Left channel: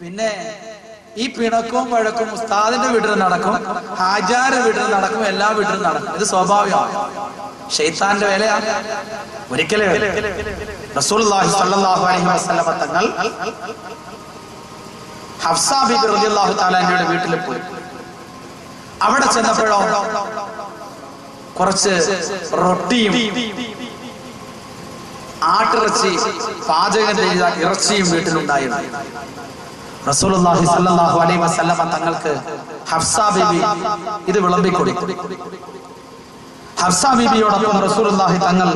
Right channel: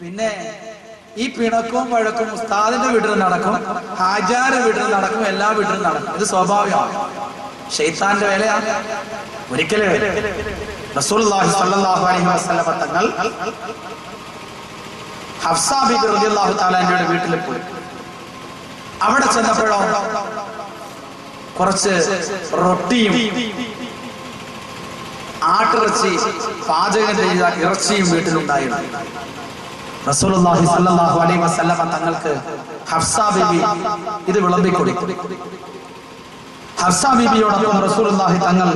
പിന്നെ ഈ പിണക്കവും വഴക്കും ഉസ്താദിന്റെ വീട്ടിൽ നടക്കും, ഹാജാരുടെ വീട്ടിൽ നടക്കും, എല്ലാ വീട്ടിലും നടക്കും. ഇത് സ്വാഭാവികമാണ്, ശൈത്താന്റെ വേലയാണ്. ഒരിക്കലും റസൂലുള്ളാഹി സ്വല്ലല്ലാഹു അലൈഹി വസല്ലം തങ്ങൾ ഹഫ്സ ബിബി റളിയല്ലാഹു തആല അൻഹയുടെ വീട്ടിൽ പോയി. അവിടെ ചെന്നപ്പോഴോ കുറച്ച് റൊട്ടിയും ആട്ടിറച്ചി പാചകം ചെയ്ത ഇറച്ചിയും വീട്ടിലുണ്ടായിരുന്നു. റസൂലുള്ളാഹി സ്വല്ലല്ലാഹു അലൈഹി വസല്ലം തങ്ങൾക്ക് ഹഫ്സ ബിബി ഇത് വിളമ്പിക്കൊടുത്തു. ഹഫ്സ ബിബിയോടൊപ്പം റസൂലുള്ളാഹി തങ്ങൾ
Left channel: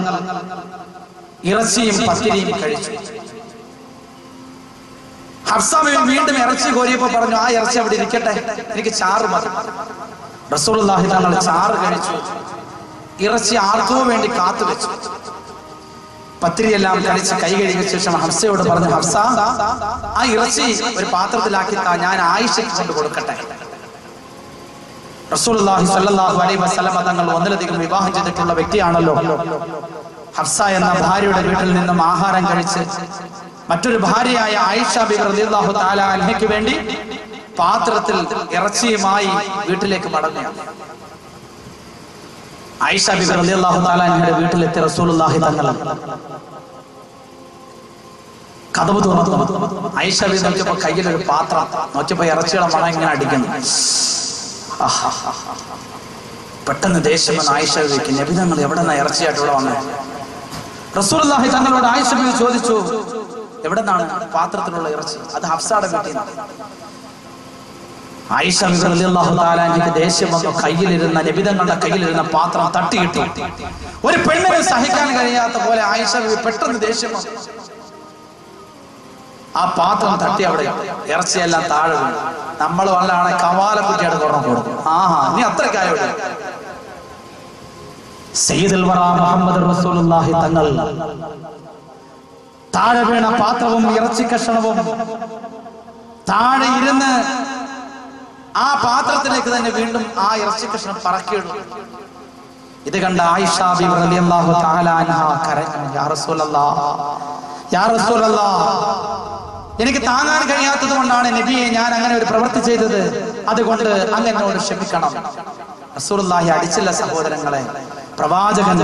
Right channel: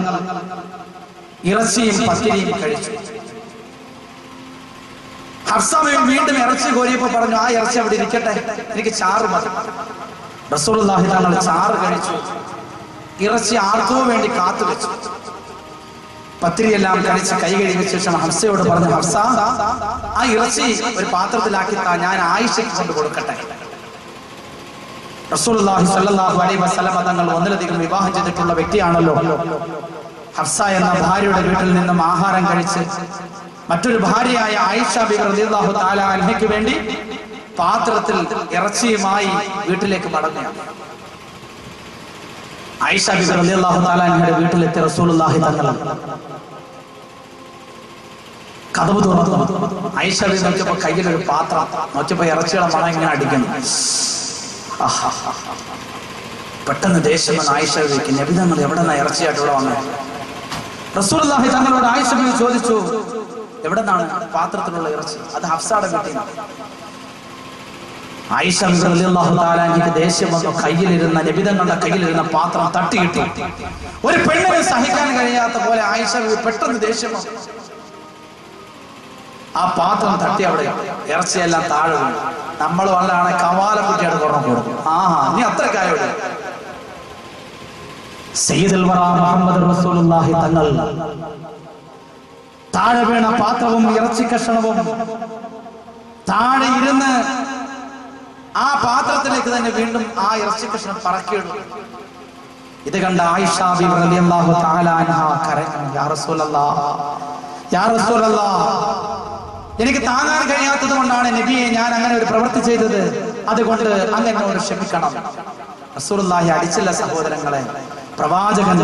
ഇറച്ചിയും പത്തിരിയും കഴിച്ചു. ഹഫ്സ ബിബി വീണ്ടും ഇറച്ചി കോരിയപ്പോ പറഞ്ഞു, ആ ഇറച്ചി അവിടെ ഇരിക്കട്ടെ, എനിക്ക് ചാറ് മതി. റസൂലുള്ളാഹി തങ്ങൾ ചാറ് കഴിച്ചു. ഇറച്ചി ആർക്കോ വേണ്ടി കാത്തു വെച്ചു. പത്തിരിയെല്ലാം കഴിച്ച് കൈ കഴുകിയ ശേഷം ഹഫ്സയോട് പറഞ്ഞു, ഹഫ്സ, ആ ഇറച്ചി ഒരു പാത്രത്തിലാക്കി ഞാൻ ആയിഷയ്ക്ക് കൊണ്ട് കൊടുക്കട്ടെ. റസൂലുള്ളാഹി സ്വല്ലല്ലാഹു അലൈഹി വസല്ലം തങ്ങൾ ഒന്നിലധികം വിവാഹം ചെയ്തിട്ടുള്ള വ്യക്തിയാണല്ലോ. ഹഫ്സ എന്ന ഭാര്യയുടെ വീട്ടിൽ നിന്നും ആഹാരം കഴിച്ച് മറ്റൊരു ഭാര്യയായ ആയിഷ ബിബി റളിയല്ലാഹു തആല അൻഹയ്ക്ക് വേണ്ടി പാത്രത്തിൽ ഇറച്ചിയുമായി വീട്ടിലേക്ക് മടങ്ങുകയാണ്. ആയിഷ ബിബി റളിയല്ലാഹു തആല അൻഹയുടെ വീട്ടിലെത്തിയ റസൂലുള്ളാഹി തങ്ങൾ കതവ് തുറന്നു. ആയിഷ ബിബി നോക്കിയപ്പോ കയ്യിലൊരു പാത്രം, നോക്കിയപ്പോ ഇറച്ചിയുടെ മണം ഇങ്ങനെ അടിക്കുന്നു. പെട്ടെന്ന് ദേഷ്യം വന്ന് ആയിഷ ബിബിക്ക്, നബി തങ്ങൾ എവിടെ നിന്നാ ഇറച്ചിയായിട്ട് ഇവിടെ വന്നത്? റസൂലുള്ളാഹി തങ്ങളോട് ആയിഷ ബിബി ചോദിച്ചു, എവിടെ നിന്നാണ് പാത്രത്തിലുള്ള ഇറച്ചി? അത് ഹഫ്സയുടെ വീട്ടിൽ നിന്നാണ്. ആയിഷ റളിയല്ലാഹു തആല അൻഹയ്ക്ക് ദേഷ്യം വന്നു. കയ്യിലിരുന്ന നബിതങ്ങളുടെ കയ്യിലിരുന്ന പാത്രം തട്ടിയിട്ടു. ഒരു പെണ്ണിനെ സഹിക്കാൻ കഴിയാത്ത പോലെ ആയിഷ പെട്ടെന്ന് ദേഷ്യം വന്നു. ആ പാത്രം തട്ടി അവിടെ ഇറച്ചിയെല്ലാം താഴെ വീണു. നമ്മൾ വല്ലാണ് കവാലക്കുറ്റിയാണ് തുറന്നു കൊടുക്കും. നീ അത്രക്കായോ? സയ്യിദുൽ വറാ മുഹമ്മദ് റസൂലുള്ളാഹി തങ്ങൾ താഴെ വീണ പാത്രവും ഇറച്ചി കഷണവും താഴെ ഇരുന്ന് ആ പാത്രത്തിലേക്ക് തന്നെ വീണ്ടും ആ ഇറച്ചി കഷ്ണം പറക്കിയിടും. ഇത് കണ്ട ആയിഷ ബിബി റളിയല്ലാഹു തആല അൻഹ കരഞ്ഞു, യാ റസൂലല്ലാഹ്, യാ റസൂലല്ലാഹ്, എനിക്ക് താങ്ങാൻ കഴിയാത്തത് കൊണ്ടാണ് നബിയെ ഞാൻ അങ്ങനെ ഒരു പ്രവൃത്തി ചെയ്തത്, അതുകൊണ്ട് അങ്ങ് എന്നോട് ക്ഷമിക്കണം. റസൂലുള്ളാഹി അടിച്ചില്ല സഹോദരങ്ങളെ. പ്രവാചകൻ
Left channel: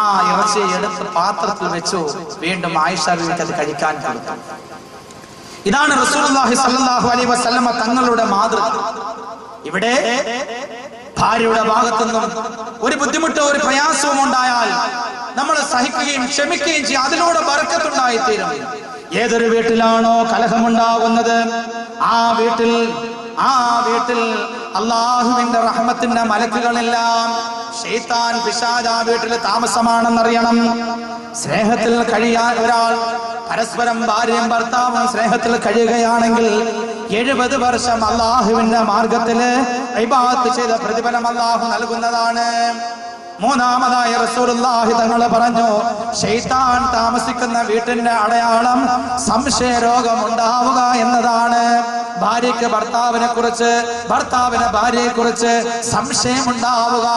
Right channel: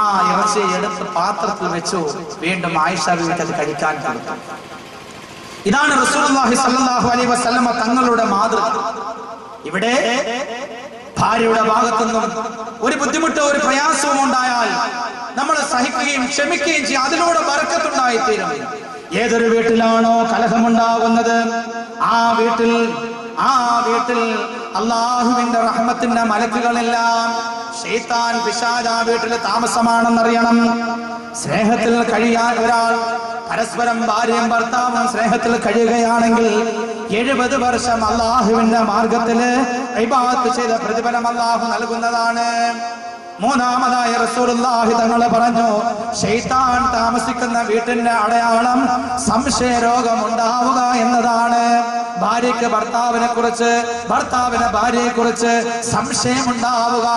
ആ ഇറച്ചി എടുത്ത് പാത്രത്തിൽ വെച്ചു. വീണ്ടും ആയിഷ ബിബിക്ക് അത് കഴിക്കാൻ കൊടുത്തു. ഇതാണ് റസൂലുള്ളാഹി സ്വല്ലല്ലാഹു അലൈഹി വസല്ലം തങ്ങളുടെ മാതൃക. ഇവിടെ ഭാര്യയുടെ ഭാഗത്തുനിന്നും ഒരു ബുദ്ധിമുട്ടോ ഒരു പ്രയാസവും ഉണ്ടായാൽ നമ്മൾ സഹിക്കുകയും ക്ഷമിക്കുകയും ചെയ്യും. അതിലൂടെ ബർക്കത്തുണ്ടായിത്തീരും. ഏതൊരു വീട്ടിലാണോ കലഹമുണ്ടാകുന്നത് ആ വീട്ടിൽ അള്ളാഹുവിന്റെ റഹ്മത്തിന്റെ മലക്കുകളെല്ലാം ശൈത്താൻ പിശാച് ആ വീട്ടിൽ താമസമാണെന്നറിയണം. സ്നേഹത്തിൽ കഴിയാൻ ഒരാൾ പരസ്പരം ഭാര്യയും ഭർത്താവും സ്നേഹത്തിൽ കഴിയുകയാണെങ്കിൽ 70 വർഷം അള്ളാഹുവിന്റെ മാർഗത്തില് ഇബാദത്ത് ചെയ്ത പ്രതിഫലം അള്ളാഹു നൽകുന്നതാണ്. മൂന്നാമതായി റസൂലുള്ളാഹി തങ്ങൾ പറഞ്ഞു, ശൈത്താൻ താമസിക്കുന്ന വീട്ടിന്റെ അടയാളം സംശയരോഗം ഉണ്ടാവുക എന്നതാണ്. ഭാര്യയ്ക്ക് ഭർത്താവിനെ കുറിച്ച്, ഭർത്താവിന് ഭാര്യയെ കുറിച്ച് സംശയം ഉണ്ടാവുക.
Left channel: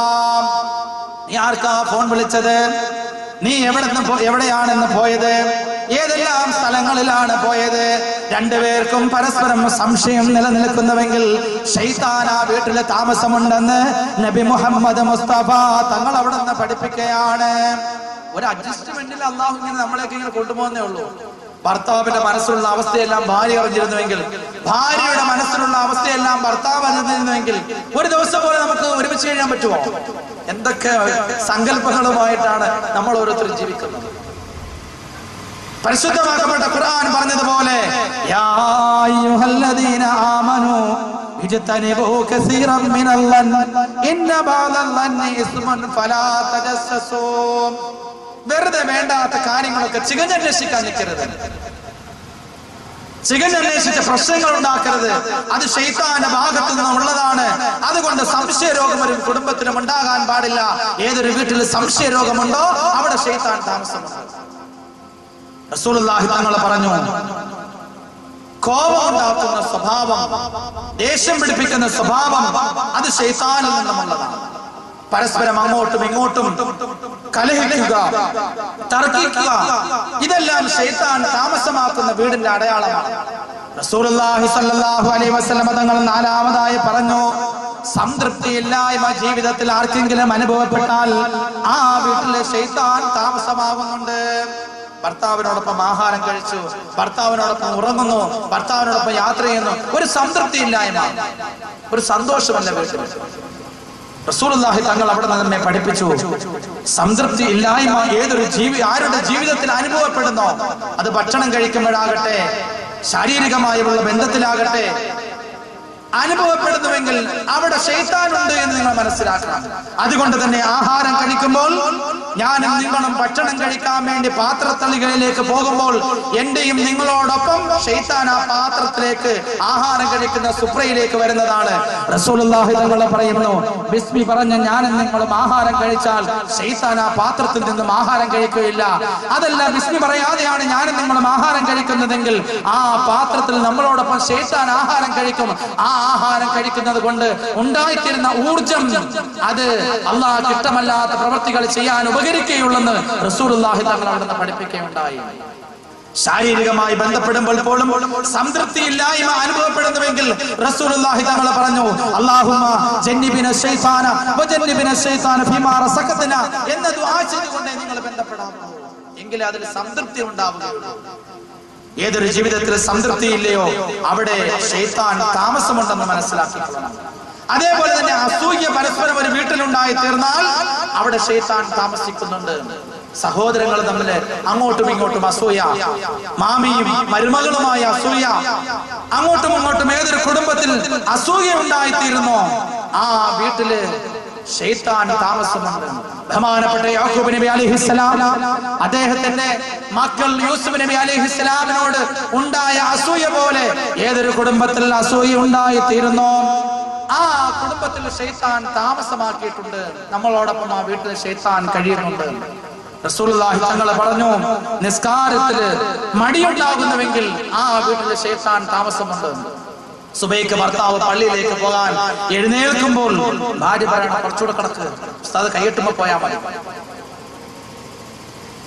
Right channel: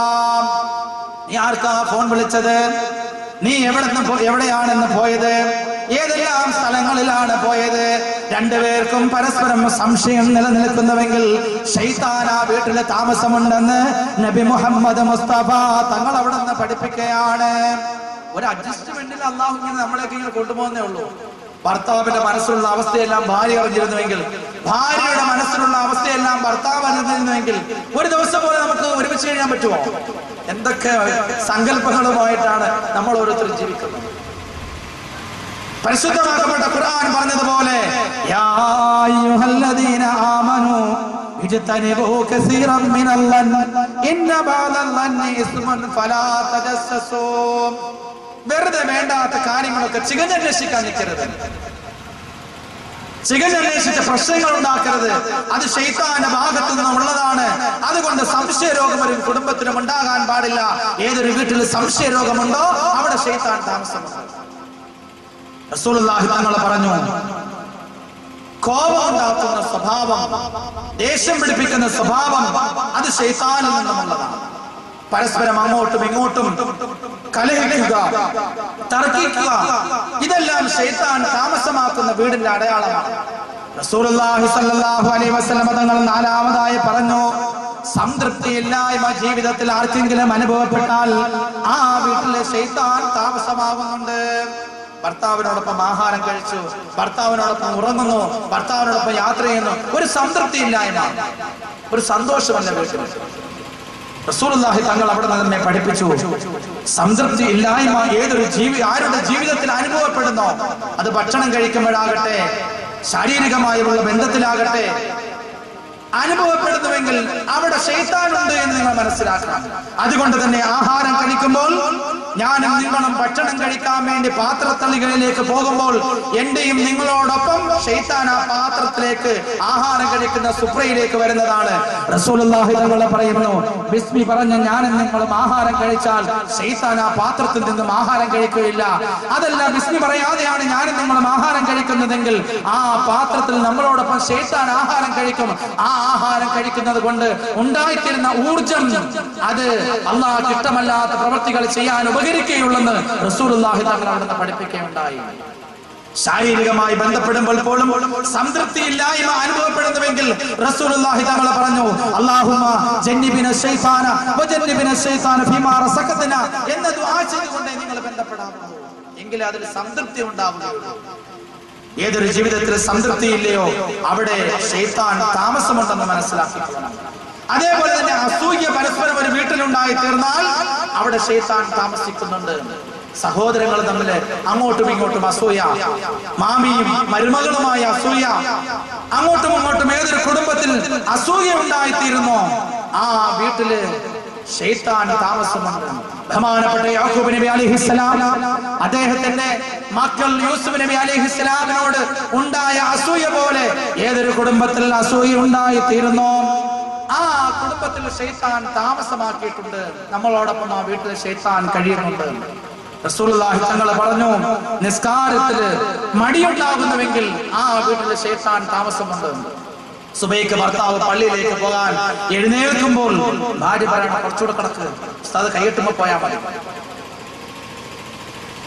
നീ ആർക്കാ ഫോൺ വിളിച്ചത്? നീ എവിടെയാണെന്ന് പോയത്? ഏതെല്ലാം സ്ഥലങ്ങളിലാണ് പോയത്? രണ്ടുപേർക്കും പരസ്പരം സംശയം നിലനിൽക്കുന്നുവെങ്കിൽ ശൈത്താൻ ആ വീട്ടിൽ താമസമുണ്ടെന്ന് നബി മുഹമ്മദ് മുസ്തഫ തങ്ങൾ അവിടെ നിന്ന് പഠിപ്പിക്കുകയാണ്. ഒരു അഡ്ജസ്റ്റ്മെന്റിൽ അള്ളാഹു ഇങ്ങനെ നമ്മളെയൊക്കെ ഇങ്ങനെ കൊണ്ടുപോകുന്നേ ഉള്ളൂ. ഭർത്താവിന്റെ മനസ്സിലുള്ള അവസ്ഥയെല്ലാം ഭാര്യ അറിഞ്ഞിരുന്നുവെങ്കിൽ, ഭാര്യയുടെ മനസ്സിലുള്ള അവസ്ഥയെല്ലാം ഭർത്താവ് അറിഞ്ഞിരുന്നുവെങ്കിൽ ഒരു ദിവസം പോലെ നമുക്ക് ഒരുമിച്ച് കഴിയാൻ പറ്റുമോ? എന്തൊക്കെ സങ്കല്പങ്ങളുമായിട്ടാണ് നമ്മൾ ഓരോരുത്തരും ജീവിക്കുന്നത്. പരിശുദ്ധമാക്കപ്പെട്ട ഖുർആൻ പറഞ്ഞതുപോലെ, യാ അയ്യുഹല്ലദീന ആമനൂ ഇജ്തനിബൂ കസീറൻ മിനൽ ലൻ ഇന്ന ബഅദൽ ലന്നി ഇസ്മുൻ ഫലാ തജസ്സസൂ. വെറുതെ വേണ്ടാത്ത കാര്യങ്ങളൊക്കെ ചികഞ്ഞന്വേഷിക്കാൻ നിൽക്കരുത്. ചികഞ്ഞന്വേഷിച്ച പ്രശ്നങ്ങൾ ഉണ്ടാക്കരുത്. അത് ശൈത്താന്റെ ഭാഗത്തു നിന്നുള്ളതാണ്. അതുകൊണ്ട് സംശയരോഗം ഒരു കുടുംബത്തിലും ഉണ്ടാകാൻ പാടില്ല. ഏതൊരു വീട്ടിൽ സംശയരോഗമുണ്ടോ അവിടെ ശൈത്താൻ താമസമുണ്ട്. റസൂലുള്ളാഹി തങ്ങൾ പറഞ്ഞു, കോപം ഉണ്ടാക്കുന്ന സ്വഭാവം, ദേഷ്യം പിടിപ്പിക്കുന്ന സ്വഭാവം അത് ശൈത്താനിൽ നിന്നുമുള്ളതാണ്. പരസ്പരം അങ്ങോട്ടും ഇങ്ങോട്ടും കലഹിക്കുക, തർക്കിക്കുക, ഇതെല്ലാം ശൈത്താൻ താമസമാക്കുന്ന വീടിന്റെ അടയാളമാണ്. റസൂലുള്ളാഹി സ്വല്ലല്ലാഹു അലൈഹി വസല്ലം തങ്ങൾ നാലാമതായി പറഞ്ഞു, സംതൃപ്തിയില്ലായ്മ ജീവിതത്തിൽ ആർക്കെങ്കിലും അനുഭവപ്പെട്ടാൽ ആ വീട്ടിലെ ശൈത്താൻ താമസമാകുന്നുണ്ട്. ഭർത്താവിനോടൊപ്പം ആഹാരം കഴിച്ചു, ഭർത്താവിനോടൊപ്പം ഉറങ്ങുന്നു, ഭർത്താവിനോടൊപ്പം യാത്ര ചെയ്യുന്നു, ഒരു സംതൃപ്തിയില്ലായ്മ, ഒരു സന്തോഷമല്ല വീട്ടിൽ. റസൂലുള്ളാഹി തങ്ങൾ അവിടെ നിന്ന് നമ്മെ പഠിപ്പിച്ചു, സംതൃപ്തി ഇല്ലായ്മ ആരുടെ ജീവിതത്തിൽ അനുഭവപ്പെടുന്നോ, അത് ഭക്ഷണം കഴിക്കുമ്പോഴാകട്ടെ, ശാരീരികമായുള്ള ബന്ധത്തിലാകട്ടെ, അനുഭവപ്പെടുന്നുവെങ്കിൽ അവിടെ ശൈത്താനുണ്ട് എന്ന് നിങ്ങൾ മനസ്സിലാക്കണം. അതുകൊണ്ട് തന്നെ ആഹാരം കഴിക്കുമ്പോൾ, ഞാനും നിങ്ങളും ഭക്ഷണം കഴിക്കാൻ വേണ്ടി പാത്രത്തളികളിലേക്ക് പോകുമ്പോൾ എന്റെയും നിങ്ങളോടൊപ്പം ശൈത്താൻ ആ പാത്രത്തിലേക്ക്, ആഹാരം കഴിക്കുന്ന സുപ്രയിലേക്ക് വരുന്നതാണ്. റസൂലുള്ളാഹി തങ്ങൾ പറയുന്നു, ബിസ്മി പറഞ്ഞ ഞാനും നിങ്ങളും ആഹാരം കഴിച്ചാൽ ശൈത്താൻ ആ പാത്രത്തിൽ നിന്നും ആഹാരം കഴിക്കുകയില്ല. അതല്ല, ബിസ്മി പറയാതെയാണ് ഞാനും നിങ്ങളും ആഹാരം കഴിക്കുന്നതെങ്കിൽ ആ പാത്രത്തിൽ നമ്മളോടൊപ്പം ശൈത്താൻ ആഹാരം കഴിക്കും. ആ ആഹാരം കഴിക്കുന്നത് കൊണ്ട് ഉണ്ടായിത്തീരുന്ന ഊർജം, അത് അല്ലാഹുവിന് ഇഷ്ടമല്ലാത്ത പ്രവൃത്തികൾ ചെയ്യാൻ ഉപകരിക്കുകയുള്ളെന്ന് റസൂലുള്ളാഹി തങ്ങൾ അവിടുന്ന് പഠിപ്പിക്കുകയുണ്ടായി. ശാരീരികമായി ബന്ധപ്പെടുമ്പോൾ പോലും സംതൃപ്തിയില്ലായ്മ അനുഭവപ്പെടുന്നുവെങ്കിൽ റസൂലുള്ളാഹി തങ്ങൾ പറഞ്ഞു, അല്ലാഹുമ്മ ജന്നിബിന ശൈത്താന വജന്നിബിന ശൈത്താന ഫീമാ റസഖതന എന്ന ദുആ ചെയ്തുകൊണ്ട് നിങ്ങൾ ബന്ധപ്പെടാമോ, എങ്കിലേ അതിൽ സംതൃപ്തി ഉണ്ടാവുകയുള്ളൂ. ഏതൊരു ജീവിതത്തിൽ സംതൃപ്തി ഇല്ലയോ അവിടെ ശൈത്താൻ താമസമുണ്ടെന്ന് മനസ്സിലാക്കിക്കൊള്ളണം. അതേപോലെ തന്നെ അസൂയ പരസ്പരം ഒരു വീട്ടിലുണ്ടായി തീർന്നാൽ അവിടെ ശൈത്താൻ താമസിക്കുന്നുണ്ട്. സഹോദരങ്ങൾ തമ്മിൽ അങ്ങോട്ടും ഇങ്ങോട്ടും അസൂയ, മാമിയും മരുമകളുമായ അസൂയ, അങ്ങോട്ടും ഇങ്ങോട്ടും ഏതൊരു കുടുംബത്തിൽ അസൂയ ഉണ്ടായിത്തീരുന്നോ ആ വീട്ടില് ശൈത്താൻ താമസമുണ്ട്. ബഹുമാനപ്പെട്ട യാക്കൂബ് നബി അലൈഹിസ്സലാം അദ്ദേഹത്തിന്റെ മക്കൾ യൂസുഫ് നബി അലൈഹിസ്സലാമിനോട് ഉണ്ടായ അസൂയ പോലെ ഏതൊരു കുടുംബത്തിൽ അസൂയ ഉണ്ടായിത്തീരുന്നോ ആ കുടുംബത്തിൽ ശൈത്താൻ താമസമാക്കിയിട്ടുണ്ട്. നമ്മളോടൊപ്പം ആ വീട്ടിൽ ശൈത്താൻ കഴിയുന്നുണ്ട്. റസൂലുള്ളാഹി തങ്ങൾ പറഞ്ഞു, നിസ്കാരത്തില് മടിയുണ്ടാകുന്നുവെങ്കിൽ ആ വീട്ടിൽ ശൈത്താൻ താമസമുണ്ട്. സുബൈക്ക് ഭർത്താവ് പള്ളിയിലേക്ക് പോകാൻ എഴുന്നേൽക്കുമ്പോൾ ഭാര്യ പറയണം, കുറച്ചുകൂടെ കിടക്ക്, ഉസ്താദ് കൈയ്യെട്ടുമ്പോ പോയാൽ മതി,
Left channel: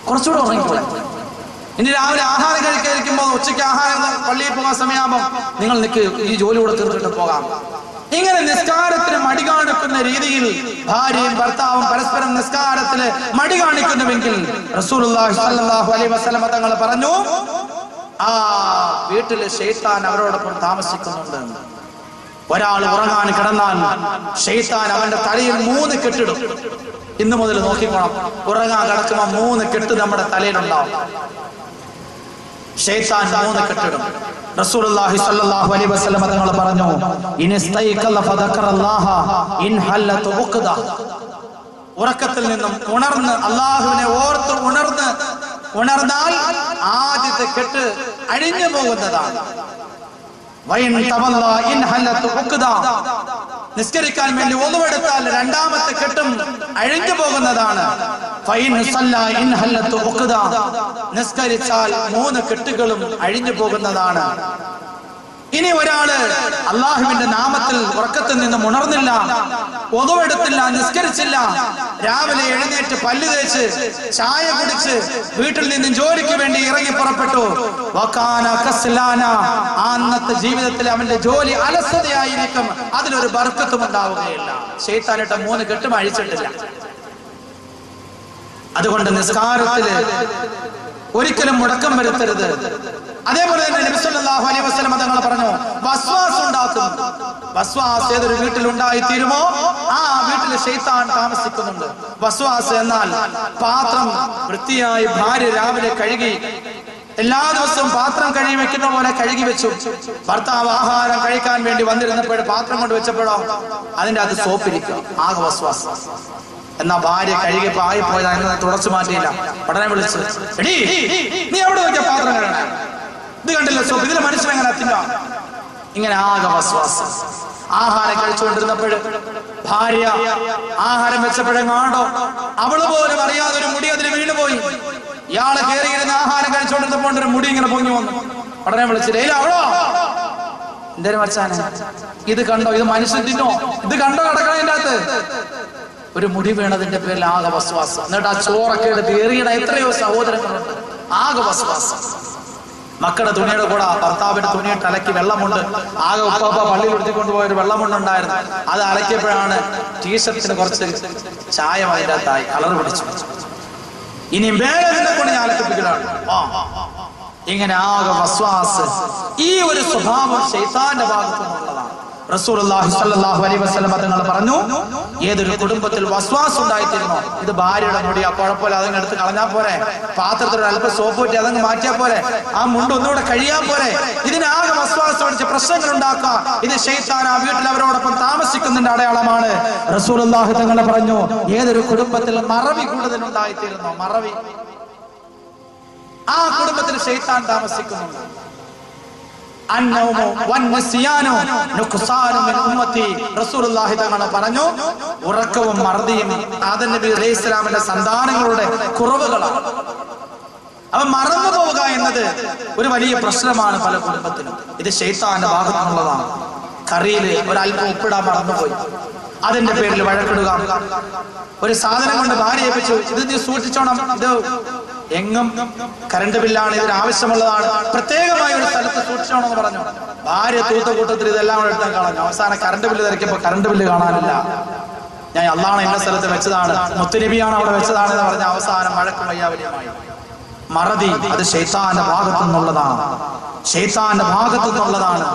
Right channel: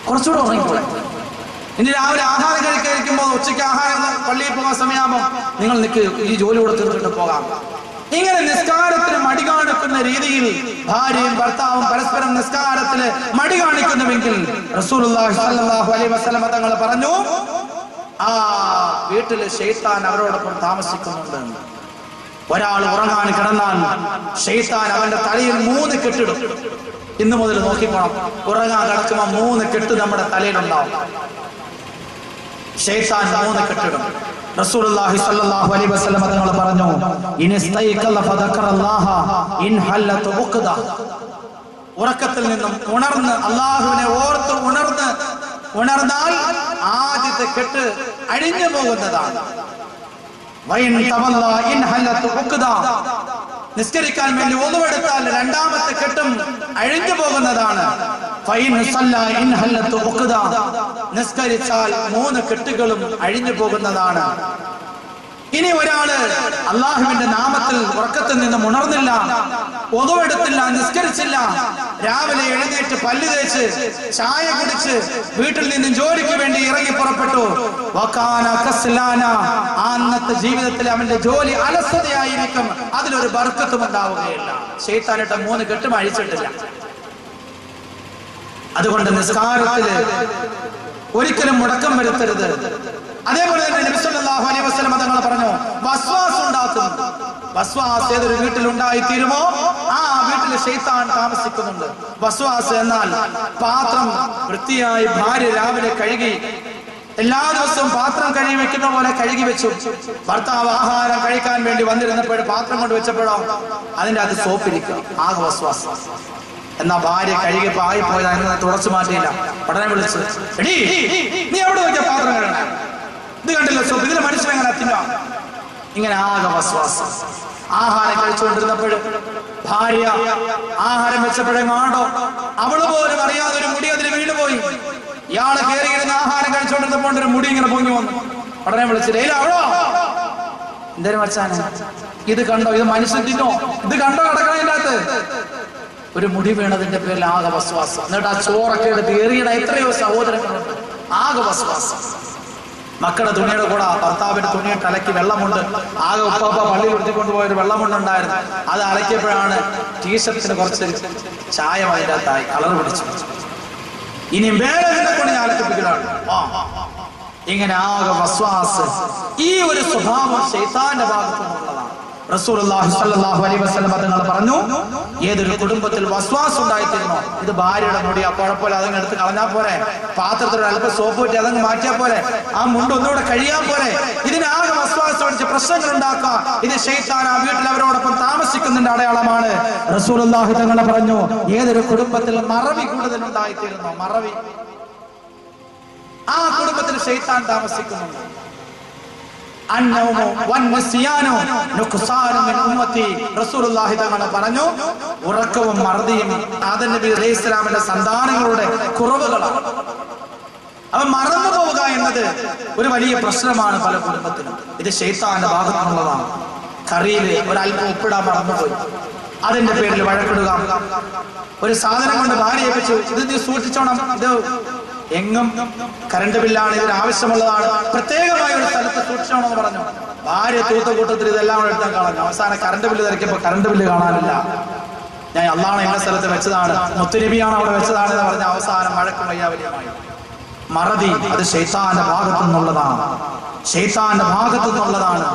കുറച്ചുകൂടെ ഉറങ്ങിക്കോളെ. ഇനി രാവിലെ ആഹാരം കഴിക്കാതിരിക്കുമ്പോൾ ഉച്ചയ്ക്ക് ആഹാരം പള്ളിയിൽ പോകാൻ സമയമാകുമ്പോൾ നിങ്ങൾ നിൽക്ക്, ഈ ജോലി കൂടെ തീർത്തിട്ട് പോകാം. ഇങ്ങനെ നിസ്കാരത്തിന് മടി കാണിക്കുന്ന രീതിയിൽ ഭാര്യയും ഭർത്താവും പരസ്പരം നിസ്കാരത്തിന് മടി കാണിക്കുന്നുവെങ്കിൽ റസൂലുള്ളാഹി സ്വല്ലല്ലാഹു അലൈഹി വസല്ലം തങ്ങൾ പറഞ്ഞു, ആ വീട്ടില് ശൈത്താൻ അവരോടൊപ്പം താമസിക്കുന്നുണ്ട്. ഒരാൾ ഉറങ്ങാൻ കിടന്നാൽ ശൈത്താൻ അവന്റെ തലയിൽ 3 കെട്ടിടും. ഇന്ന് മുതൽ നോക്കിക്കോണം, ഉറങ്ങാൻ കിടക്കുമ്പോൾ 3 കെട്ട് നമ്മുടെ തലയിലുണ്ടാവും. ശൈത്താൻ 3 കെട്ടിടും. റസൂലുള്ളാഹി സ്വല്ലല്ലാഹു അലൈഹി വസല്ലം തങ്ങൾ പറഞ്ഞു, ഇനസ്തൈഖല ഫദക്കറല്ലാഹ ഇൻ ഹല്ലത ഉഖദ, ഉറക്കത്തിൽ നിന്നും ഉണർന്ന് അല്ലാഹുവിനെ ഓർത്ത് ഉണർന്നാൽ ആദ്യത്തെ കെട്ട് അഴിഞ്ഞു പോകുന്നതാണ്. നിസ്കരിക്കാൻ വേണ്ടി ഒന്നുവെടുത്താൽ രണ്ടാമത്തെ കെട്ടും അഴിഞ്ഞു പോകുന്നതാണ്. നിസ്കരിച്ചാൽ 3 കെട്ടുകളും അഴിഞ്ഞു പോകുന്നതാണ്. ഇനി ഒരാള് അള്ളാഹുവിന്റെ നാമത്തിൽ ഉറക്കത്തിൽ നിന്നും ഉണർന്നില്ല, ഒന്നുവെടുത്തില്ല, നിസ്കരിച്ചില്ല, രാവിലെ എഴുന്നേറ്റ് പല്ല് തേച്ച് ചായ കുടിച്ച് വീട്ടിൽ നിന്നും ജോലിക്ക് വേണ്ടി ഇറങ്ങി പുറപ്പെട്ടു. അന്നത്തെ ജീവിതത്തിൽ അവന്റെ ജോലി അലസതയായിരിക്കും, അതിലൊരു ബർക്കത്തും ഉണ്ടാവുകയില്ല. ശൈത്താനിട്ട 3 കെട്ടും അഴിച്ചിട്ടില്ല. അതുകൊണ്ട് നിസ്കാരത്തില് ഒരിക്കലും മുടക്കം വരുത്തരുത്. അതേപോലെ തന്നെ നബി സല്ലല്ലാഹു അലൈഹി വസല്ലം തങ്ങൾ പറഞ്ഞു, വസ്വാസ് ഉണ്ടാക്കുന്നു. വസ്വാസ് ഏതൊരു വീട്ടിലുണ്ടായി തീരുമോ ആ വീട്ടിൽ ശൈത്താൻ താമസിക്കുന്നുണ്ട്. വസ്വാസ് എന്നാൽ പാത്രം വൃത്തിയായി ഭാര്യ രാവിലെ കഴുകി, എല്ലാ ദിവസവും പാത്രം കഴുകി വെക്കുന്ന പോലെ കഴുകി വെച്ചു. ഭർത്താവ് ആഹാരം കഴിക്കാൻ വേണ്ടി വന്നിരുന്നപ്പോൾ പാത്രം കൊണ്ട് വെച്ചപ്പോഴോ അതിന്റെ അത് സോപ്പിരിക്കും, ആകെ വസ്വാസ്. എന്നാ ഭാര്യ കഴുകിയപ്പോ ആയിപ്പോയത് അതിനെ തുടച്ചു മാറ്റിയില്ല. ഉടനെ വിളിച്ചു, എടീ നീ എവിടെ നോക്കിയ പാത്രം കഴുകണ, ഇത് കണ്ടില്ല സോപ്പ്, ഇതിലെ മനുഷ്യനെങ്ങനെ എത്തില്ല. ഇങ്ങനെ ആകെ വസ്വാസം. ആഹാരം കഴിച്ചുകൊണ്ടിരുന്നപ്പോഴും ഭാര്യ ആഹാരം വെച്ചപ്പോഴെങ്ങാണ്ടോ അവള് പോലും അറിയാതെ ഒരു മുടി അതിൽ വീണുപോയി. ഇയാളെ കയറിയിരുന്ന ആഹാരം കഴിച്ചുകൊണ്ടിരുന്നപ്പോൾ ഒരു മുടി ഇങ്ങനെ പൊങ്ങി വന്നു. ഉടനെ വിളിച്ചില്ല, ഇല്ല അവളോ എന്തേലും വച്ചാനെ, ഇത് കണ്ടോ, ഇത് മനുഷ്യൻ തിന്നോ, ഇത് കണ്ടോ കിടക്കണതിന്റെ അകത്ത്. ഒരു മുടി വീണതിന്റെ പേരിൽ ആകെ വസ്വാസം. എന്നിട്ട് ആ ചോറൊക്കെ എടുത്ത് എറിയണ എത്രയോ സഹോദരങ്ങളുണ്ട്, ആകെ വസ്വാസം. മക്കളുടെ തുണിയുടെ കൂടെ ഭർത്താവിന്റെ തുണിയിട്ട് അലക്കി വെള്ളമുണ്ട്, ആകെ ഉപ്പാപ്പ പള്ളിയിൽ ഉടുത്തിക്കൊണ്ടുപോയൊരു വെള്ളമുണ്ടുണ്ടായിരുന്നു. അത് അലക്കിയപ്പോഴാണ് ടീഷർട്ടിന് കുറച്ച് ചായം അതിനകത്തായി കളർ പിടിച്ചു. ഇനി വേറെ കൊണ്ട് ഞാൻ അലക്കിപ്പിക്കലാണ്. ഇങ്ങനെ ആകെ വസ്വാസ്. ഈ ഒരു സ്വഭാവം ശൈത്താന്റെ ഭാഗത്തു നിന്നുള്ളതാണ്. റസൂലുള്ളാഹി സ്വല്ലല്ലാഹു അലൈഹി വസല്ലം തങ്ങൾ പറഞ്ഞു, ഏതൊരു കുടുംബത്തിൽ വസ്വാസ് ഉണ്ടായിത്തീരുന്നോ, ഇത് ഭാര്യയുടെ മുടി കുഴപ്പമില്ല, അതങ്ങ് എടുത്ത് കളഞ്ഞാൽ പോരെ, പാത്രത്തിൽ അല്പം സോപ്പ് പറ്റി അതങ്ങ് മാറ്റിയാൽ പോരെ, ആ മുണ്ട് ഒന്നുകൂടെ കഴിയാൻ പോരെ, ഇതിനാകെ വസ്വാസ് പഠിച്ച് പ്രശ്നങ്ങൾ ഉണ്ടാക്കാം, ഇത് ശൈത്താൻ ആ വീട്ടിൽ അവരോടൊപ്പം താമസിക്കുന്നതിന്റെ അടയാളമാണ്. റസൂലുള്ളാഹി തങ്ങൾ പറഞ്ഞു, ഏതൊരു കുടുംബത്തിൽ മറവി കൂടുതൽ ഉണ്ടായിത്തീരുന്നോ, മറവി, ആ കുടുംബത്തിൽ ശൈത്താൻ താമസിക്കുന്നുണ്ട്. റസൂലുള്ളാഹി തങ്ങൾ പറഞ്ഞു, ഉറക്കവും മറദിയും ആദം നബി അലൈഹിസ്സലാമിന്റെ സന്താനങ്ങളുടെ കുറവുകളാണ്. അവൻ മറന്നു പോവുക എന്നത് ഒരു വലിയ പ്രശ്നമാണ് പല കുടുംബത്തിനും. ഇത് ശൈത്താന്റെ ഭാഗത്തു നിന്നുള്ളതാണ്. കറിയിൽ ഒരല്പം ഉപ്പിടാൻ മറന്നുപോയി, അതിന്റെ പേരിൽ വഴക്കിടുക. ഒരു സാധനം കൊണ്ട് ഭാര്യ ഏൽപ്പിച്ചു, ഇത് നീ സൂക്ഷിച്ചോണം, ഇത് എങ്ങും കറണ്ട് ബില്ലാണ്, ഇതിന് ആവശ്യമുള്ളതാണ്, പ്രത്യേകമായ ഒരു സ്ഥലത്ത് സൂക്ഷിച്ചോണം എന്ന് പറഞ്ഞു. ഭാര്യ തൂത്ത കൂട്ടത്തിൽ ഇതെല്ലാം കൂടെ എടുത്താൽ കളഞ്ഞു. അവസാനം കറണ്ട് ബില്ല് തിരക്കിയപ്പോ കറണ്ട് ബില്ല് കാണാനില്ല. ഞാൻ അള്ളാണ് എന്ന സ്ഥലത്ത് വെച്ചതാണ്, മുത്തുനബിയാണ് അവിടെ വെച്ചതാണ് എന്ന് പറഞ്ഞ അവസാനം വഴക്കും വയ്യാവലിയുമായി. മറതി അത് ശൈത്താന്റെ ഭാഗത്തു നിന്നുള്ളതാണ്, ശൈത്താന്റെ ഭാഗത്തു നിന്നുള്ളതാണ്.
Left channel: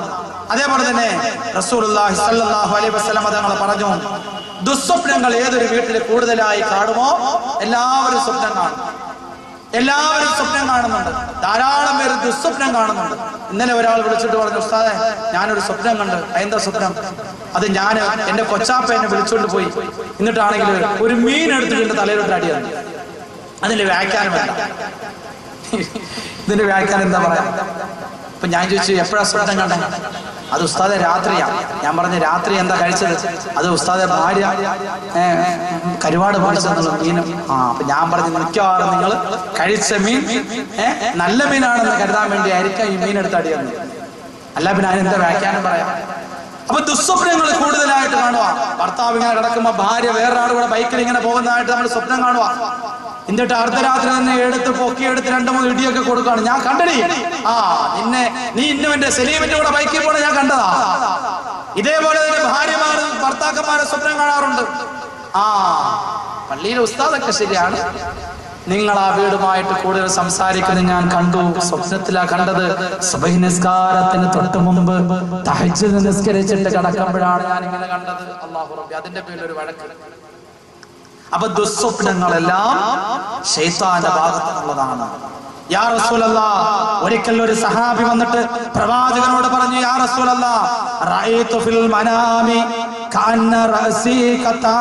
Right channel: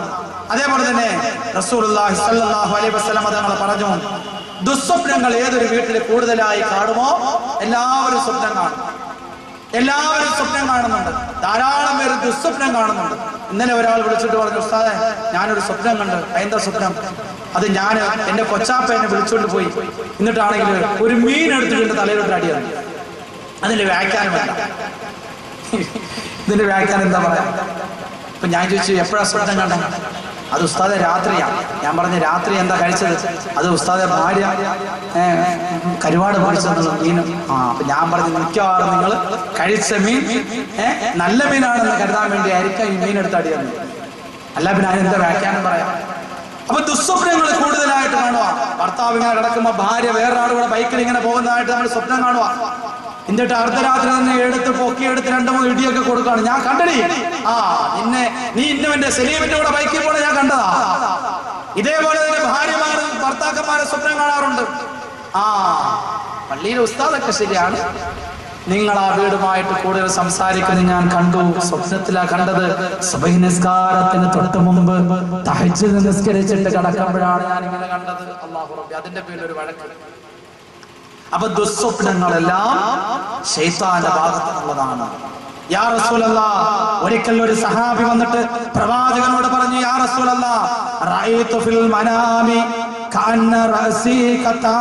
അതേപോലെ തന്നെ റസൂലുള്ളാഹി സ്വല്ലല്ലാഹു അലൈഹി വസല്ലം തങ്ങൾ പറഞ്ഞു, ദുസ്വപ്നങ്ങൾ ഏതൊരു വീട്ടിൽ കൂടുതലായി കാണുമോ എല്ലാവരും സ്വപ്നം കാണും, എല്ലാവരും സ്വപ്നം കാണുന്നുണ്ട്. ധാരാളം പേര് ദുസ്വപ്നം കാണുന്നുണ്ട്. ഇന്നലെ ഒരാൾ വിളിച്ചിട്ട് പറഞ്ഞു, ഉസ്താദേ ഞാനൊരു സ്വപ്നം കണ്ട്. എന്താ സ്വപ്നം? അത് ഞാൻ എന്റെ കൊച്ചാപ്പ എന്നെ വിളിച്ചോണ്ട് പോയി, എന്നിട്ടാണെങ്കിൽ ഒരു മീൻ എടുത്തിട്ട് എന്റെ തലയിലോട്ട് അടിയാണ്. അതിന്റെ വ്യാഖ്യാനം എന്താ? ഇതിന്റെ വ്യാഖ്യാനം എന്താ പറയാ? അപ്പൊ ഞാൻ ചോദിച്ചു, എപ്പോഴാ സ്വപ്നം കണ്ടേ? അത് ഉസ്താദെ രാത്രിയാണ്. ഞാൻ പറഞ്ഞ രാത്രി എന്താ കഴിച്ചത്? അത് ഉസ്താദെ ഭാര്യ കരുവാട് പൊരിച്ചെന്നുള്ള മീനും. അപ്പൊ ഞാൻ പറഞ്ഞു, മിക്കവാറും നിങ്ങൾ കഴിച്ച മീൻ നല്ല മീനാണെന്ന് കരുതാൻ വേണ്ടി ആയിരിക്കാം ഈ മീൻ എടുത്ത് അടിയെന്ന്. അല്ല പിന്നെ അതിനെന്താ വ്യാഖ്യാനം പറയാം? അപ്പൊ ദുസ്വപ്നങ്ങൾ കൂടുതലായിട്ട് കാണുക. ഭർത്താവ് ഇങ്ങനെ കിടക്കുമ്പോ ഭാര്യ വേറൊരാൾ കൂടെ ബൈക്കിൽ ഇങ്ങനെ പോകുന്നതായിട്ട് നമ്മൾ സ്വപ്നം കാണുക. എന്നിട്ട് അർദ്ധരാത്രി തന്നെ പൊക്കിയെടുത്ത് 2-3 ഇടിയൊക്കെ കൊടുക്കുകയാണ്. ഞാൻ കണ്ടടി, നീ ഇന്നുവന്റെ സലീമിന്റെ കൂടെ ബൈക്കിൽ പോണ ഞാൻ കണ്ടതാ. ഇതേപോലെ തന്നെ ഭാര്യമാരും ഭർത്താക്കന്മാരെ സ്വപ്നം കാണാറുണ്ട്. പള്ളിയിലെ ഉസ്താദൊക്കെ ശരിയാണ്, നിങ്ങൾ ആ വീടുമായിട്ട് കൂടുതൽ സംസാരിക്കുന്നത് ഞാൻ കണ്ടു. സ്വപ്നത്തിലാ കണ്ടത്. സുബഹി നിസ്കാരത്തിന് തൊട്ട് മുമ്പ് തഹജ്ജുദ് നിസ്കരിച്ചിട്ട് കിടക്കുമ്പോഴാണ് ഞാൻ ഇങ്ങനെ കണ്ടത്. അല്ലാഹു റബ്ബി, അതിന്റെ പേരിൽ ഒരു വഴക്ക്. അപ്പൊ ദുസ്വപ്നങ്ങളെല്ലാം ശൈത്താന്റെ ഭാഗത്തുള്ളതാണ്. യാ റസൂലല്ലാഹ്, ഒരിക്കൽ ഒരു സഹാബി വന്നിട്ട് പ്രവാചകനോട് പറഞ്ഞു, യാ റസൂലല്ലാഹ്, റഅയ്തു ഫിൽ മനാമി കഅന്ന റഅസി ഖതാ.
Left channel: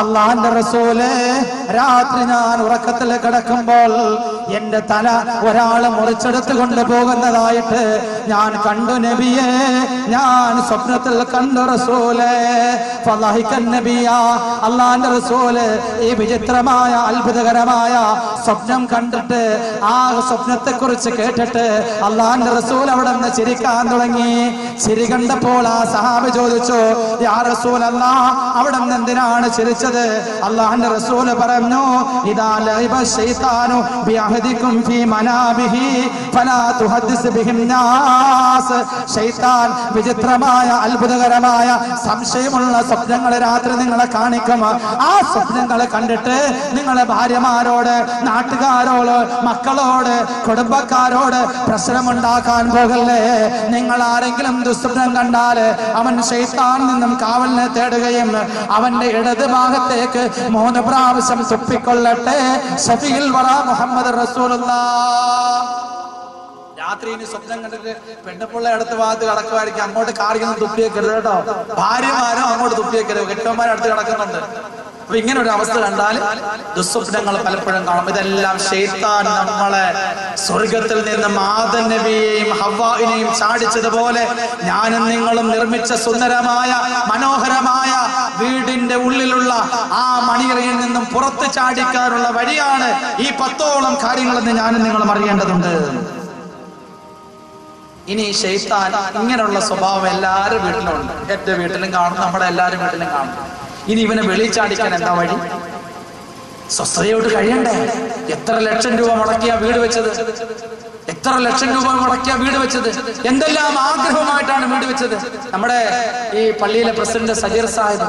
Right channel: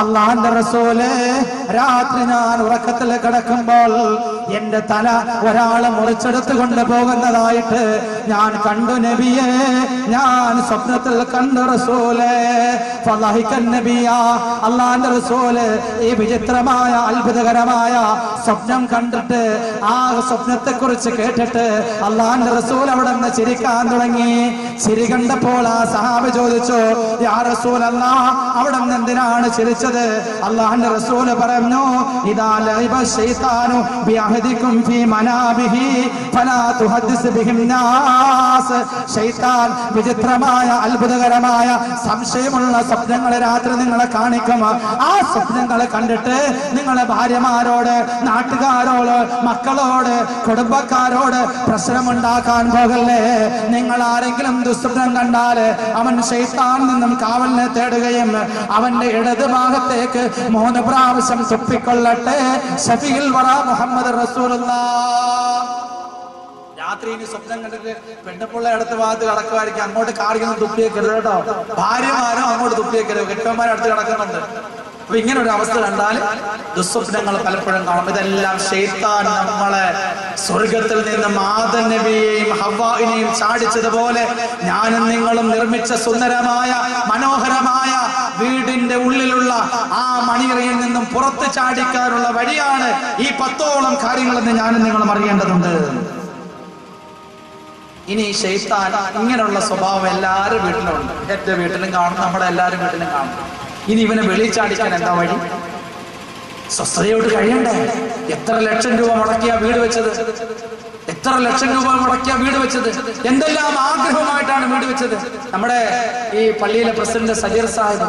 അല്ലാഹുവിന്റെ റസൂലേ, രാത്രി ഞാൻ ഉറക്കത്തിൽ കിടക്കുമ്പോൾ എന്റെ തല ഒരാൾ മുറിച്ചെടുത്ത് കൊണ്ടുപോകുന്നതായിട്ട് ഞാൻ കണ്ടു നബിയേ, ഞാൻ സ്വപ്നത്തിൽ കണ്ടു റസൂലേ. ഫളഹികൻ നബിയാ, അല്ലാഹുവിന്റെ റസൂല് ഈ വിചിത്രമായ അത്ഭുതകരമായ സ്വപ്നം കണ്ടിട്ട്, ആ സ്വപ്നത്തെ കുറിച്ച് കേട്ടിട്ട് അല്ലാഹുവിന്റെ റസൂൽ അവിടെ നിന്ന് ചിരിക്കാൻ തുടങ്ങി. ചിരി കണ്ടപ്പോൾ ആ സഹാബി ചോദിച്ചു, യാ റസൂലല്ലാഹ്, അവിടെ നിന്ന് എന്തിനാണ് ചിരിച്ചത്? അല്ലാഹുവിന്റെ റസൂല് പറഞ്ഞു, ഇദാ ലഇബ ശൈത്താനു ബിഅഹദികും ഫീ മനാബിഹി ഫലാ തുഹദ്ദിസ് ബിഹിൻ നാസ്. ശൈത്താൻ വിചിത്രമായ അത്ഭുതകരമായ സംശയമുള്ള സ്വപ്നങ്ങൾ രാത്രി നിങ്ങളെ കാണിക്കും. ആ സ്വപ്നങ്ങളെ കണ്ടിട്ട് നിങ്ങളെ ഭാര്യമാരോട്, നാട്ടുകാരോട്, മക്കളോട്, കുടുംബക്കാരോട് പ്രശ്നമുണ്ടാക്കാൻ പോകല്ലേ. നിങ്ങൾ ആരെങ്കിലും ദുസ്വപ്നം കണ്ടാൽ അവൻ ശൈത്താൻ നിന്നും കാവലിനെ തേടുകയും അവന്റെ ഇടത് ഭാഗത്തേക്ക് 3 പ്രാവശ്യം തുപ്പിക്കൊള്ളട്ടെ. ശഫീഉൽ വറാ മുഹമ്മദ് റസൂലുള്ളാഹ്. രാത്രി ഇനി സ്വപ്നം കണ്ടിട്ട് പെണ്ണുപിള്ള അടുത്ത ഭാഗത്ത് കിടക്കുമായിരിക്കും, അങ്ങോട്ട് കാറിയൊന്നും തുപ്പിയേക്കരുത് കേട്ടോ. ഭാര്യമാരും അങ്ങോട്ട് തുപ്പിയേക്കരുത്, കെട്ടവന്മാരും അടുത്ത് കിടക്കുന്നുണ്ട്. അപ്പൊ ഇങ്ങനെ ഒരു അവസ്ഥ കണ്ടാൽ ദുസ്വപ്നങ്ങൾ പലപ്പോഴും കാണും. ഇതെല്ലാം ശൈത്താൻ നമ്മളെ സ്വർഗത്തിൽ നിന്നും ആദം നബിയെയും ഹവ്വായിനെയും ചാടിച്ചതുപോലെ ഞാനും നിങ്ങളും നിർമ്മിച്ച സുന്ദരമായ മനോഹരമായ വീടിന്റെ ഉള്ളിലുള്ള ആ മണിയറയിൽ നിന്നും പുറത്ത് ചാടിക്കാനുള്ള വഴിയാണ് ഈ 10ഓളം കാര്യങ്ങളെന്ന് ഞാനും നിങ്ങളും അറിയേണ്ടതുണ്ട്. ഇനി ശൈത്താൻ ഇങ്ങനെയുള്ള സ്വഭാവം എല്ലാവരും വീട്ടിലും ഉണ്ട്. എന്റെ വീട്ടിലും കാണും, നമ്മുടെ എല്ലാവരും വീട്ടിലും കാണും. ഇനി ഇവനെ വെളിച്ചാടിക്കാൻ എന്താ വഴി? സ്വസ്ഥതയോട്ട് കഴിയണ്ടേ? എത്ര ലക്ഷം രൂപ മുടക്കിയ വീട് വെച്ചത്? എത്ര ലക്ഷം രൂപ മുടക്കിയ വീട് വെച്ചത്, എന്തെല്ലാം ആഗ്രഹമായിട്ടാണ് വീട് വെച്ചത്. നമ്മുടെ ഈ പള്ളിയിലെ പ്രസിഡന്റ് സജീർ സാഹിബ്,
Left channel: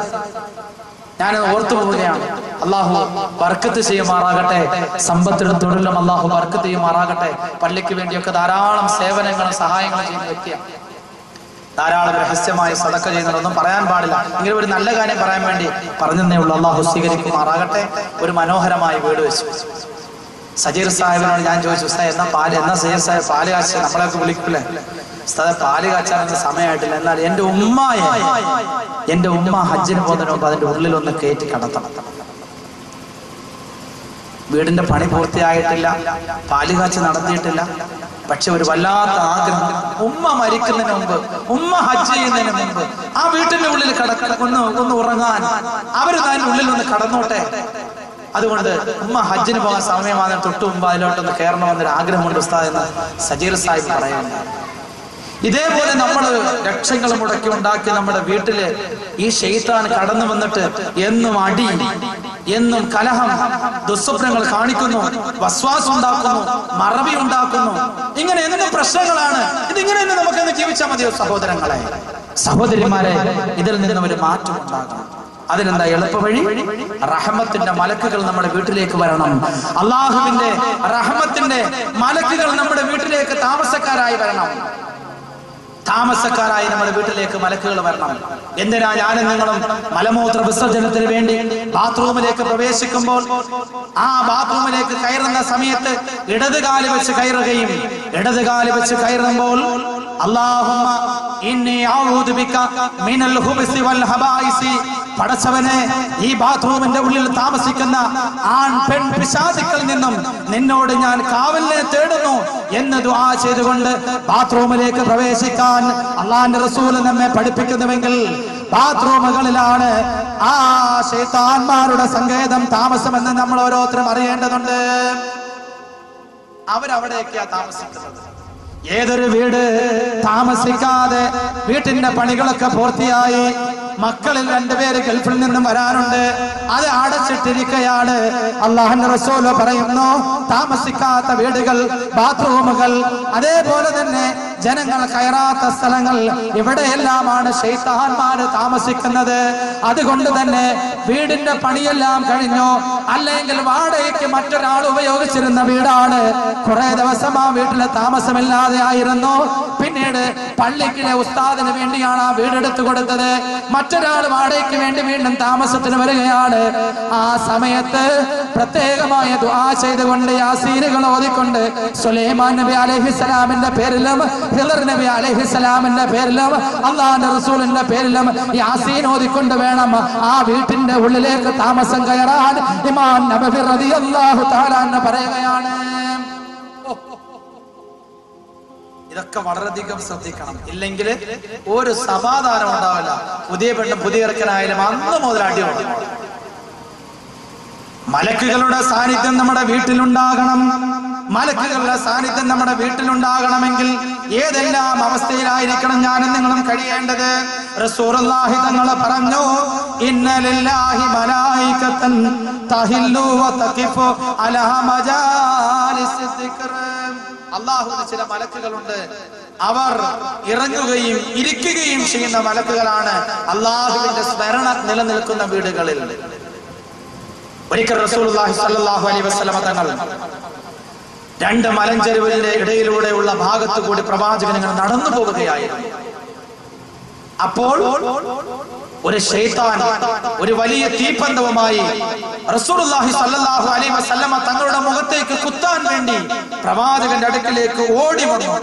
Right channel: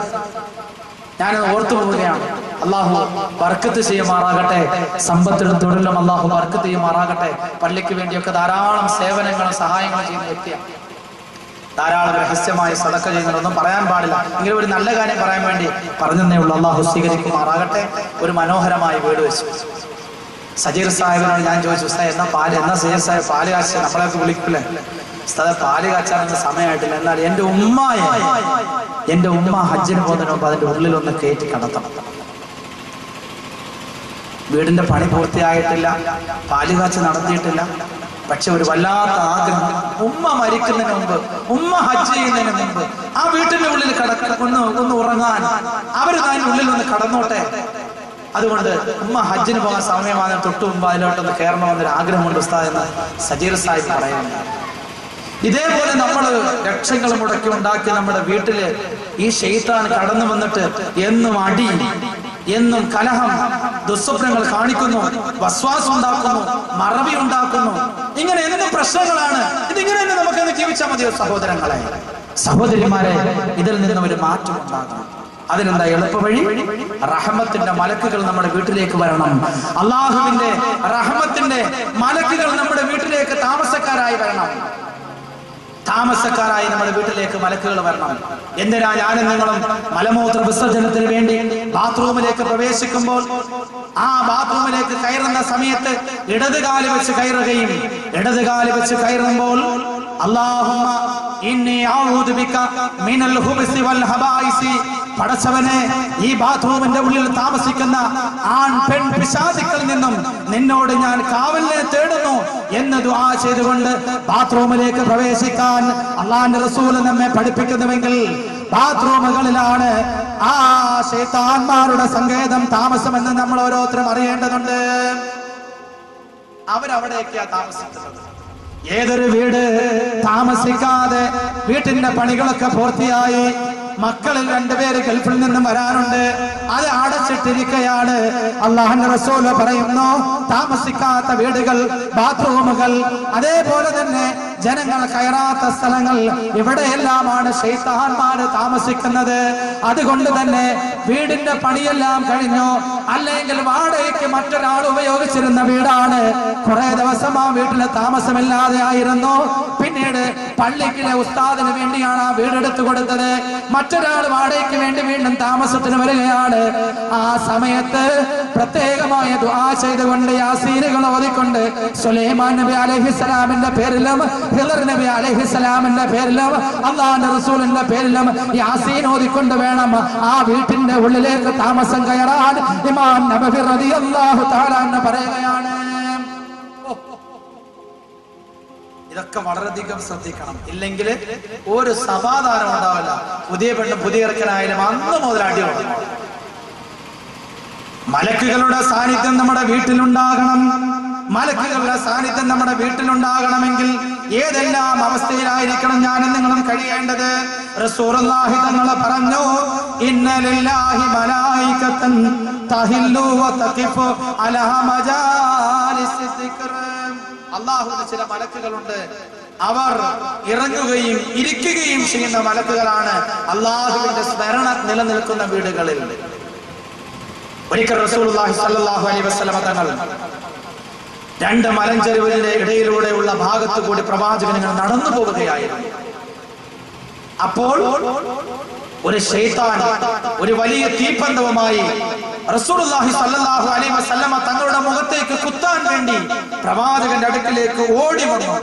ഞാൻ ഓർത്തു പോവുകയാണ്. അള്ളാഹു ബർക്കത്ത് ചെയ്യുമാറാകട്ടെ, സമ്പത്തിലും തൊഴിലും അള്ളാഹു ബർക്കത്ത് ചെയ്യുമാറാകട്ടെ. പള്ളിക്ക് വേണ്ടിയൊക്കെ ധാരാളം സേവനങ്ങളും സഹായങ്ങളും ചെയ്യുന്ന വ്യക്തിയാണ്. ധാരാളം രഹസ്യമായ സദഖ ചെയ്യുന്നതൊന്നും പറയാൻ പാടില്ല. ഇങ്ങനെ ഒരു നല്ല കാര്യം പറയാൻ വേണ്ടി പറഞ്ഞതേ ഉള്ളൂ. അള്ളാഹു സ്വീകരിക്കുമാറാകട്ടെ. ഒരു മനോഹരമായ വീട് വെച്ചു. സജീർ സാഹിബിനോട് ഞാൻ ചോദിച്ചു, എന്നാ സജീർ സാഹിബ് പാല് കാച്ച, നമ്മളെയൊക്കെ വിളിക്കില്ലേ ഉസ്താദെ, പാല് കാച്ചാനൊന്നും സമയമായിട്ടില്ല. എന്നാൽ എന്റെ ഉമ്മ ഹജ്ജിന് പോകുന്നതിന് മുമ്പ് അതിന്റെ ഉള്ളിലൊന്ന് കയറ്റി കടത്തണം. വീടിന്റെ പണി പൂർത്തിയായിട്ടില്ല, പാല് കാച്ച് നടത്തിയിട്ടില്ല. പക്ഷെ ഒരു വല്ലാത്ത ആഗ്രഹം, ഉമ്മ മരിക്കുന്നതിന് മുമ്പ്, ഉമ്മ ഹജ്ജ് ചെയ്യുന്നതിന് മുമ്പ് ആ വീട്ടിന്റെ ഉള്ളിൽ ഒന്ന് ഉറങ്ങാൻ, അവര് അതിന്റെ ഉള്ളിൽ ഒന്ന് കടന്നോട്ടെ. അതുകൊണ്ട് ഉമ്മ ഹജ്ജിന് പോകാൻ സമയമാണ്, തൊട്ടു മുമ്പ് അതിലോട്ടൊന്ന് കയറണമെന്നൊരു ആഗ്രഹമുണ്ട് ഉസ്താദ് എന്ന് സജീർ സാഹിബ് പറയുന്നു. ഇതേപോലെ നമ്മൾ ലക്ഷങ്ങൾ മുടക്കി ഉണ്ടാക്കി നമ്മുടെ വീട്ടില് ഈ ശൈത്താൻ കടന്നു വന്നിട്ട് എന്നും അടി, എന്നും കലഹം, ദുസ്വപ്നങ്ങൾ കാണിക്കുന്നു, വസ്വാസം ഉണ്ടാക്കുന്നു, മറവി ഉണ്ടാക്കുന്നു. ഇങ്ങനെ എന്ത് പ്രശ്നങ്ങളാണ്. ഇതിങ്ങനെ തന്നെ നമുക്കങ്ങ് ജീവിച്ചാൽ മതിയോ സഹോദരങ്ങളെ, സഹോദരിമാരെ? ഇതിൽ നിന്നും ഒരു മാറ്റം ഉണ്ടാകണം. അതിനെന്താ എളുപ്പ വഴി? റഹ്മത്തിന്റെ മലക്കുകൾ നമ്മുടെ വീട്ടിലേക്ക് വരണം. അള്ളാഹുവിന്റെ റഹ്മത്തിന്റെ മലക്കുകൾ നമ്മുടെ വീട്ടിലേക്ക് താമസക്കാരായി വരണം. താമസക്കാരായി നമ്മുടെ വീട്ടിലേക്ക് മലക്കുകൾ വരണം. എന്തിനാ ഞാനും നിങ്ങളും മലമൂത്ര വിസർജനത്തിന് വേണ്ടി ബാത്റൂമിലേക്ക് പ്രവേശിക്കുമ്പോൾ ആ ബാത്റൂമിലേക്ക് കയറുന്ന സമയത്ത് ഇടതുകാല് വെച്ച് കയറുകയും ഇടതുകാല് വെച്ച് കയറുമ്പോൾ അല്ലാഹുമ്മ ഇന്നി അഊദു ബിക മിനൽ ഖുബ്സി വൽ ഹബായിസി, പടച്ചവനെ ഈ ബാത്റൂമിന്റെ ഉള്ളിൽ താമസിക്കുന്ന ആൺ പെൺ പിശാചുക്കളിൽ നിന്നും നിന്നോട് ഞാൻ കാവലിനെ തേടുന്നു എന്ന് ദുആ ചെയ്തുകൊണ്ട് ബാത്റൂമിലേക്ക് പ്രവേശിക്കാൻ അല്ലാഹുവിന്റെ റസൂൽ നമ്മെ പഠിപ്പിക്കുന്നുവെങ്കിൽ ബാത്റൂമുകളിലാണ് ആ ശൈത്താന്മാരുടെ സങ്കേതം, താമസമെന്ന് നമ്മൾ ഓരോരുത്തരും അറിയേണ്ടതുണ്ട്. അവരവിടെയൊക്കെയാ താമസിക്കുന്നത്. ഏതൊരു വീട് താമസിക്കാതെ വീട്ടിന്റെ പണികളൊക്കെ പൂർത്തിയായി മക്കളിൽ രണ്ടുപേര് ഗൾഫിൽ നിന്നും വരാനുണ്ട്, അത് അടച്ചിട്ടിരിക്കുകയാണ്. അല്ലാഹുവിന്റെ റസൂൽ പറയുന്നു, താമസിക്കാത്ത വീടുകൾ, ബാത്റൂമുകൾ, അതേപോലെ തന്നെ ജനങ്ങൾ കയറാത്ത സ്ഥലങ്ങൾ, ഇവിടെയെല്ലാമാണ് ശൈത്താന്മാര് താമസിക്കുന്നത്. അതുകൊണ്ട് തന്നെ വീടിന്റെ പണിയെല്ലാം കഴിഞ്ഞു, അല്ലെങ്കിൽ വാടകയ്ക്ക് മറ്റൊരാൾ ഉപയോഗിച്ചിരുന്ന വീടാണ്. കുറെ ദിവസം ആ വീട്ടിലെ താമസമില്ലാതെ ആയിരുന്നു. പിന്നീട് പള്ളിക്കിലെ ഉസ്താദിന് വേണ്ടിയാണ് ആ വീടെടുത്തു കൊടുത്തത്. മറ്റൊരാൾ വാടകയ്ക്ക് വേണ്ടി വീണ്ടും താമസത്തിന് വരികയാണ്. ആ സമയത്ത് പ്രത്യേകമായ ദുആ ചെയ്തുകൊണ്ട് യാസീനുകൾ ഓതിക്കൊണ്ട് സുലൈമാൻ നബി അലൈഹിസ്സലാമിന്റെ പേരിലും ഹിളർ നബി അലൈഹിസ്സലാമിന്റെ പേരിലും അല്ലാഹുവിന്റെ റസൂലിന്റെ പേരിലും യാസീൻ ഓതിക്കൊണ്ട് വേണം ആ വീട്ടിന്റെ ഉള്ളിലേക്ക് താമസം കയറാൻ. ഇമാം നബവി റളിയല്ലാഹു തആല എന്ന് പറയുകയാണ്. ഇതൊക്കെ വളരെയധികം ശ്രദ്ധിക്കണം. ഇല്ലെങ്കിൽ ഒരു സമാധാനം ഉണ്ടാവില്ല. പുതിയ പെണ്ണ് പുതിയ ഇറക്കനായാലും അന്ന് മുതൽ അടിയുണ്ട്. മലക്കുകളുടെ സാന്നിധ്യം നമ്മുടെ വീട്ടിലുണ്ടാകണം. മലക്കുകളുടെ സാന്നിധ്യം നമ്മുടെ വീട്ടിലുണ്ടാകണമെങ്കിൽ ഏതെല്ലാം അവസ്ഥയിലായിരിക്കണം ഞാനും നിങ്ങളും കഴിയേണ്ടത്? റസൂലുള്ളാഹി തങ്ങൾ പറഞ്ഞു, ഇന്ന ലില്ലാഹി മലായികതൻ തഹില്ലു വതഖിഫു അലാ മജാലിസി ദിക്ർ. അല്ലാഹുവിന് ചില മലക്കുകളുണ്ട്, അവർ ഇറങ്ങുകയും ഇരിക്കുകയും ചെയ്യുന്ന മലക്കുകളാണ് അല്ലാഹുവിന്റെ സ്മരണ നിലനിൽക്കുന്ന വീടുകളിൽ. ഒരിക്കൽ റസൂലുള്ളാഹി സ്വല്ലല്ലാഹു അലൈഹി വസല്ലമ തങ്ങൾ രണ്ട് മലഞ്ചെരുവിന്റെ ഇടയിലൂടെയുള്ള ഭാഗത്തു കൂടി പ്രവാചകൻ നടന്നു പോവുകയായിരുന്നു. അപ്പോൾ ഒരു ശൈത്താൻ ഒരു വലിയ തീപ്പന്തവുമായി റസൂലുള്ളാഹി സ്വല്ലല്ലാഹു അലൈഹി വസല്ലമ തങ്ങളുടെ മുഖത്തേക്ക് കുത്താൻ വേണ്ടി പ്രവാചകന്റെ അടുക്കിലേക്ക് ഓടി വന്നു.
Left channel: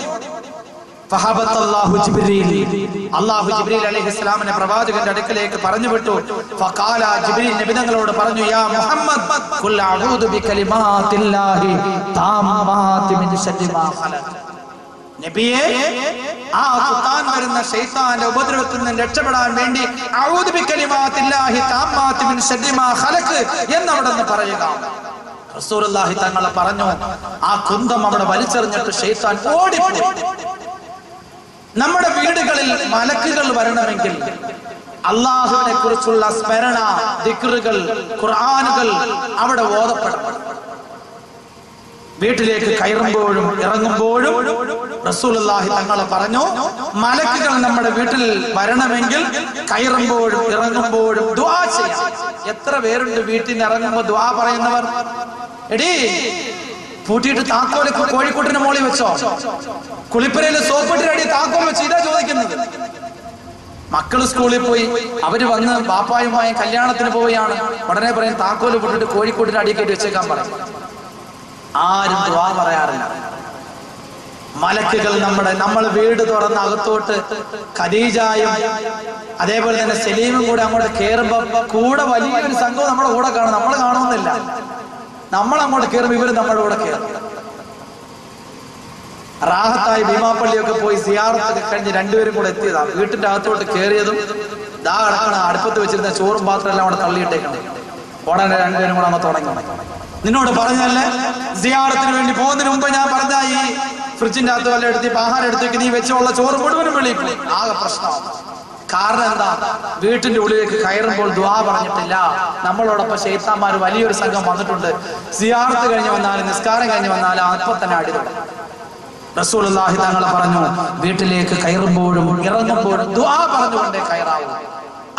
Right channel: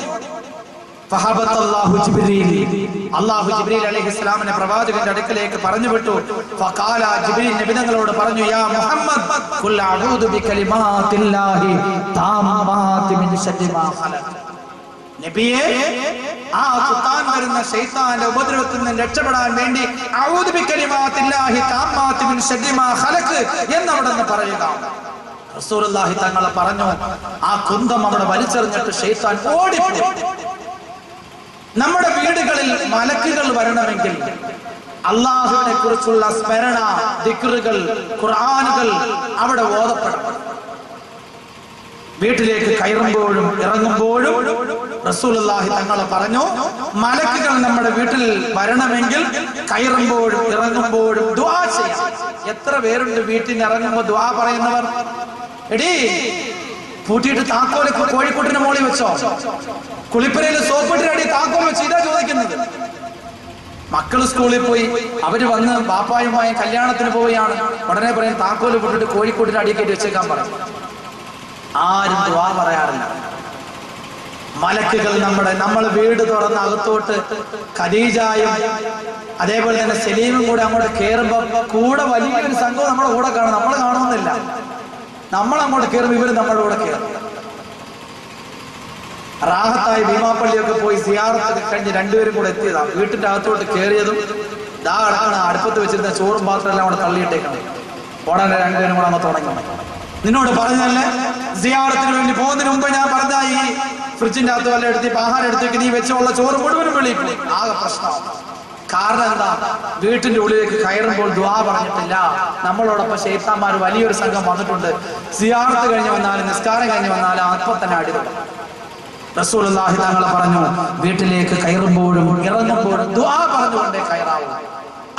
അല്ലാഹു ജിബ്രീൽ അലൈഹിസ്സലാമിനെ പ്രവാചകന്റെ അടുക്കലേക്ക് പറഞ്ഞു വിട്ടു. ഫഖാല, ജിബ്രീൽ നബി തങ്ങളോട് പറഞ്ഞു, യാ മുഹമ്മദ് ഖുൽ അഊദു ബികലിമാത്തില്ലാഹി താമ്മാതി മിൻ ശർരി മാ ഖലഖ്. നബിയേ, ആ കുത്താൻ വരുന്ന ശൈത്താന്റെ ഉപദ്രവത്തിൽ നിന്ന് രക്ഷപ്പെടാൻ വേണ്ടി അഊദു ബികലിമാത്തില്ലാഹി താമ്മാതി മിൻ ശർരി മാ ഖലഖ് എന്നവിടുന്ന് പറയുക. റസൂലുള്ളാഹി തങ്ങൾ പറഞ്ഞു. ആ കുന്തം അവിടെ വലിച്ചെറിഞ്ഞിട്ട് ശൈത്താൻ ഓടിപ്പോയി. നമ്മുടെ വീടുകളിൽ മലക്കുകൾ വരണമെങ്കിൽ അല്ലാഹുവിനെ കുറിച്ചുള്ള സ്മരണ, ദിക്റുകൾ, ഖുർആനുകൾ അവിടെ ഓതപ്പെടണം. വീട്ടിലേക്ക് കയറുമ്പോഴും ഇറങ്ങുമ്പോഴും റസൂലുള്ളാഹി തങ്ങൾ പറഞ്ഞു, മലക്കുകൾ നമ്മുടെ വീട്ടിൽ വരണമെങ്കിൽ കയറുമ്പോഴും ഇറങ്ങുമ്പോഴും ദുആ ചെയ്യാം. എത്ര പേരുണ്ട് വീട്ടിൽ നിന്ന് ഇറങ്ങുമ്പോൾ ദുആ പറയുന്നവർ? എടീ പൂട്ടിയിട്ട് താക്കോല് കോഴിക്കോട്ടിന് മോളി വെച്ചോ, കുളിപ്പരയില് സോപ്പിട്ടിനടി താക്കോൽ വെച്ച്, ഇതാ ചോദിക്കുന്നത്. മക്കള് സ്കൂളിൽ പോയി, അവര് വന്ന് ബാപ്പായുമായി കല്യാണത്തിന് പോവുകയാണ്, ഉടനെ പറയും താക്കോല് പൊട്ടിട്ട് കോഴിക്കോട്ടിന് അടിക്കേറ്റ് വെച്ചേക്കാൻ പറയും. ആരും ദുആ പറയാറില്ല. മലക്കുകൾ നമ്മൾ വീട് തുറന്ന് അകത്തോട്ട് ഖദീജയും അതേപോലെ തന്നെ സലീമും കൂടെ അങ്ങോട്ട് കയറുമ്പോ കൂടെ വലിയൊരു സംഘവും നമ്മുടെ കൂടെ കാണും. നമ്മൾ കാണുന്നില്ല, നമ്മൾ അങ്ങോട്ട് കയറും, ഇവര് നമ്മുടെ കൂടെ കയറും. റാഹത്തായി ഭീമാപ്പള്ളിയൊക്കെ പോയി സിയാറത്തൊക്കെ കഴിഞ്ഞ് രണ്ടുപേരും കൂടെ എത്തിയതാ. വീട്ടിന്റെ അകത്തോട്ട് കയറിയതും ദാ കിടക്കണ അടുപ്പത്ത് വെച്ചിരുന്ന ചോറും പാത്രം എല്ലാം കൂടെ തള്ളിയിട്ടേക്കണം. ഉടനെ രണ്ടുപേരും കൂടെ അങ്ങ് തുടങ്ങി. നിന്നോട് പറഞ്ഞല്ലേ, സിയാറത്തിന് വേണ്ടി പോകുന്നതിന് മുമ്പ് ഞാൻ പറഞ്ഞ ഈ ഫ്രിഡ്ജിന്റെ അകത്ത് വല്ല എടുത്ത് ആഹാരം എടുത്തേക്ക് നീ വെച്ചുള്ള ചോറ് മുഴുവനും വെളിയിൽ ആകെ പ്രശ്നമാണ്. കാരണം എന്താ? വീട്ടിന്റെ ഉള്ളിലേക്ക് കയറുമ്പോൾ ദുആ പറഞ്ഞിട്ടില്ല. നമ്മളോടൊപ്പം ശൈത്താന്മാർ വലിയൊരു സംഘം വന്നിട്ടുണ്ട്. സിയാറത്ത് കഴിഞ്ഞ് വന്നാലും നിസ്കാരം കഴിഞ്ഞ് വന്നാലും അപ്പൊ തന്നെ അടി തുടങ്ങും. റസൂലുള്ളാഹി തങ്ങൾ പറഞ്ഞു, വീട്ടിലേക്ക് കയറുമ്പോഴും ഇറങ്ങുമ്പോഴും ദുആ പറഞ്ഞുകൊണ്ടേ കയറാവൂ.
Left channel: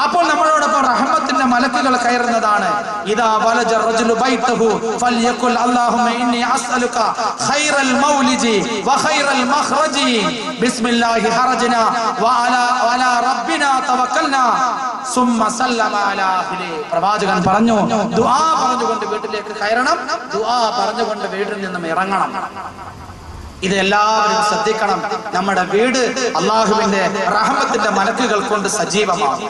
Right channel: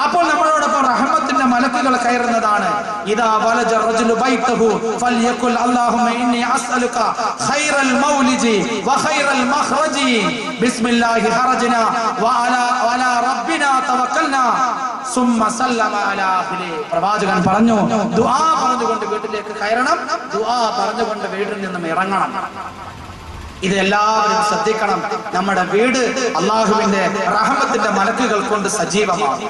അപ്പോൾ നമ്മളോടൊപ്പം റഹ്മത്തിന്റെ മലക്കുകൾ കയറുന്നതാണ്. ഇദാ വലജ റജുലു ബൈതഹു ഫൽയഖുൽ അല്ലാഹുമ്മ ഇന്നി അസ്അലുക ഖൈറൽ മൗലിജി വ ഖൈറൽ മഖ്റജി ബിസ്മില്ലാഹി ഹറജ്നാ വഅലാ റബ്ബിനാ തവക്കൽനാ സുമ്മ സല്ലമ അലാ അഹ്ലി. പ്രവാചകൻ പറഞ്ഞു, ദുആ പറഞ്ഞുകൊണ്ട് വീട്ടിലേക്ക് കയറണം, ദുആ പറഞ്ഞുകൊണ്ട് വീട്ടിൽ നിന്നും ഇറങ്ങണം. ഇത് എല്ലാവരും ശ്രദ്ധിക്കണം. നമ്മുടെ വീട് അള്ളാഹുവിന്റെ റഹ്മത്തിന്റെ മലക്കുകൾ കൊണ്ട് സജീവമാണ്.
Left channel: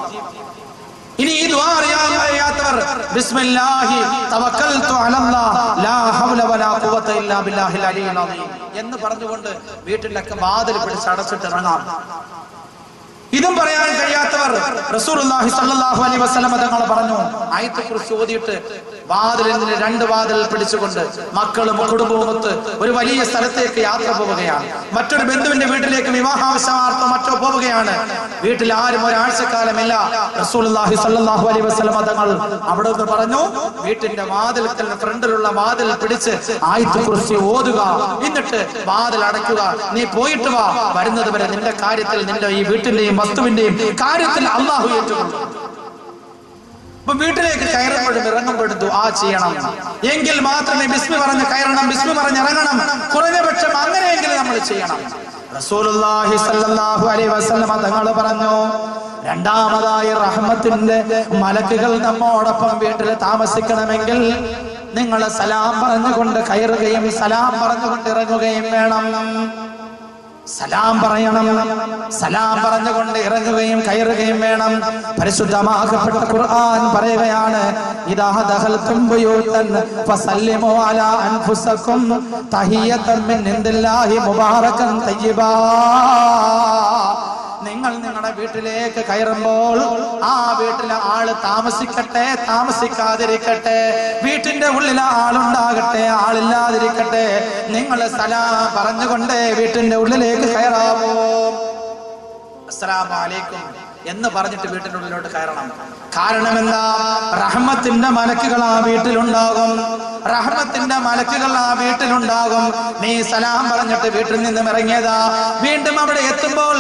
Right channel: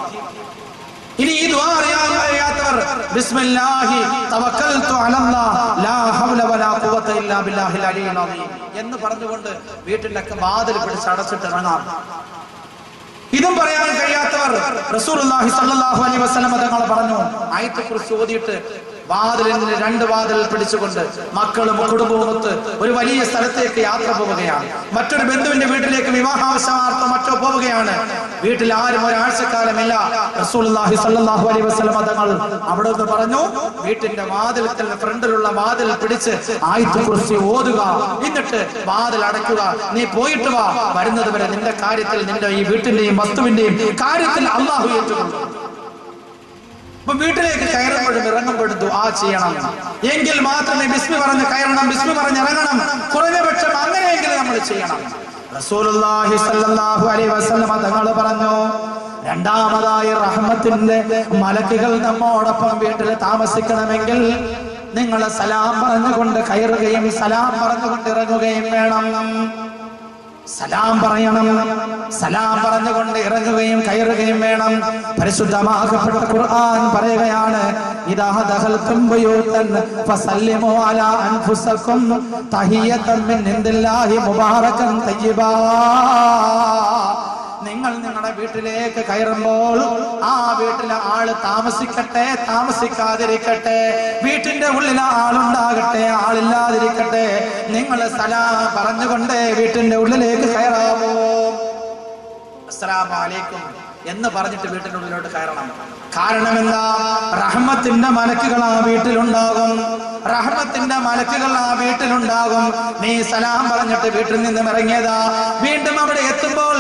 ഇനി ഈ ദുആ അറിയാത്തവർ ബിസ്മില്ലാഹി തവക്കൽതു അലല്ലാഹ് ലാ ഹൗല വലാ ഖുവത ഇല്ലാ ബില്ലാഹിൽ അലിയിൽ അദീം എന്ന് പറഞ്ഞുകൊണ്ട് വീട്ടിലൊക്കെ വാതിൽ പിടിച്ച് അടച്ചിട്ട് ഇറങ്ങാം. ഇതും പറയാൻ കഴിയാത്തവർ റസൂലുള്ളാഹി സ്വല്ലല്ലാഹു അലൈഹി വസല്ലം തങ്ങൾ പറഞ്ഞു, ആയത്തുൽ കുർസി ഓതിയിട്ട് വാതിലിൽ രണ്ട് വാതിൽ പിടിച്ചുകൊണ്ട് മക്കളും കുടുംബവുമൊത്ത് ഒരു വലിയ സ്ഥലത്തേക്ക് യാത്ര പോവുകയാണ്. മറ്റൊരു ബന്ധുവിന്റെ വീട്ടിലേക്ക് വിവാഹാവശ്യമാർത്ഥം മറ്റോ പോവുകയാണ്. വീട്ടിൽ ആരും ഒരാഴ്ചക്കാലമില്ല. റസൂലുള്ളാഹി സ്വല്ലല്ലാഹു അലൈഹി വസല്ലം തങ്ങൾ അവിടെ നിന്ന് പറഞ്ഞു, വീട്ടിന്റെ വാതിൽക്കൽ ഫ്രണ്ടിലുള്ള വാതിൽ പിടിച്ച് ആയത്തുൽ കുർസി ഓതുക, എന്നിട്ട് വാതിൽ അടയ്ക്കുക. നീ പോയിട്ട് വാ, വരുന്നത് വരെ നിന്റെ കാര്യത്തിൽ, നിന്റെ ഈ വീട്ടിന്റെയും വസ്തുവിന്റെയും കാര്യത്തിൽ അള്ളാഹു ഏറ്റുകൊള്ളും. അപ്പൊ വീട്ടിലേക്ക് കയറുമ്പോഴും ഇറങ്ങുമ്പോഴും ദുആ ചെയ്യണം. എങ്കിൽ മാത്രമേ ബിസ്മി പറഞ്ഞ് കയറണം, ബിസ്മി പറഞ്ഞ് ഇറങ്ങണം. കുറഞ്ഞപക്ഷം അങ്ങനെയെങ്കിലും നമ്മൾ ചെയ്യണം. റസൂലുള്ളാഹി സ്വല്ലല്ലാഹു അലൈഹി വസല്ലം തങ്ങൾ പറഞ്ഞു, രണ്ടാമതായി റഹ്മത്തിന്റെ മലക്കുകൾ നമ്മോടൊപ്പം വീട്ടിൽ താമസിക്കണമെങ്കിൽ നിങ്ങൾ സലാം പറഞ്ഞുകൊണ്ട് കയറുകയും സലാം പറഞ്ഞുകൊണ്ട് ഇറങ്ങുകയും വേണം. സലാം പറയണം, സലാം പറഞ്ഞുകൊണ്ട് ഇറങ്ങുകയും കയറുകയും വേണം. പരിശുദ്ധമാകപ്പെട്ട ഖുർആൻ പറയുകയാണ്, ഇദാ ദഖൽതും ബുയൂതൻ ഫസല്ലിമു അലാ അൻഫുസകും തഹിയ്യതൻ മിൻ ഇൻദില്ലാഹി മുബാറകൻ തയ്യിബാ. നിങ്ങൾ നിങ്ങളുടെ വീട്ടിലേക്ക് കയറുമ്പോൾ ആ വീട്ടിലെ ആള് താമസിക്കട്ടെ താമസിക്കാതിരിക്കട്ടെ, വീട്ടിന്റെ ഉള്ളിൽ ആളുണ്ടാകട്ടെ ആളില്ലാതിരിക്കട്ടെ, നിങ്ങൾ സലാം പറഞ്ഞുകൊണ്ട് വീട്ടിന്റെ ഉള്ളിലേക്ക് കയറാമോ. അസ്സലാമു അലൈക്കും എന്ന് പറഞ്ഞിട്ട് വീട്ടിന്റെ ഉള്ളിലോട്ട് കയറണം. കാരണം എന്താ? റഹ്മത്തിന്റെ മലക്കുകൾ ആ വീട്ടിലുണ്ടാകും, റഹ്മത്തിന്റെ മലക്കുകൾ ആ വീട്ടിലുണ്ടാകും. നീ സലാം പറഞ്ഞിട്ട് വീട്ടിൽ നിന്നും ഇറങ്ങിയതാ, വീണ്ടും അവിടെ എത്തുമ്പോൾ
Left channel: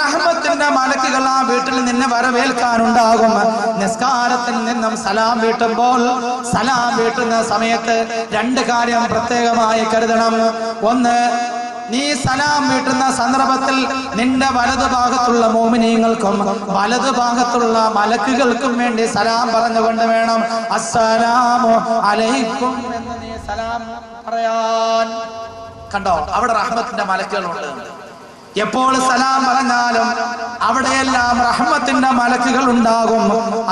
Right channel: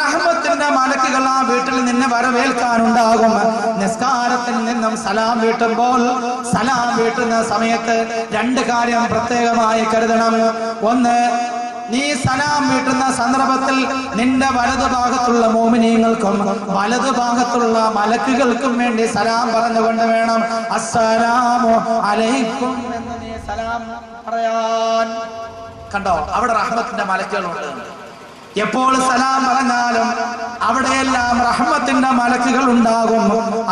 റഹ്മത്തിന്റെ മലക്കുകൾ ആ വീട്ടിൽ നിന്നെ വരവേൽക്കാനുണ്ടാകും. നിസ്കാരത്തിൽ നിന്നും സലാം വീട്ടുമ്പോൾ, സലാം വീട്ടുന്ന സമയത്ത് രണ്ട് കാര്യം പ്രത്യേകമായി കരുതണം. ഒന്ന്, നീ സലാം വീട്ടുന്ന സന്ദർഭത്തിൽ നിന്റെ വലതുഭാഗത്തുള്ള മോമിനീങ്ങൾക്കും വലതുഭാഗത്തുള്ള മലക്കുകൾക്കും വേണ്ടി സലാം പറഞ്ഞുകൊണ്ട് വേണം അസ്സലാമു അലൈക്കും എന്ന് നീ സലാം പറയാൻ. കണ്ടോ, അവിടെ റഹ്മത്തിന്റെ മലക്കുകളുണ്ട്. എപ്പോൾ സലാം പറഞ്ഞാലും അവിടെയെല്ലാം റഹ്മത്തിന്റെ മലക്കുകൾ ഉണ്ടാകും.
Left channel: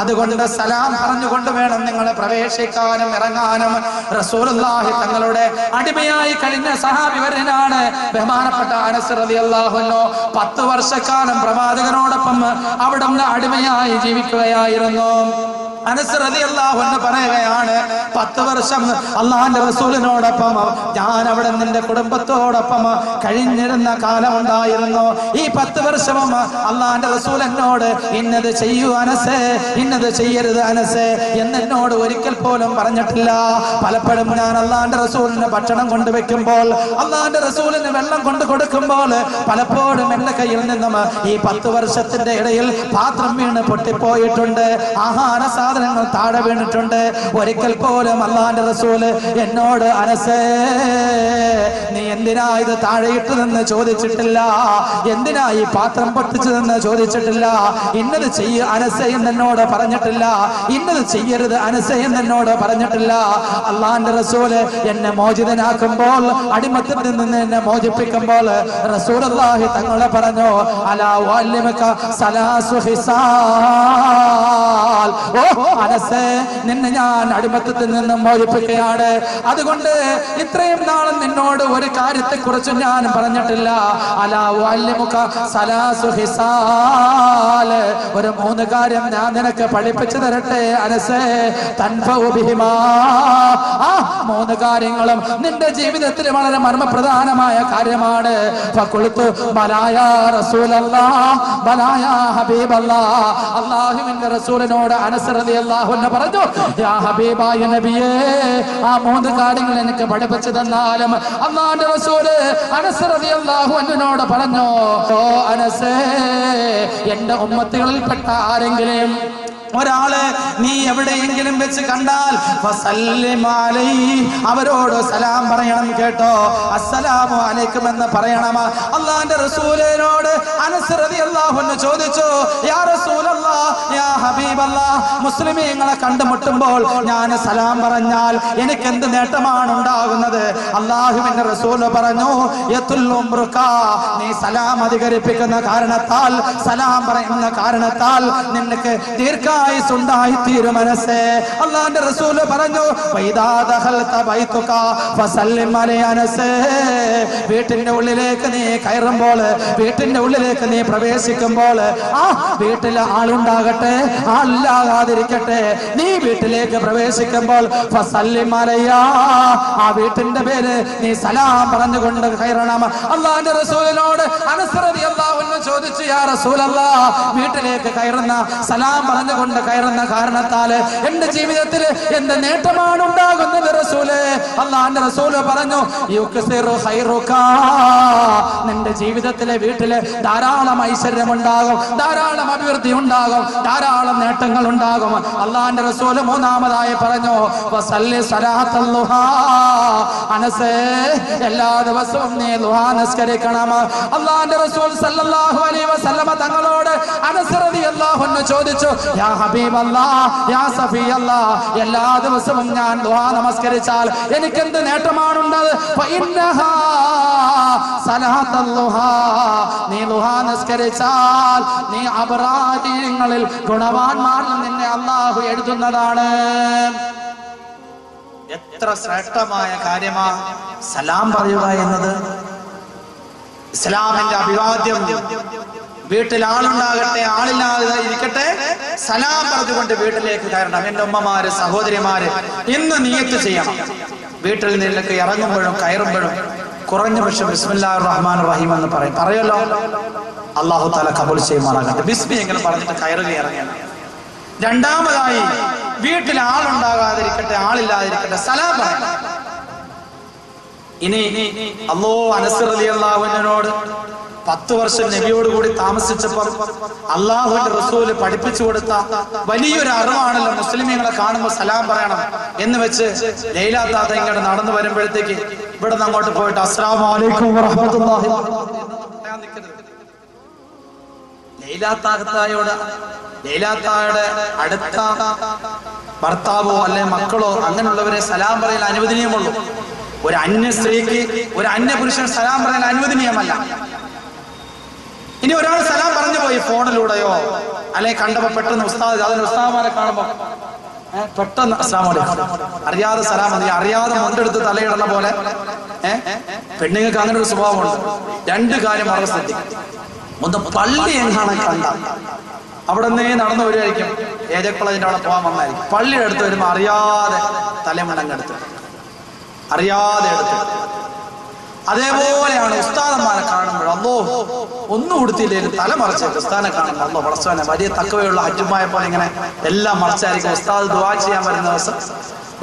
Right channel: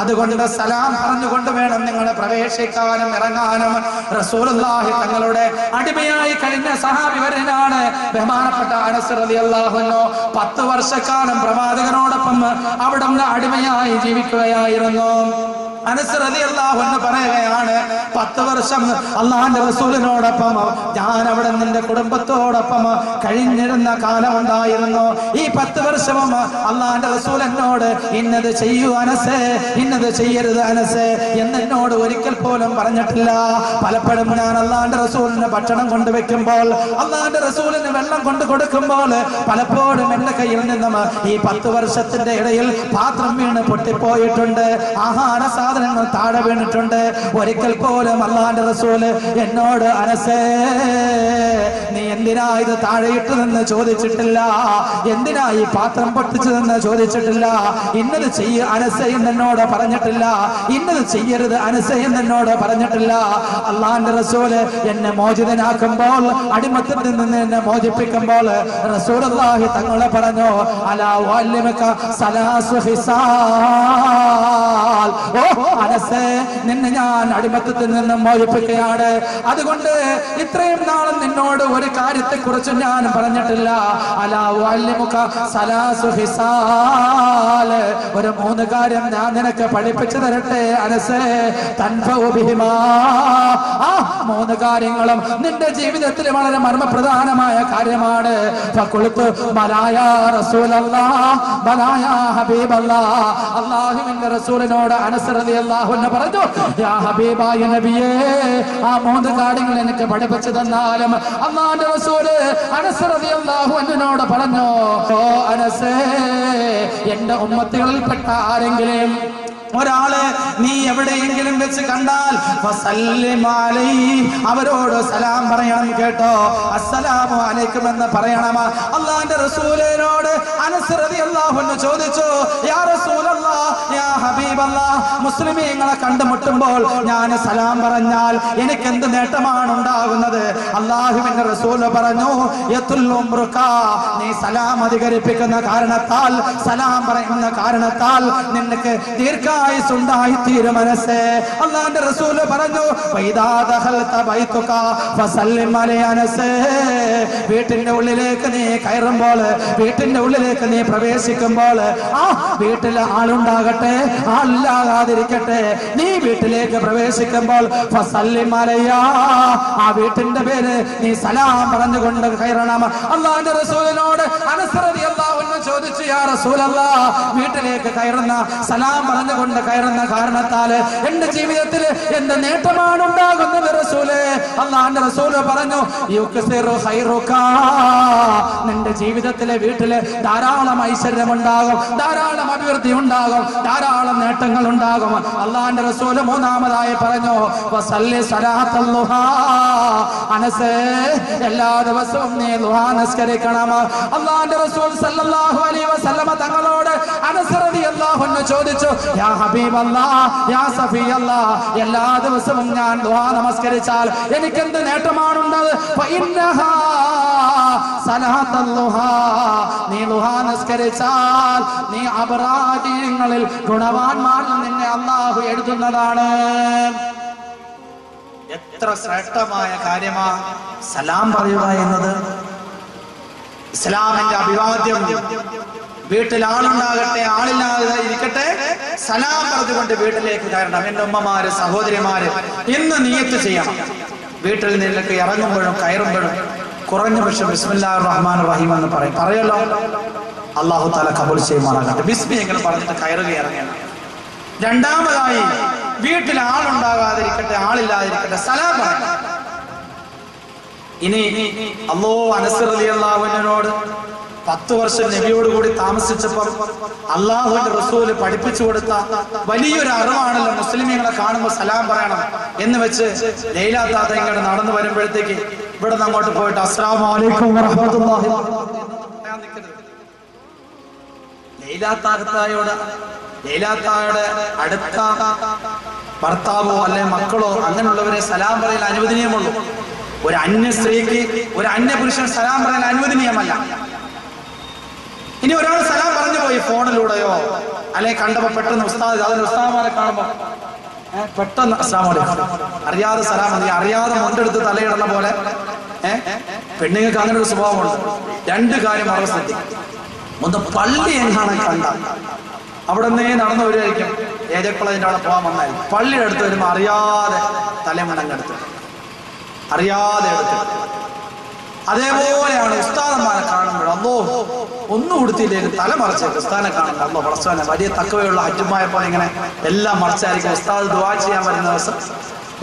അതുകൊണ്ട് സലാം പറഞ്ഞുകൊണ്ട് വേണം നിങ്ങൾ പ്രവേശിക്കാനും ഇറങ്ങാനും. റസൂലുള്ളാഹി തങ്ങളുടെ അടിമയായി കഴിഞ്ഞ സഹാബി വരനാണ് ബഹുമാനപ്പെട്ട അനസ് റളിയല്ലാഹു അൻഹു. 10 വർഷക്കാലം പ്രവാചകനോടൊപ്പം അവിടെ അടിമയായി ജീവിക്കുകയായിരുന്നു. അനസ് റളിയല്ലാഹു അൻഹു പറയുകയാണ്, 10 വർഷം അള്ളാഹുവിന്റെ റസൂലിനോടൊപ്പം ഞാൻ അവിടെ നിന്റെ കുടുംബത്തോടൊപ്പം കഴിഞ്ഞിരുന്ന കാലം ഉണ്ടായിരുന്നു. ഈ 10 വർഷവും അള്ളാഹുവിന്റെ റസൂൽ എന്നോട് ഇന്നത് ചെയ്യൂ അനസേ, ഇന്നത് ചെയ്യരുത് അനസേ എന്നോട് ഒരിക്കൽ പോലും പറഞ്ഞിട്ടില്ല. പലപ്പോഴും ഞാൻ അള്ളാഹുവിന്റെ റസൂലിന് ഭക്ഷണം കൊണ്ടുവെക്കുമ്പോൾ, അള്ളാഹുവിന്റെ റസൂലിന് വെള്ളം കൊണ്ടു കൊടുക്കുമ്പോൾ പലപ്പോഴും എന്റെ കയ്യിൽ നിന്നും ഈ 10 വർഷത്തിന്റെ ഇടയിൽ പാത്രം വീണ് പൊട്ടിപ്പോയിട്ടുണ്ട്, ആഹാര സാധനങ്ങൾ താഴെ വീണിട്ടുണ്ട്. ഒരിക്കൽ പോലും അള്ളാഹുവിന്റെ റസൂല് എന്നോട് അനസേ നീ എന്തിനാ ഇത് താഴെ ഇട്ടതെന്ന് ചോദിച്ചിട്ടില്ല, എന്തിനാ ഈ പാത്രം പൊട്ടിച്ചതെന്ന് ചോദിച്ചിട്ടില്ല, ഇന്നത് ചെയ്യ അനസേ എന്നോട് പറഞ്ഞിട്ടില്ല, ഇന്നത് ചെയ്യരുത് അനസേ എന്നോട് പറഞ്ഞിട്ടില്ല. അള്ളാഹുവിന്റെ റസൂല് എന്നെ മോചിതനാക്കുമ്പോൾ, അടിമത്തത്തിൽ നിന്ന് എന്നെ മോചിപ്പിക്കുമ്പോൾ റസൂലുള്ളാഹി തങ്ങളെ പറഞ്ഞു, അലാ വഅല്ലിമുക സലാസു ഹിസാൽ, ഓ അനസേ നിന്നെ ഞാൻ അടിമത്തത്തിൽ നിന്ന് മോചിപ്പിക്കുകയാണ്. അതുകൊണ്ട് ഇത്രയും നാളും നിന്നോട് ഒരു കാര്യത്തെ കുറിച്ച് ഞാൻ പറഞ്ഞിട്ടില്ല. അലാ വഅല്ലിമുക സലാസു ഹിസാൽ, ഒരു 3 കാര്യം ഞാൻ നിനക്ക് പഠിപ്പിച്ചു തരട്ടെ അനസേ, തൻഫഉ ബിഹിമാ, ആ 3 കാര്യങ്ങളും നിന്റെ ജീവിതത്തിൽ വളരെ മർമ്മപ്രധാനമായ കാര്യമാണ്. ഫഖുൽതു ബലാ യാ റസൂലല്ലാഹ്, ബലാ യാ ഹബീബല്ലാഹ്. അല്ലാഹുവിന്റെ റസൂലിനോട് അനസ് റളിയല്ലാഹു അൻഹു പറഞ്ഞു, യാ ഹബീബായ നബിയേ, ആ 3 കാര്യങ്ങൾ എനിക്ക് പഠിപ്പിച്ചു തന്നാലും. അല്ലാഹുവിന്റെ റസൂല് അനസ് റളിയല്ലാഹു അൻഹുവിനോട് പറഞ്ഞു, ഓ അനസേ, എന്റെ ഉമ്മത്തികളിൽപ്പെട്ട ആരെങ്കിലും ഒരാള് നീ എവിടെയെങ്കിലും വെച്ച് കണ്ടാൽ അവരോട് സലാം പറയണം കേട്ടോ, അസ്സലാമു അലൈക്കും എന്ന് പറയണം. അല്ലാഹുവിന്റെ റസൂലിനോട് അനസ് റളിയല്ലാഹു അൻഹു ചോദിച്ചു, യാ റസൂലല്ലാഹ്, യാ ഹബീബല്ലാഹ്, മുസ്ലിമീങ്ങളെ കണ്ടുമുട്ടുമ്പോൾ ഞാൻ സലാം പറഞ്ഞാൽ എനിക്ക് എന്ത് നേട്ടമാണ് ഉണ്ടാകുന്നത്? അല്ലാഹുവിന്റെ റസൂൽ പറഞ്ഞു, നീ സലാം അധികരിപ്പിക്കുന്ന കാരണത്താൽ, സലാം പറയുന്ന കാരണത്താൽ നിനക്ക് ദീർഘായുസ്സുണ്ടായി തീരും മനസ്സേ. അല്ലാഹുവിന്റെ റസൂൽ പറഞ്ഞു, വീട്ടിന്റെ ഉള്ളിലേക്ക് നീ കയറുമ്പോൾ, വീട്ടിന്റെ ഉള്ളിലേക്ക് നീ പ്രവേശിക്കുമ്പോൾ, ആ വീട്ടിൽ ആളുണ്ടാകട്ടെ ആളില്ലാതിരിക്കട്ടെ, നീ വീട്ടിലേക്ക് പ്രവേശിക്കുമ്പോൾ ആ വീട്ടിന്റെ പേര് നീ സലാം പറഞ്ഞുകൊണ്ട് കയറണം. അല്ലാഹുവിന്റെ റസൂലിനോട് അനസ് റളിയല്ലാഹു അൻഹു ചോദിച്ചു, യാ റസൂലല്ലാഹ്, വീട്ടിലേക്ക് കയറുന്ന സലാം പറഞ്ഞുകൊണ്ട് കയറുന്ന കാരണത്താൽ എന്റെ ജീവിതത്തിൽ എന്ത് നേട്ടമാണ് ഉണ്ടാകുന്നത് റസൂലേ? അല്ലാഹുവിന്റെ റസൂല് പറഞ്ഞു, യുക്സിറു ഖൈറുക, നിന്റെ ജീവിതത്തിലെ വീട്ടില് ധാരാളം ഐശ്വര്യമുണ്ടാകും, ധാരാളം അഭിവൃദ്ധി ഉണ്ടാകും, ധാരാളം നേട്ടങ്ങൾ ഉണ്ടാകും. അല്ലാഹുവിന്റെ റസൂല് 3-മതായി പറഞ്ഞു, വസല്ലി സ്വലാത്തൽ ളുഹാ, അനസേ എല്ലാ ദിവസവും നീ ളുഹാ നിസ്കരിക്കണം. അല്ലാഹുവിന്റെ റസൂൽ സല്ലല്ലാഹു അലൈഹി വസല്ലമ തങ്ങളോട് അനസ് റളിയല്ലാഹു അൻഹു ചോദിച്ചു, യാ ഹബീബല്ലാഹ്, യാ സഫിയല്ലാഹ്, എല്ലാ ദിവസവും ഞാൻ ദുആ നമസ്കരിച്ചാൽ എനിക്ക് എന്ത് നേട്ടമാണുള്ളത്? ഫഇന്നഹാ സലാത്തുൽ ളുഹാ, നീ ദുആ നമസ്കരിച്ചാൽ നീ അബ്റാദിങ്ങളിൽ ഗുണവാന്മാരിൽ നിന്നെ അല്ലാഹു എഴുതുന്നതാണ്. എത്ര ശ്രേഷ്ഠമായ കാര്യമാ സലാം പറയുക എന്നത്. ഇസ്ലാമിന്റെ അഭിവാദ്യം, വീട്ടിൽ ആളുണ്ടാകട്ടെ ആളില്ലാതെ ഇരിക്കട്ടെ, സലാം പറഞ്ഞുകൊണ്ട് വീട്ടിലേക്ക് കയറണം. എന്റെ ഉമ്മമാര്, സഹോദരിമാര്, ഇന്ന് നിയ്യത്ത് ചെയ്യണം. വീട്ടിൽ നിന്നൊക്കെ ഇറങ്ങുമ്പോഴും കയറുമ്പോഴും കുറഞ്ഞ പക്ഷം ബിസ്മില്ലാഹിർ റഹ്മാനിർ റഹീം എന്ന് പറയല്ലോ. അല്ലാഹു തആല കബൂൽ ചെയ്യുമാറാകട്ടെ. ബിസ്മി എങ്ങനെ പറഞ്ഞിട്ട് കയറുക ഇറങ്ങണം. 2-മതായി വീട്ടിൽ ആളുണ്ടാകാതിരിക്കട്ടെ ആളില്ലാതിരിക്കട്ടെ സലാം പറയണം. ഇനി അനസ് റളിയല്ലാഹു അൻഹുവിനോട് 10 വർഷം നബിയോട് കൂടി താമസിച്ചപ്പോൾ അല്ലാഹുവിന്റെ റസൂല് പഠിപ്പിച്ചു കൊടുത്ത വലിയൊരു അറിവാണല്ലോ മുസ്ലിമീങ്ങളെ കാണുമ്പോൾ സലാം പറയണം എന്ന് വെച്ച് ലൈലാ താത്ത ഇങ്ങോട്ട് നടന്നു വരുമ്പോഴത്തേക്ക് ഇവിടെ നിന്ന് അങ്ങോട്ട് പോയിട്ട് അസ്സലാമു അലൈക്കും വറഹ്മത്തുള്ളാഹി ലൈലാ താത്തയുടെ അടുത്ത ഭർത്താവോ അല്ലെ മക്കളോ അങ്ങനെയുള്ളവരെ സലാം പറയാൻ അനുവദനീയമുള്ളൂ. ഒരു അന്യ സ്ത്രീക്ക്, ഒരു അന്യ പുരുഷൻ സലാം പറയാൻ അനുവദനീയമല്ല. ഇനി ഒരാൾ സലാം പറഞ്ഞു പോയി ഫോണിലൂടെയോ അല്ലെ കണ്ടപ്പോ പെട്ടെന്ന് ഉസ്താദുമാരെ കാണുമ്പോ പെട്ടെന്ന് അസ്സലാമു അലൈക്കും അറിയാതെ സലാം, അറിയാതെ മുണ്ടെടുത്ത് തലയിടുന്ന പോലെ പെണ്ണുങ്ങൾക്ക് അങ്ങനെ ഒരു സ്വഭാവമുണ്ട്. 2 കാര്യം അവർ ശ്രദ്ധിക്കും. ഒന്ന്, പള്ളി എങ്ങാണ് കണ്ട അവിടെ നിന്നേ നടന്നു വരുമായിരിക്കും, ഏജെ കോളേജിന്റെ അവിടെ പോകാൻ വന്നായിരിക്കും. പള്ളിയുടെ അടുത്ത് വരുമ്പോൾ അറിയാതെ തലമുണ്ടങ്ങെടുത്ത്, അറിയാതെ എടുത്ത്. അതേപോലെയാണ് ഉസ്താദന്മാരെ കാണുമ്പോൾ, അല്ലോ ഒന്നും കൊടുത്തില്ലെങ്കിൽ തല മറച്ച് ഉസ്താദിനെ കാണുമ്പോൾ അല്ലോ പടച്ചവനെ വലിയ തക്കവയുള്ള ഹജ്ജുമായ പോലെ ഇങ്ങനെ എല്ലാം മറച്ചായിരിക്കും. ഉസ്താദ് ദുആ ചെയ്യാൻ വരുന്ന ദിവസം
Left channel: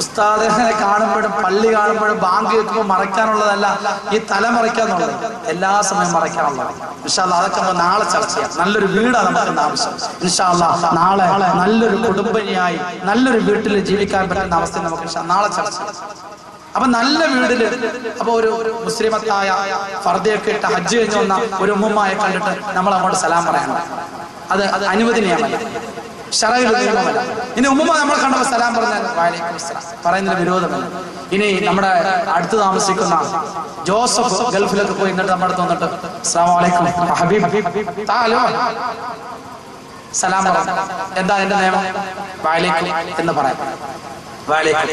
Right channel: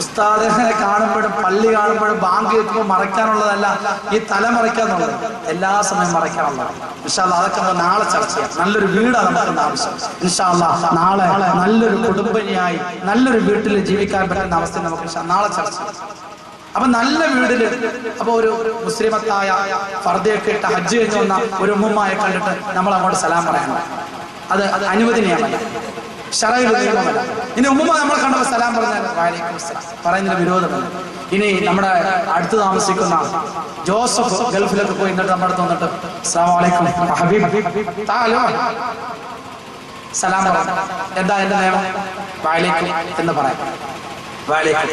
ഉസ്താദിനെ കാണുമ്പോഴും പള്ളി കാണുമ്പോഴും ബാങ്ക് കേൾക്കുമ്പോൾ മറയ്ക്കാനുള്ളതല്ല, ഈ തല മറയ്ക്കാന്നുള്ളത് എല്ലാ സമയം മറയ്ക്കാനുള്ളത്. ഇൻഷാ അല്ലാഹ് അതൊക്കെ നമുക്ക് നാളെ ചർച്ച ചെയ്യാം. നല്ലൊരു വീടാണ് നമുക്ക് ആവശ്യം. ഇൻഷാ അല്ലാഹ് നാളെ നല്ലൊരു കുടുംബിനിയായി നല്ലൊരു വീട്ടിൽ ജീവിക്കാൻ പറ്റുന്ന അവസ്ഥ നമുക്ക് നാളെ ചർച്ച ചെയ്യാം. അപ്പൊ നല്ല വീടില് അപ്പൊ ഒരു മുസ്ലിമത്തായ ഫർദയൊക്കെ ഇട്ട് ഹജ്ജ് കഴിഞ്ഞ് വന്ന ഒരു ഉമ്മുമ്മയെ കണ്ടിട്ട് നമ്മൾ അങ്ങോട്ട് സലാം പറയണം. അത് അനുവദനീയമല്ല, ശറഈൽ നിയമമല്ല. ഇനി ഉമ്മുമ്മ നമ്മൾ കണ്ടപ്പോൾ സലാം പറഞ്ഞാൽ വഅലൈക്കും അസ്സലാം പറയുന്നതിന് വിരോധമല്ല. ഇനി നമ്മുടെ അടുത്ത് താമസിക്കുന്ന ജോസഫ് ഗൾഫിലൊക്കെ പോയി എന്നിട്ട് നമ്മുടെ അടുത്ത് വന്നിട്ട് അസ്സലാമു അലൈക്കും ഹബീബ് താലോ സലാം പറ, എന്താ എന്റെ നിയമം? വഅലൈക്കും എന്ന് പറയാം. വഅലൈക്കും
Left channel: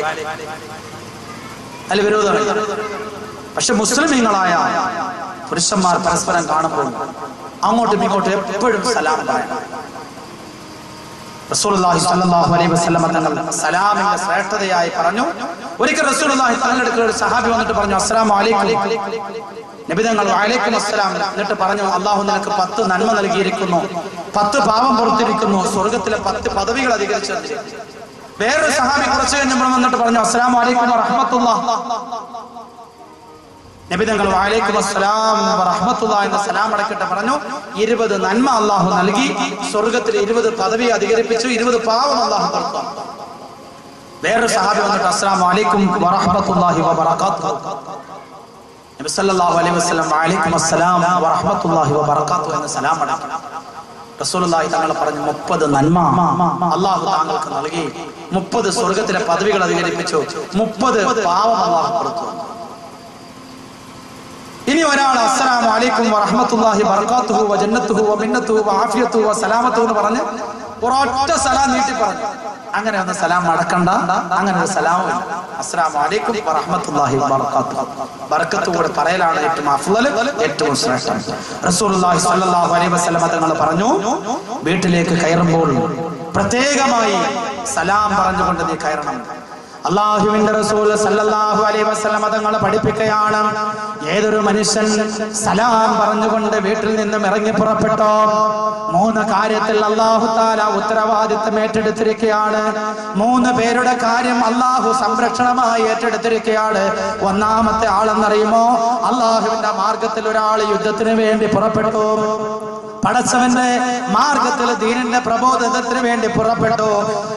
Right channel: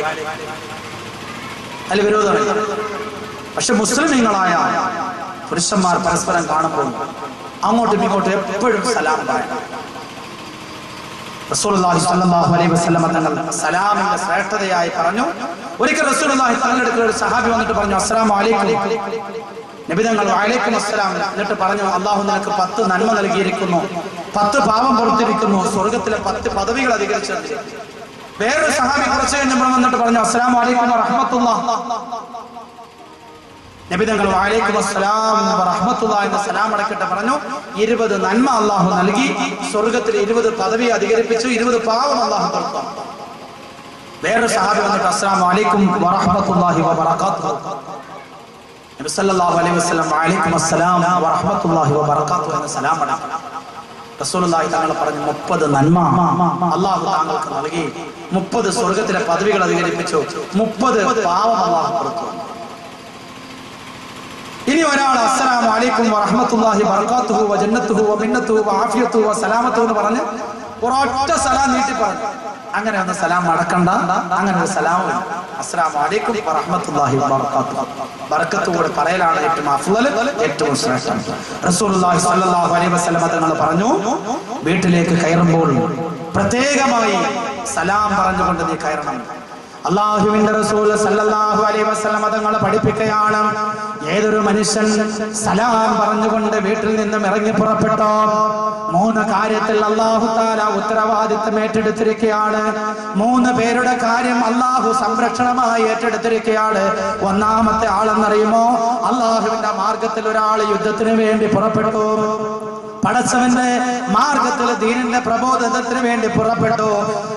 അതിൽ വിരോധമില്ല. പക്ഷെ മുസ്ലിമീങ്ങളായ പുരുഷന്മാർ പരസ്പരം കാണുമ്പോൾ അങ്ങോട്ടും ഇങ്ങോട്ടും എപ്പോഴും സലാം പറയണം. റസൂലുള്ളാഹി സ്വല്ലല്ലാഹു അലൈഹി വസല്ലം തങ്ങൾ സലാമിന്റെ ശ്രേഷ്ഠതയായി പറഞ്ഞു. ഒരിക്കൽ റസൂലുള്ളാഹി തങ്ങളുടെ അടുക്കൽ ഒരു സഹാബി വന്നിട്ട് പറഞ്ഞു അസ്സലാമു അലൈക്കും. നബി തങ്ങൾ വഅലൈക്കും അസ്സലാം എന്നിട്ട് പറഞ്ഞു അല്ലാഹു നിനക്ക് 10 നന്മ നൽകിയിരിക്കുന്നു, 10 പാപം പുറത്തിരിക്കുന്നു, സ്വർഗ്ഗത്തിലെ 10 പദവികൾ അധികരിച്ചിരിക്കുന്നു. വേറൊരു സഹാബി കുറച്ചു കഴിഞ്ഞപ്പോൾ വന്നിട്ട് പറഞ്ഞു അസ്സലാമു അലൈക്കും വറഹ്മത്തുള്ളാഹ്. നബി തങ്ങൾ വഅലൈക്കും അസ്സലാം വറഹ്മത്തുള്ളാഹി എന്ന സലാം അടക്കട്ടെ പറഞ്ഞു. 20 നന്മ അല്ലാഹു നൽകി, സ്വർഗ്ഗത്തിൽ 20 പദവി അധികരിപ്പിച്ചു, 20 പാവം അല്ലാഹു കൊടുത്തു. വേറൊരു സഹാബി വന്നിട്ട് അസ്സലാമു അലൈക്കും വറഹ്മത്തുള്ളാഹി വബറകാതുഹു. നബി സല്ലല്ലാഹു അലൈഹി വസല്ലം വഅലൈക്കും അസ്സലാം വറഹ്മത്തുള്ളാഹി വബറകാതുഹു എന്ന സലാം അടക്കട്ടെ. റസൂലുള്ളാഹി തങ്ങൾ പറഞ്ഞു 30 നന്മ അല്ലാഹു താങ്കൾക്ക് നൽകി, 30 സ്വർഗ്ഗത്തിലെ പദവികൾ അധികരിപ്പിച്ചു, 30 പാവം അല്ലാഹു കൊടുത്തു. ഇനി ഒരാൾ അസ്സലാമു അലൈക്കും വറഹ്മത്തുള്ളാഹി വബറകാതുഹു വജന്നത്തുഹു വമിന്നത്തുഹു വആഫിയത്തുഹു വസലാമത്തുഹു എന്ന് പറഞ്ഞ് ഒരൊറ്റ സലാം നീട്ടി പറഞ്ഞു. അങ്ങനെ ഒന്ന് സലാം മടക്കണ്ട, അങ്ങനെ ഒരു സലാമില്ല. അസ്സലാമു അലൈക്കും വറഹ്മത്തുള്ളാഹി വബറകാതുഹു ബറക്കത്തോടെ പറയലാണ് ഏറ്റവും അഫ്ളൽ, ഏറ്റവും ശ്രേഷ്ഠം. റസൂലുള്ളാഹി സ്വല്ലല്ലാഹു അലൈഹി വസല്ലം തങ്ങൾ പറഞ്ഞു വീട്ടിലേക്ക് കയറുമ്പോൾ പ്രത്യേകമായി സലാം പറഞ്ഞുകൊണ്ട് നീ കയറണം. അല്ലാഹുവിന്റെ റസൂൽ സല്ലല്ലാഹു അലൈഹി വസല്ലം തങ്ങൾ പഠിപ്പിക്കുകയാണ്, ഏതൊരു മനുഷ്യൻ സലാം പറഞ്ഞുകൊണ്ട് വീട്ടിൽ നിന്നും ഇറങ്ങി പുറപ്പെട്ടോ 3 കാര്യത്തിൽ അല്ലാഹു തആല ഉത്തരവാദിത്തം ഏറ്റെടുത്തിരിക്കുകയാണ്. 3 പേരുടെ കാര്യം അല്ലാഹു സംരക്ഷണമായി ഏറ്റെടുത്തിരിക്കുകയാണ്. ഒന്നാമത്തെ ആളെന്നറിയുമോ? അല്ലാഹുവിന്റെ മാർഗത്തിൽ ഒരാൾ യുദ്ധത്തിന് വേണ്ടി പുറപ്പെട്ടു, പടച്ചവന്റെ മാർഗത്തിൽ ദീനിന്റെ പ്രബോധനത്തിന് വേണ്ടി പുറപ്പെട്ടു.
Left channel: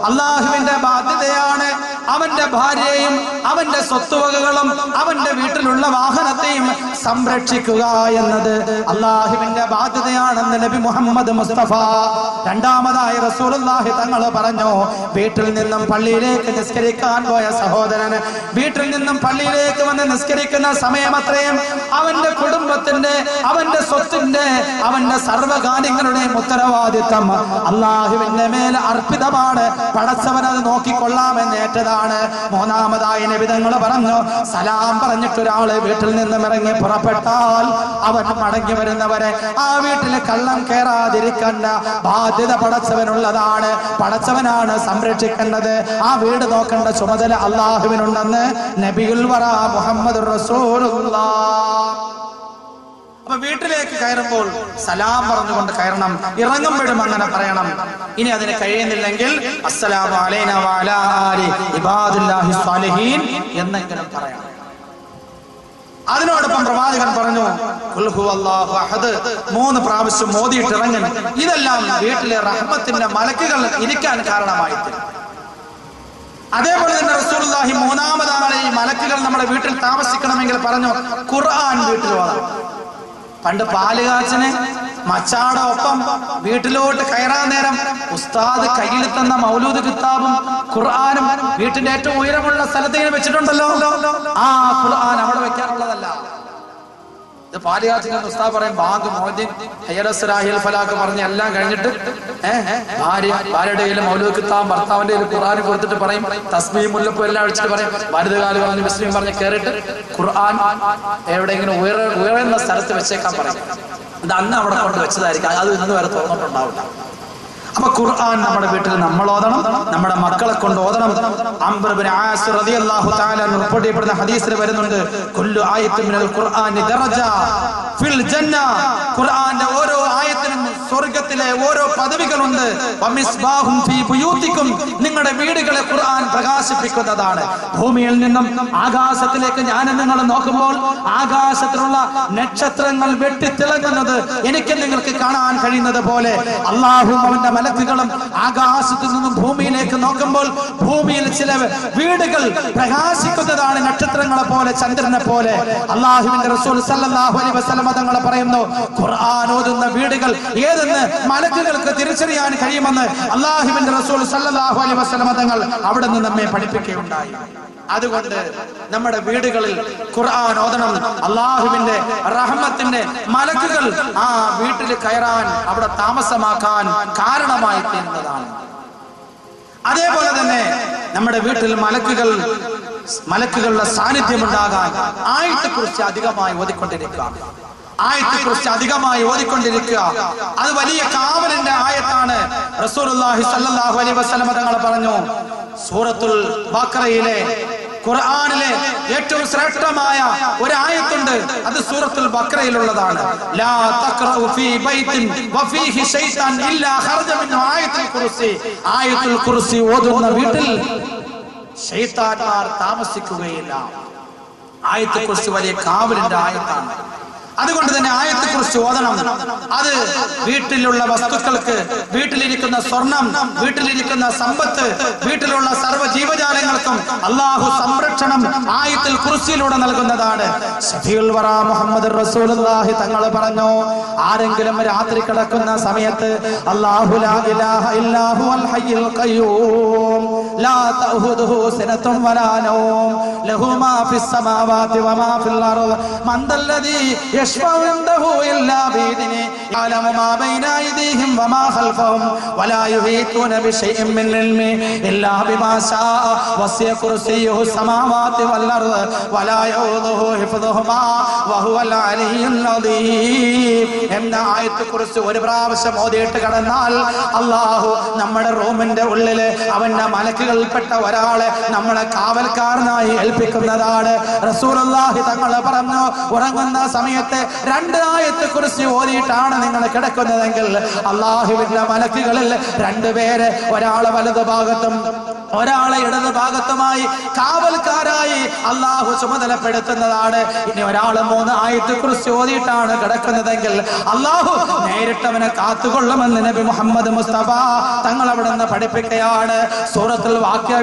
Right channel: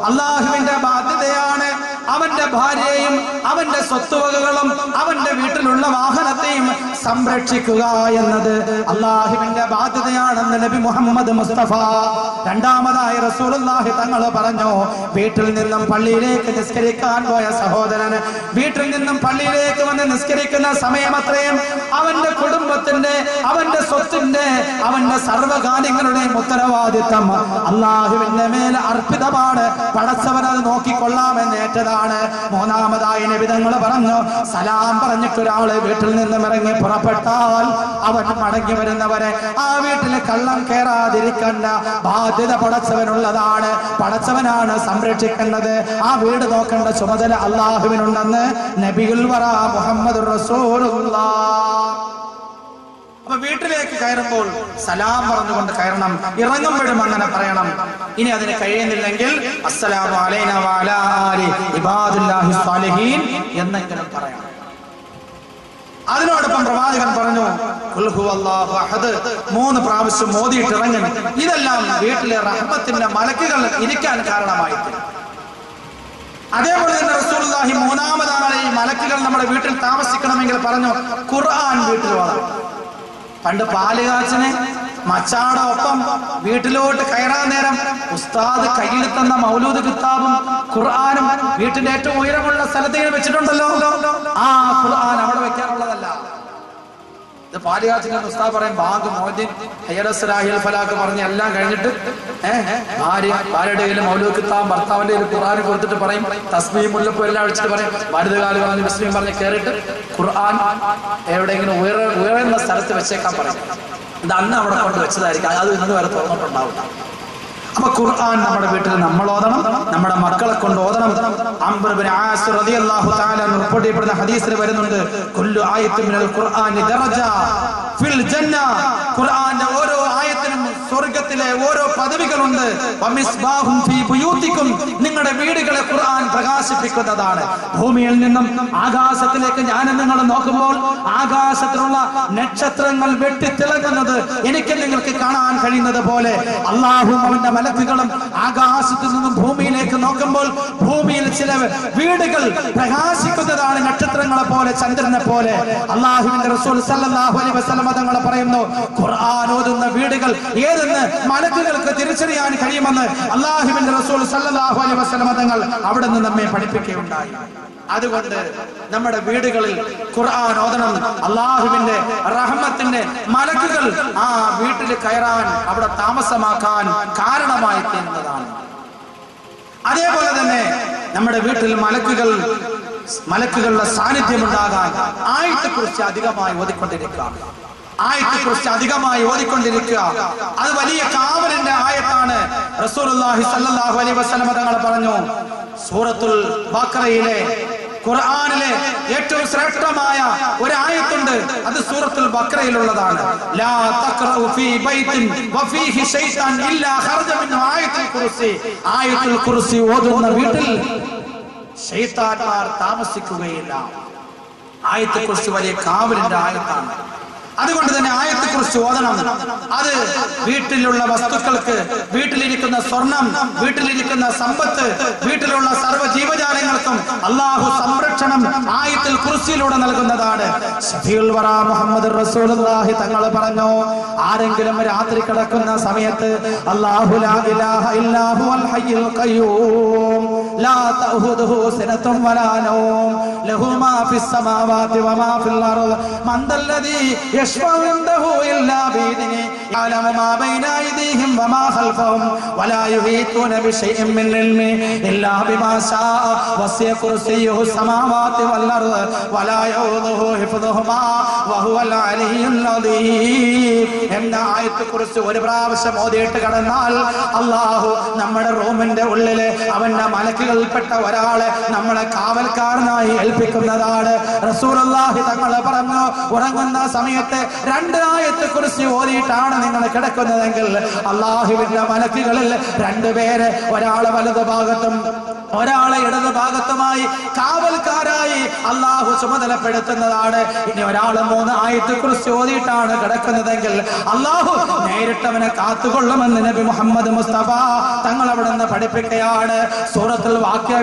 അല്ലാഹുവിന്റെ ബാധ്യതയാണ് അവന്റെ ഭാര്യയെയും അവന്റെ സ്വത്തുവകകളും അവന്റെ വീട്ടിലുള്ള വാഹനത്തെയും സംരക്ഷിക്കുക എന്നത് അല്ലാഹുവിന്റെ ബാധ്യതയാണെന്ന് നബി മുഹമ്മദ് മുസ്തഫ. രണ്ടാമതായി റസൂലുള്ളാഹി തങ്ങൾ പറഞ്ഞു, വീട്ടിൽ നിന്നും പള്ളിയിലേക്ക് നിസ്കരിക്കാൻ പോയ സഹോദരന് വീട്ടിൽ നിന്നും പള്ളിയിലേക്ക് വന്ന് നിസ്കരിക്കുന്ന സമയമത്രയും അവന്റെ കുടുംബത്തിന്റെ, അവന്റെ സ്വത്തിന്റെ, അവന്റെ സർവ്വകാര്യങ്ങളുടെയും ഉത്തരവാദിത്തം അല്ലാഹുവിന്റെ മേൽ അർപ്പിതമാണ്. പടച്ചവൻ അത് നോക്കിക്കൊള്ളാമെന്ന് ഏറ്റതാണ്. മൂന്നാമതായി നബി തങ്ങൾ പറഞ്ഞു, സലാം പറഞ്ഞിട്ട് ഒരാള് വീട്ടിൽ നിന്നും ഇറങ്ങി പുറപ്പെട്ടാൽ അവൻ മടങ്ങി വരുന്നവരെ ആ വീട്ടിൽ കള്ളം കയറാതിരിക്കേണ്ട ബാധ്യത പടച്ചവനുള്ളതാണ്. പടച്ചവനാണ് സംരക്ഷിക്കേണ്ടത്. ആ വീട് നോക്കേണ്ട ചുമതല അല്ലാഹുവിനുണ്ടെന്ന് നബിയുൽ വറ മുഹമ്മദുർ റസൂലുള്ളാഹ്. അപ്പൊ വീട്ടിലേക്ക് കയറുമ്പോൾ സലാം പറഞ്ഞുകൊണ്ട് കയറണം, ഇറങ്ങുമ്പോഴും അങ്ങനെ പറയണം. ഇനി അതിന് കഴിയുന്നില്ലെങ്കിൽ അസ്സലാമു അലൈനാ വഅലാ ആലി ഇബാദുല്ലാഹി സ്വാലിഹീൻ എന്നെങ്കിലും പറയണം. അതിനോടൊപ്പം പ്രവാചകൻ പറഞ്ഞു ഖുൽ ഹുവല്ലാഹു അഹദ് 3 പ്രാവശ്യം മോദിയിട്ട് ഇറങ്ങണം. ഇതെല്ലാം വീട്ടിലെ റഹ്മത്തിന്റെ മലക്കുകൾ ഇരിക്കാൻ കാരണമായി തീരും. അതേപോലെ തന്നെ റസൂലുള്ളാഹി മൂന്നാമതാണ് ഈ മലക്കുകൾ നമ്മുടെ വീട്ടിൽ താമസിക്കണമെങ്കിൽ പറഞ്ഞു ഖുർആൻ വീട്ടിൽ ഓതണം. പണ്ട് പാലുകാച്ചന് മച്ചാടെ ഒപ്പം വീട്ടിലോട്ട് കയറാൻ നേരം ഉസ്താദ് കയ്യിൽ തന്ന മൗലൂദ് കിതാബും ഖുർആനും വീട്ടിന്റെ ഏറ്റവും ഉയരമുള്ള സ്ഥലത്ത് വെച്ചിട്ടുണ്ടല്ലോ. ആ ഖുർആൻ അവിടെ വെക്കാനുള്ളതല്ല. ഇത് പാലുകാച്ചിന് ഉസ്താദ് പറയും ബാങ്ക് മോദിൻ ഹയ്യലസ്സലാഹിൽ ഫലാഖ് പറഞ്ഞ് എല്ലാം കഴിഞ്ഞിട്ട് ഭാര്യയുടെ കയ്യിൽ മൗലൂദ് കിതാബും ഭർത്താവിന്റെ കയ്യിൽ ഖുർആൻ കൊടുത്തിട്ട് പറയും തസ്ബീഹ് മുല്ലപ്പൂ എല്ലാം അടിച്ചിട്ട് പറയും വലുതുകാല് പറഞ്ഞ് മുസ്ലിം പറഞ്ഞ് കയറിയിട്ട് ഖുർആൻ എവിടെയെങ്കിലും ഉയർന്ന സ്ഥലത്ത് വെച്ചേക്കാൻ പറയും. ഇത് അന്ന് അവിടെ കൊണ്ട് വെച്ചതായിരിക്കും, അത് ഇന്ന് വരെ തുറന്നിട്ടുണ്ടാവില്ല. അപ്പൊ ഖുർആൻ നമ്മുടെ വീട്ടിൽ നമ്മൾ ഓതണം, നമ്മുടെ മക്കളെ കൊണ്ട് ഓതണം. അംർ ഇബ്നു ആസ് റളിയല്ലാഹു തആല റിപ്പോർട്ട് ചെയ്യപ്പെടുന്ന ഹദീസിൽ വരുന്നുണ്ട്, കുല്ലു ആയത്തുൻ മിനൽ ഖുർആനി ദറജ ഫിൽ ജന്ന. ഖുർആന്റെ ഓരോ ആയത്തിനും സ്വർഗ്ഗത്തിലെ ഓരോ പദവികളുണ്ട്. വമിസ്ബാഹും ഫീ ബുയൂതികും, നിങ്ങളുടെ വീടുകളെ ഖുർആൻ പ്രകാശിപ്പിക്കുന്നതാണ്. ഭൂമിയിൽ നിന്നും ആകാശത്തിലേക്ക് ഞാൻ നിങ്ങൾ നോക്കുമ്പോൾ ആകാശത്തിലുള്ള നക്ഷത്രങ്ങൾ വെട്ടിത്തിളങ്ങുന്നത് എനിക്ക് നിങ്ങൾക്ക് കാണാൻ കഴിയുന്നത് പോലെ അല്ലാഹുവും അവന്റെ മലക്കുകളും ആകാശത്തു നിന്നും ഭൂമിയിലേക്ക് നോക്കുമ്പോൾ ഭൂമിയിൽ ചില വീടുകൾ പ്രകാശിക്കുന്നതാണ്, നക്ഷത്രങ്ങളെ പോലെ, ചന്ദ്രനെ പോലെ. അല്ലാഹുവിന്റെ റസൂൽ സല്ലല്ലാഹു അലൈഹി വസല്ലം തങ്ങൾ പറയുന്നു, ഖുർആൻ ഓതുന്ന വീടുകൾ ഏതെന്ന് മലക്കുകൾക്ക് തിരിച്ചറിയാൻ കഴിയുമെന്ന് അല്ലാഹുവിന്റെ റസൂൽ സല്ലല്ലാഹു അലൈഹി വസല്ലം തങ്ങൾ അവിടെ നിന്ന് നമ്മെ പഠിപ്പിക്കുകയുണ്ടായി. അതുകൊണ്ട് നമ്മുടെ വീടുകളിൽ ഖുർആൻ ഓതണം. അല്ലാഹുവിന്റെ റഹ്മത്തിന്റെ മലക്കുകൾ ആ വീട്ടിൽ കയറാൻ, അവിടെ താമസമാക്കാൻ കാരണമായി തീരുന്നതാണ്. അതേപോലെ തന്നെ നമ്മുടെ വീട്ടിൽ മലക്കുകളുടെ സാന്നിധ്യം ഉണ്ടാകാൻ ആയത്തെക്കുറിച്ച് അധികമായി ഓതിക്കൊണ്ടിരിക്കുക. അത് വലിയ കാവലിന്റെ ആയത്താണ്. റസൂലുള്ളാഹി സ്വല്ലല്ലാഹു അലൈഹി വസല്ലം തങ്ങൾ പറഞ്ഞു, സൂറത്തുൽ ബഖറയിലെ ഖുർആനിലെ ഏറ്റവും ശ്രേഷ്ഠമായ ഒരു ആയത്തുണ്ട്, അത് സൂറത്തുൽ ബഖറയിലുള്ളതാണ്. ലാ തഖറഉ ഫീ ബൈത്തിൻ വഫീഹി ശൈത്താൻ ഇല്ലാ ഖറജ മിൻഹു ആയത്തുൽ കുർസി. ആയത്തുൽ കുർസി ഓതുന്ന വീട്ടിൽ ശൈത്താൻമാർ താമസിക്കുകയില്ല. ആയത്തുൽ കുർസി വലിയ കാവലിന്റെ ആയത്താണ്. അതുകൊണ്ട് തന്നെ ആയത്തെക്കുറിച്ച് ഓതണം. അത് വീട്ടിലുള്ള വസ്തുക്കൾക്ക്, വീട്ടിലിരിക്കുന്ന സ്വർണം, വീട്ടിലിരിക്കുന്ന സമ്പത്ത്, വീട്ടിലുള്ള സർവ്വ ജീവജാലങ്ങൾക്കും അല്ലാഹു സംരക്ഷണം ആയത്തുൽ കുർസിയിലൂടെ നൽകുന്നതാണ്. ശഫീഉൽ വറ മുഹമ്മദ് റസൂലുള്ളാഹി തങ്ങൾ പറഞ്ഞു, ആരെങ്കിലും രാത്രി കിടക്കുന്ന സമയത്ത് അല്ലാഹു ലാ ഇലാഹ ഇല്ലാ ഹുവൽ ഹയ്യുൽ ഖയ്യൂം ലാ തഅഖുദുഹു സിനത്തും വലാ നൗം ലഹു മാ ഫിസ് സമാവാതി വമാ ഫിൽ അർദ് മൻ ദല്ലദീ يشفع عنده إلا بإذنه يعلم ما بين أيديهم وما خلفهم ولا يحيطون بشيء من علمه إلا بما شاء وسع كرسيه السماوات والأرض ولا يؤوده حفظهما وهو العلي العظيم. എന്ന ആയത്തെക്കുറിച്ച് ഒരു പ്രാവശ്യം ഓതിയിട്ട് കടന്നാൽ അല്ലാഹു നമ്മുടെ റൂമിന്റെ ഉള്ളില് അവന്റെ മലക്കുകളിൽപ്പെട്ട ഒരാളെ നമ്മളെ കാവൽക്കാരനായി ഏൽപ്പിക്കുന്നതാണ്. റസൂലുള്ളാഹി തങ്ങൾ പറഞ്ഞു, ഉറങ്ങുന്ന സമയത്ത് രണ്ട് ആയത്തെക്കുറിച്ച് ഓതിയിട്ടാണ് നിങ്ങൾ കിടക്കുന്നതെങ്കിൽ അല്ലാഹുവിന്റെ മലക്കുകളിൽ രണ്ടുപേരെ, ഒരാളെ വലതു ഭാഗത്തും ഒരാളെ ഇടതു ഭാഗത്തുമായി കാവൽക്കാരായി അല്ലാഹു ചുമതലപ്പെടുത്തുന്നതാണ്. ഇനി ഒരാളെ 3 ആയത്തെക്കുറിച്ച് ഓതിയിട്ടാണ് കിടക്കുന്നതെങ്കിൽ അല്ലാഹു നേരിട്ടവനെ കാത്തുകൊള്ളുമെന്ന് നബി മുഹമ്മദ് മുസ്തഫ തങ്ങൾ അവിടെ നിന്ന് പഠിപ്പിക്കുകയാണ്. സൂറത്തുൽ വാഖിഅ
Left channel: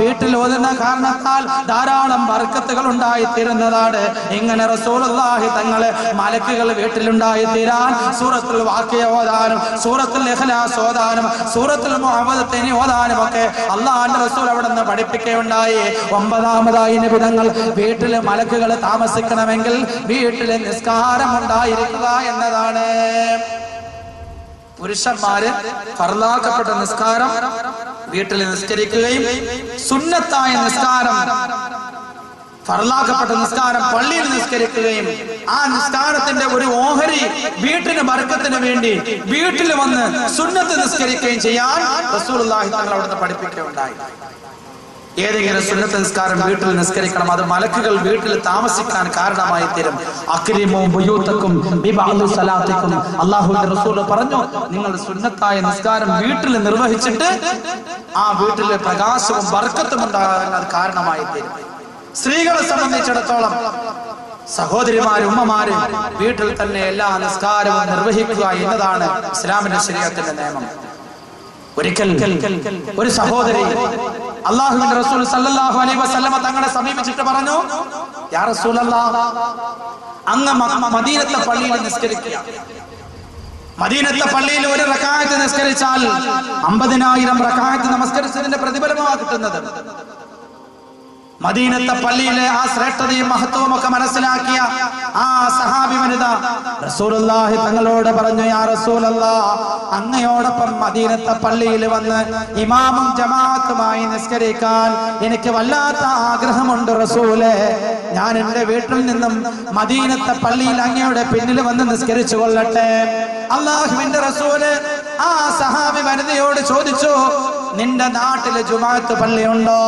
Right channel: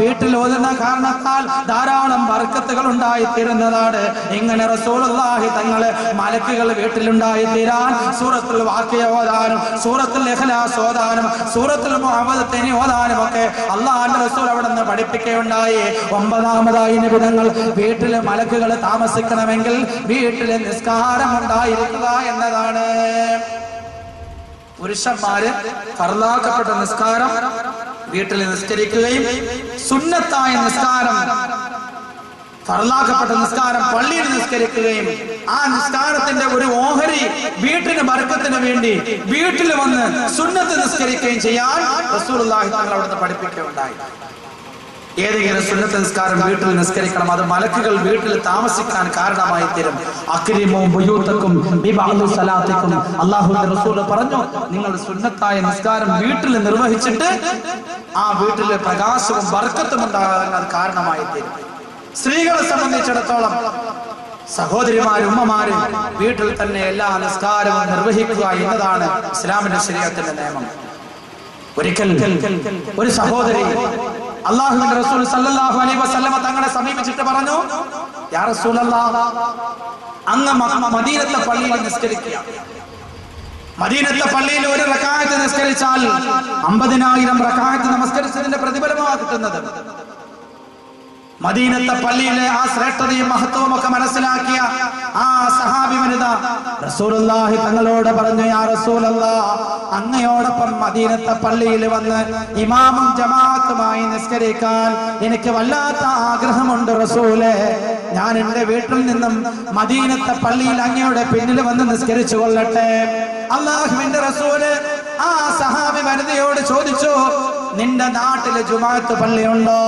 വീട്ടിൽ ഓതുന്ന കാരണത്താൽ ധാരാളം ബർക്കത്തുകൾ ഉണ്ടായിത്തീരുന്നതാണ്. ഇങ്ങനെ റസൂലുള്ളാഹി തങ്ങളെ മലക്കുകൾ വീട്ടിലുണ്ടായിത്തീരാൻ സൂറത്തുൽ വാഖിഅ ഓതാനും സൂറത്തുൽ ഇഖ്ലാസ് ഓതാനും സൂറത്തുൽ മുഅവ്വദത്തൈനി ഓതാനും ഒക്കെ അല്ലാഹുവിന്റെ റസൂൽ അവിടെ നിന്ന് പഠിപ്പിക്കുകയുണ്ടായി. 9ാമതായി നബി തങ്ങൾ വീട്ടിൽ മലക്കുകൾ താമസിക്കണമെങ്കിൽ വീട്ടിൽ നിസ്കാരം ഉണ്ടായിരിക്കുക എന്നതാണ്. പുരുഷന്മാര് ഫർളാക്കപ്പെട്ട നിസ്കാരം വീട്ടിൽ നിസ്കരിക്കുകയും സുന്നത്തായ നിസ്കാരം, ഫർളാക്കപ്പെട്ട നിസ്കാരം പള്ളിയിൽ നിസ്കരിക്കുകയും ആ നിസ്കാരത്തിന്റെ ഒരു ഓഹരി വീട്ടിന് ബർക്കത്തിന് വേണ്ടി വീട്ടിൽ വന്ന് സുന്നത്ത് നിസ്കരിക്കുകയും ചെയ്യാൻ റസൂലുള്ളാഹി തങ്ങൾ അവിടുന്ന് പഠിപ്പിക്കുകയുണ്ടായി. ഏതെങ്കിലും സുന്നത്ത് നിസ്കാരം വീട്ടിൽ നിസ്കരിക്കണം, അത് മലക്കുകൾ വീട്ടിൽ താമസിക്കാൻ കാരണമായി തീരും. അക്രിമു ബുയൂതക്കും ബിബഅദി സലാത്തിക്കും, അല്ലാഹുവിന്റെ റസൂൽ പറഞ്ഞു, നിങ്ങൾ സുന്നത്തായ നിസ്കാരം വീട്ടിൽ നിർവഹിച്ചിട്ട് ആ വീട്ടിലെ പ്രകാശവും ബർക്കത്തും ഉണ്ടാകാൻ അത് കാരണമായി തീരും. സ്ത്രീകളെ സംബന്ധിച്ചിടത്തോളം സഹോദരിമാര്, ഉമ്മമാര് വീട്ടിൽ തന്നെ എല്ലാ നിസ്കാരവും നിർവഹിക്കുക എന്നതാണ് ഇസ്ലാമിന്റെ ശരീഅത്തിന്റെ നിയമം. ഒരിക്കൽ ഒരു സഹോദരി അല്ലാഹുവിന്റെ റസൂൽ സല്ലല്ലാഹു അലൈഹി വസല്ലമ തങ്ങളെ സമീപിച്ചിട്ട് പറഞ്ഞു, യാ റസൂലല്ലാഹ്, അങ്ങ് മദീനത്തെ പള്ളിയിൽ നിസ്കരിക്കുക. മദീനത്തെ പള്ളിയിൽ ഒരു റക്അത്ത് നിസ്കരിച്ചാൽ 50,000 റക്അത്ത് നമസ്കരിച്ചതിന്റെ പ്രതിഫലമാണ് കിട്ടുന്നത്. മദീനത്തെ പള്ളിയിലെ ആ ശ്രേഷ്ഠതയും മഹത്വവും ഒക്കെ മനസ്സിലാക്കിയ ആ സഹാബി വനിത റസൂലുള്ളാഹി തങ്ങളോട് പറഞ്ഞു, യാ റസൂലല്ലാഹ്, അങ്ങയോടൊപ്പം മദീനത്തെ പള്ളിയിൽ വന്ന് ഇമാമും ജമാഅത്തുമായി നിസ്കരിക്കാൻ എനിക്ക് വല്ലാത്ത ആഗ്രഹമുണ്ട് റസൂലേ. ഞാൻ എന്റെ വീട്ടിൽ നിന്നും മദീനത്തെ പള്ളിയിൽ അങ്ങയുടെ പിന്നിൽ വന്ന് നിസ്കരിച്ചു കൊള്ളട്ടെ. അല്ലാഹുവിന്റെ റസൂല് ആ സഹാബി വനിതയോട് ചോദിച്ചു, നിന്റെ നാട്ടില് ജുമാഅത്ത് പള്ളിയുണ്ടോ?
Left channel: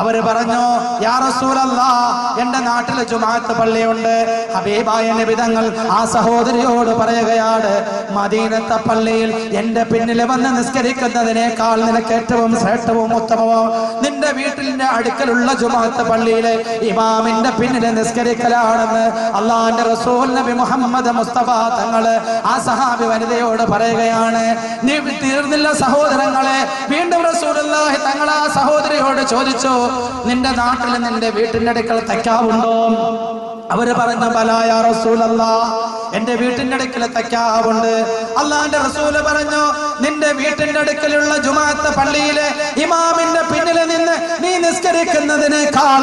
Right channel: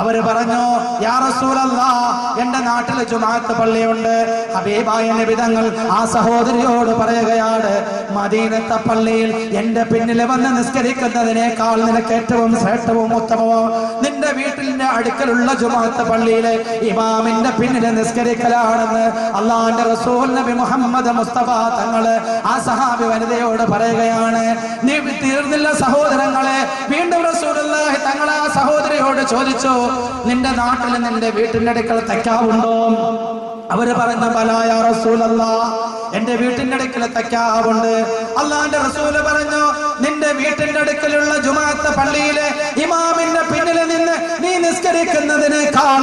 അവര് പറഞ്ഞു, യാ റസൂലല്ലാഹ്, എന്റെ നാട്ടില് ജുമാഅത്ത് പള്ളിയുണ്ട്. ഹബീബായ നബി തങ്ങൾ ആ സഹോദരിയോട് പറയുകയാണ്, മദീനത്തെ പള്ളിയിൽ എന്റെ പിന്നിൽ വന്ന് നിസ്കരിക്കുന്നതിനേക്കാൾ നിനക്ക് ഏറ്റവും ശ്രേഷ്ഠവും ഉത്തമവും നിന്റെ വീട്ടിന്റെ അടുക്കലുള്ള ജുമാഅത്ത് പള്ളിയിലെ ഇമാമിന്റെ പിന്നിൽ നിസ്കരിക്കലാണെന്ന് അള്ളാഹുവിന്റെ റസൂൽ നബി മുഹമ്മദ് മുസ്തഫ തങ്ങള് ആ സഹാബി വനിതയോട് പറയുകയാണ്. നീ തീർന്നില്ല സഹോദരങ്ങളെ. വീണ്ടും റസൂലുള്ളാഹി തങ്ങൾ ആ സഹോദരിയോട് ചോദിച്ചു, നിന്റെ നാട്ടിൽ നിന്റെ വീട്ടിന്റെ അടുക്കൽ തക്കാവുണ്ടോ? അവര് പറഞ്ഞു, ബലാ യാ റസൂലല്ലാഹ്, എന്റെ വീട്ടിന്റെ അടുക്കൽ തക്കാവുണ്ട്. അള്ളാന്റെ റസൂല് പറഞ്ഞു, നിന്റെ വീട്ടിന്റെ അടുക്കലുള്ള ജുമാഅത്ത് പള്ളിയിലെ ഇമാമിന്റെ പിന്നിൽ നിന്ന് നീ നിസ്കരിക്കുന്നതിനേക്കാൾ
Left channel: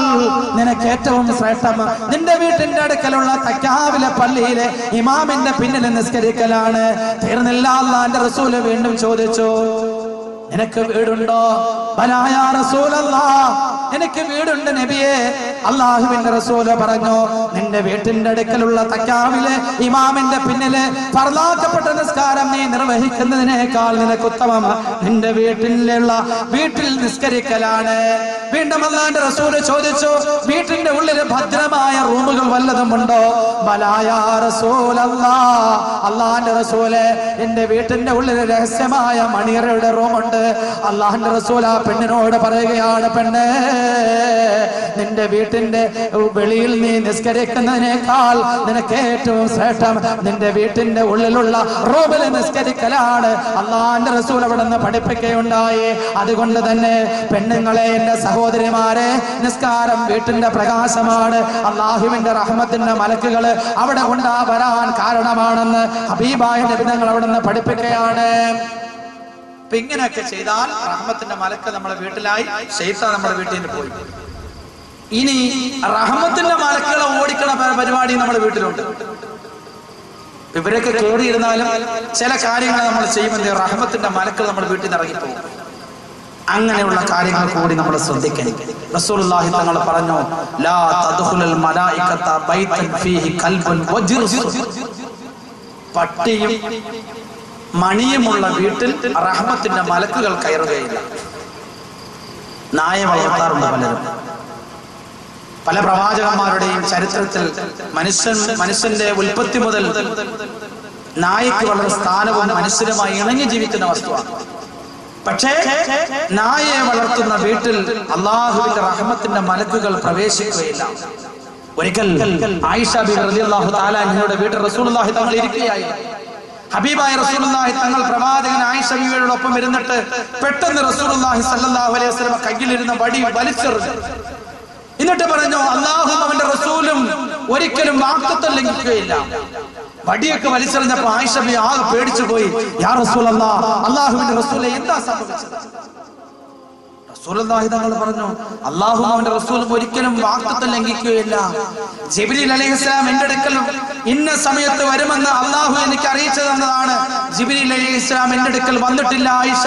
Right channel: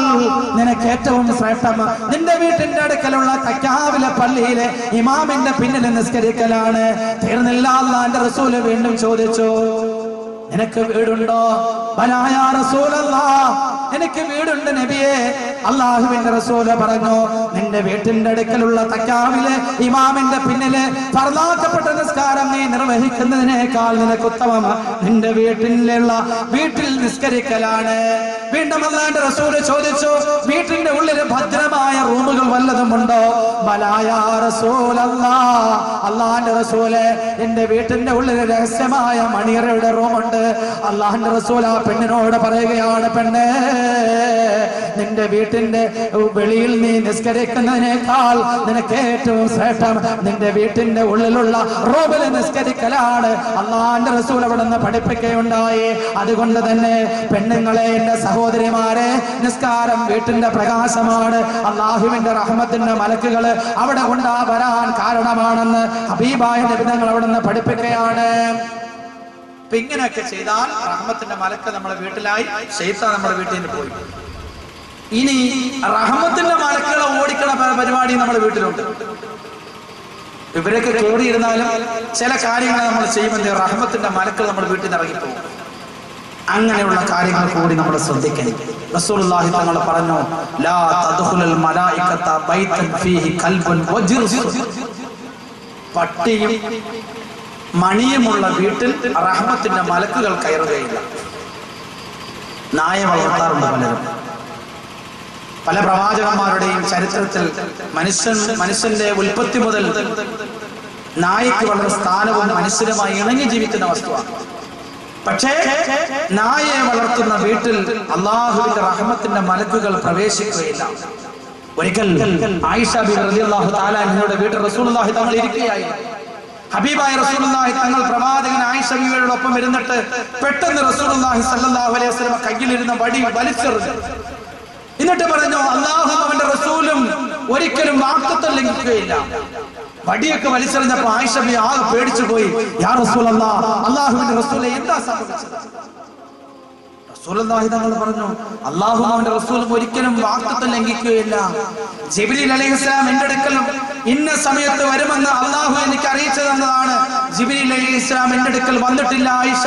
നിനക്ക് ഏറ്റവും ശ്രേഷ്ഠം നിന്റെ വീട്ടിന്റെ അടുക്കലുള്ള തക്കാവിലെ പള്ളിയിലെ ഇമാമിന്റെ പിന്നിൽ നിസ്കരിക്കലാണ്. തീർന്നില്ല, അള്ളാന്റെ റസൂല് വീണ്ടും ചോദിച്ചു, നിനക്ക് വീടുണ്ടോ? ബലാ യാ റസൂലല്ലാഹ്, എനിക്ക് വീടുണ്ട് നബിയെ. അല്ലാഹുവിന്റെ റസൂല് പറഞ്ഞു, നിന്റെ വീട്ടിന്റെ അടുക്കലുള്ള തക്കാവിലെ ഇമാമിന്റെ പിന്നില് ഫർളാക്കപ്പെട്ട നിസ്കാരം നീ നിർവഹിക്കുന്നതിനേക്കാൾ നിനക്ക് ഉത്തമം നിന്റെ വീട്ടിൽ നിസ്കരിക്കലാണ്. വീണ്ടും അല്ലാഹുവിന്റെ റസൂല് ചോദിച്ചു, വീട്ടിന്റെ ഉള്ളിൽ ഭദ്രമായ റൂമുകൾ വല്ലതും ഉണ്ടോ? ബലാ യാ റസൂലല്ലാഹ്, അല്ലാഹുവിന്റെ റസൂല്, എന്റെ വീട്ടിന്റെ ഉള്ളിൽ രഹസ്യമായ മണിയറയുടെ റൂമുണ്ട്. അല്ലാഹുവിന്റെ റസൂൽ ആ പെണ്ണിനോട് പറയുകയാണ്, പെണ്ണേ, നിന്റെ വീട്ടിന്റെ വെളിയിൽ നീ നിസ്കരിക്കുന്നതിനേക്കാൾ നിനക്ക് ഏറ്റവും ശ്രേഷ്ഠം നിന്റെ വീട്ടിന്റെ ഉള്ളിലുള്ള റൂമിൽ നിസ്കരിക്കലാണ്. അല്ലാഹുവിന്റെ റസൂൽ അവിടെ നിന്ന് പഠിപ്പിക്കുകയുണ്ടായി. അതുകൊണ്ട് തന്നെ പെണ്ണുങ്ങളെ, എന്റെ സഹോദരിമാരെ, നിസ്കാരം വീട്ടിന്റെ പ്രകാശമാണ്. അല്ലാഹുവിന്റെ റഹ്മത്തിന്റെ മലക്കുകൾ അവിടെ വരാൻ കാരണമാണെന്ന് ഹബീബായ നബി തങ്ങൾ അവിടെ നിന്ന് പഠിപ്പിക്കുകയാണ്. അപ്പൊ ഇങ്ങനെയൊക്കെ ചെയ്താൽ റഹ്മത്തിന്റെ മലക്ക് നമ്മുടെ വീട്ടിലായി, ശൈത്താൻ നമ്മുടെ വീട്ടിൽ നിന്ന് പോയി. ഇനി റഹ്മത്തിന്റെ മലക്കുകളെ ഓടിക്കണ പരിപാടി നമ്മുടെ വീട്ടിലുണ്ട്. ഇവരൊക്കെ കയറിയിരുന്നാലും ചില കാര്യങ്ങൾ നമ്മൾ ചെയ്യുമ്പോൾ റഹ്മത്തിന്റെ മലക്കുകൾ നമ്മുടെ വീട്ടിൽ നിന്ന് ഇറങ്ങിപ്പോകും. അങ്ങനെയുള്ള കാര്യങ്ങൾ കൂടി നമ്മൾ ശ്രദ്ധിക്കണം. റസൂലുള്ളാഹി തങ്ങൾ പറഞ്ഞു, ലാ തദ്ഖുലുൽ മലായികത ബൈതൻ ഫീഹി കൽബുൻ വജിർസ്, പട്ടിയും മണിയുമുള്ള വീട്ടിൽ റഹ്മത്തിന്റെ മലക്കുകൾ കയറുകയില്ല. നായ വളർത്താറുണ്ട് പലരും. പല പ്രവാചകന്മാരുടെയും ചരിത്രത്തിൽ മനുഷ്യന്റെ ഉൽപ്പത്തി മുതൽ നായയ്ക്ക് വളരെ സ്ഥാനവും മനുഷ്യരുമായി ഇണങ്ങി ജീവിക്കുന്ന വസ്തുവാണ്. പക്ഷേ നായയെ വളർത്തുന്ന വീട്ടിൽ അള്ളാഹുവിന്റെ റഹ്മത്തിന്റെ മലക്കുകൾ പ്രവേശിക്കുകയില്ല. ഒരിക്കൽ ആയിഷ ബിബി റളിയല്ലാഹു തആല അൻഹയുടെ വീട്ടിൽ റസൂലുള്ളാഹി തങ്ങൾ ഇരിക്കുകയായിരുന്നു. ഹബീബായ റസൂലുള്ളാഹി തങ്ങൾ പ്രവാചകൻ ആയിഷ ബിബിയോടൊപ്പം ഇരുന്നിട്ട് പെട്ടെന്ന് റസൂലുള്ളാഹി സ്വല്ലല്ലാഹു അലൈഹി വസല്ലം കയ്യിലിരുന്ന വടി വലിച്ചെറിഞ്ഞു. എന്നിട്ട് പറഞ്ഞു, അല്ലാഹുവും അവന്റെ റസൂലും ഒരിക്കലും വാഗ്ദത്തം ലംഘിക്കുകയില്ല. വടിയൊക്കെ വലിച്ചെറിഞ്ഞപ്പോ ആയിഷ ബിബി ആകെ പേടിച്ചു പോയി. യാ റസൂലല്ലാഹ്, അല്ലാഹുവിന്റെ റസൂലേ, എന്താ സംഭവിച്ചത്? റസൂലുള്ളാഹി തങ്ങൾ പറഞ്ഞു, അല്ലാഹുവും അവന്റെ റസൂലും ഒരിക്കലും വാഗ്ദത്തം ലംഘിക്കുകയില്ല. ജിബ്രീൽ അലൈഹിസ്സലാം എന്റെ അടുക്കൽ ഇന്ന സമയത്ത് വരുമെന്ന് അല്ലാഹു എനിക്ക് അറിയിച്ചു തന്നതാണ്. ജിബ്രീൽ അലൈഹിസ്സലാം എന്റെ അടുക്കൽ വന്നിട്ടില്ല ആയിഷ,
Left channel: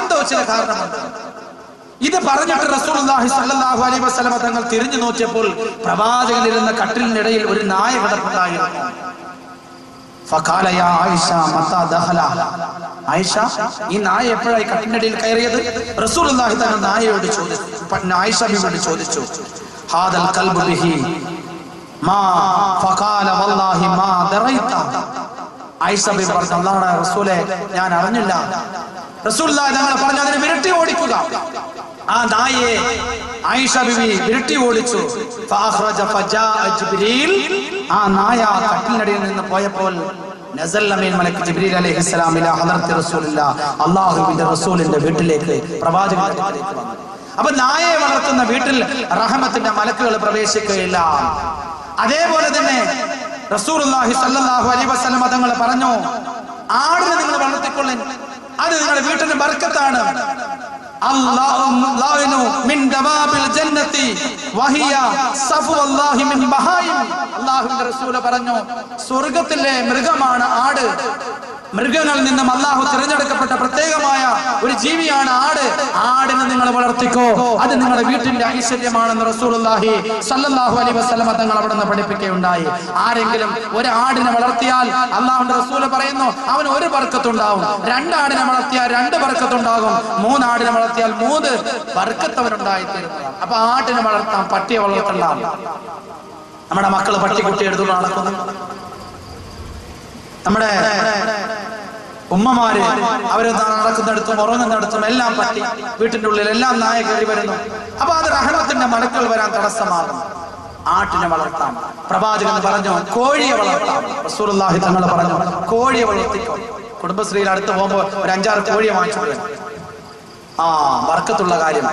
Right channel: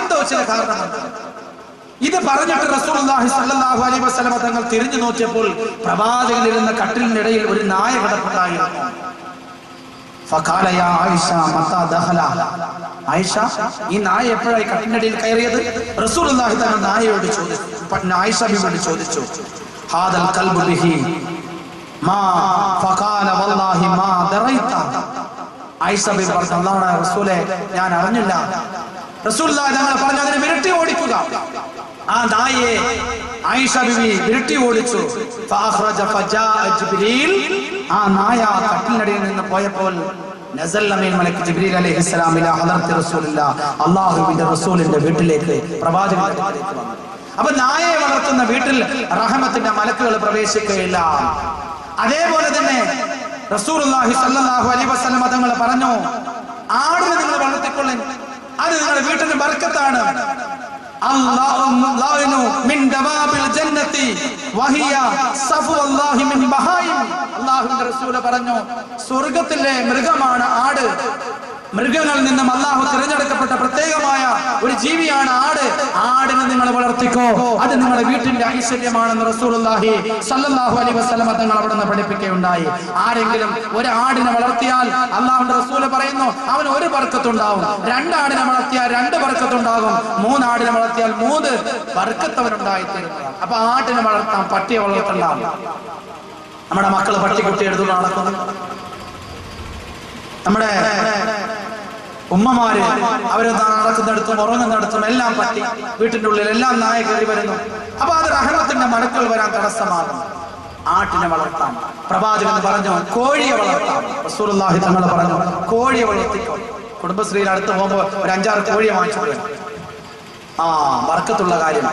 എന്തോ ചില കാരണമുണ്ട്. ഇത് പറഞ്ഞിട്ട് റസൂലുള്ളാഹി സ്വല്ലല്ലാഹു അലൈഹി വസല്ലം തങ്ങൾ തിരിഞ്ഞു നോക്കിയപ്പോൾ പ്രവാചകനിരുന്ന കട്ടിലിനിടയിൽ ഒരു നായ കിടപ്പുണ്ടായിരുന്നു. ഫഖാല യാ ആയിഷ മതാ ദഖല, ആയിഷ, ഈ നായ എപ്പോഴായി കട്ടിലിനിടയിൽ കയറിയത്? റസൂലുള്ളാഹി തങ്ങൾ നായയോട് ചോദിച്ചു, ആയിഷ ബിബിയോട് ചോദിച്ചു, ഹാദൽ ഖൽബു ബിഹി മാ ഫഖാല വല്ലാഹി മാ ദറൈത. ആയിഷ ബിബി പറഞ്ഞു, അല്ലാഹുവിന്റെ റസൂലേ, ഞാൻ അറിഞ്ഞില്ല. റസൂലുള്ളാഹി തങ്ങൾ പറഞ്ഞു, അതിനെ വിരട്ടി ഓടിക്കുക. ആ നായയെ ആയിഷ ബിബി വിരട്ടി ഓടിച്ചു. ഫഅഖ്റജ ഫജാഅ ജിബ്രീൽ, ആ നായ കട്ടിലിനടിയിൽ നിന്ന് പോയപ്പോൾ നസല മിൻ മലക്ക് ജിബ്രീൽ അലൈഹിസ്സലാം ഇലാ ഹദറത്തി റസൂലില്ലാഹ്, അല്ലാഹുവിന്റെ റസൂലിന്റെ വീട്ടിലേക്ക്, പ്രവാചകന്റെ വീട്ടിലേക്ക് വന്നു. അപ്പൊ നായയെ വളർത്തുന്ന വീട്ടിൽ റഹ്മത്തിന്റെ മലക്കുകൾ പ്രവേശിക്കുകയില്ല. അതേപോലെ തന്നെ റസൂലുള്ളാഹി സ്വല്ലല്ലാഹു അലൈഹി വസല്ലം തങ്ങൾ പറഞ്ഞു, ആടിനെ നിങ്ങൾ വളർത്തിക്കൊള്ളൻ, അത് നിങ്ങളുടെ വീട്ടിന്റെ ബർക്കത്താണ്. അല്ലാഹു മിൻ ദവാബിൽ ജന്നതി വഹിയ സഫ്വല്ലാഹി മിൻ ബഹായിം. അല്ലാഹുവിന്റെ റസൂൽ പറഞ്ഞു, സ്വർഗ്ഗത്തിലെ മൃഗമാണ് ആട്. മൃഗങ്ങളിൽ നിന്നും അള്ളാഹു തിരഞ്ഞെടുക്കപ്പെട്ട പ്രത്യേകമായ ഒരു ജീവിയാണ് ആട്. ആടിനെ നിങ്ങൾ വളർത്തിക്കോ, അത് നിങ്ങളുടെ വീട്ടിന്റെ ഐശ്വര്യമാണെന്ന് റസൂലുള്ളാഹി സ്വല്ലല്ലാഹു അലൈഹി വസല്ലം തങ്ങൾ അവിടെ നിന്ന് പഠിപ്പിക്കുകയുണ്ടായി. ആരെങ്കിലും ഒരു ആടിനെ വളർത്തിയാൽ അള്ളാഹുവിന്റെ റസൂല് പറയുന്നു അവന് ഒരു ബർക്കത്തുണ്ടാവും. 2 ആടിനെ വളർത്തിയാൽ 2 ബർക്കത്തുണ്ടാകും. 3 ആടിനെ വളർത്തിയാൽ 3 ബർക്കത്ത് അവനുണ്ടായിത്തീരുന്നതാണ്. അപ്പൊ ആടിനെ വളർത്താം, പട്ടിയെ വളർത്തണ്ടാവും. നമ്മുടെ മക്കള് പട്ടിക്കുട്ടി എടുത്തു നടക്കുന്നു. നമ്മുടെ ഉമ്മമാര് അവര് നടക്കുന്നിടത്തും ഉറങ്ങുന്നിടത്തും എല്ലാം പട്ടി, വീട്ടിന്റെ ഉള്ളിൽ എല്ലാം നായ കയറി വരുന്നു. അപ്പൊ അത് റഹ്മത്തിന്റെ മലക്കുകൾ വരാൻ തടസ്സമാകും. ആട്ടിനെ വളർത്താം. പ്രവാചകൻ പറഞ്ഞു കോഴിയെ വളർത്താം. റസൂലുള്ളാഹി തങ്ങൾ പറഞ്ഞു കോഴിയെ വളർത്തിക്കോ. കുടുംബശ്രീയിൽ അടുത്ത് പോകുമ്പോ ഒരു 5-6 കോഴിയെ വാങ്ങിച്ചു. ബർക്കത്തുള്ള കാര്യം.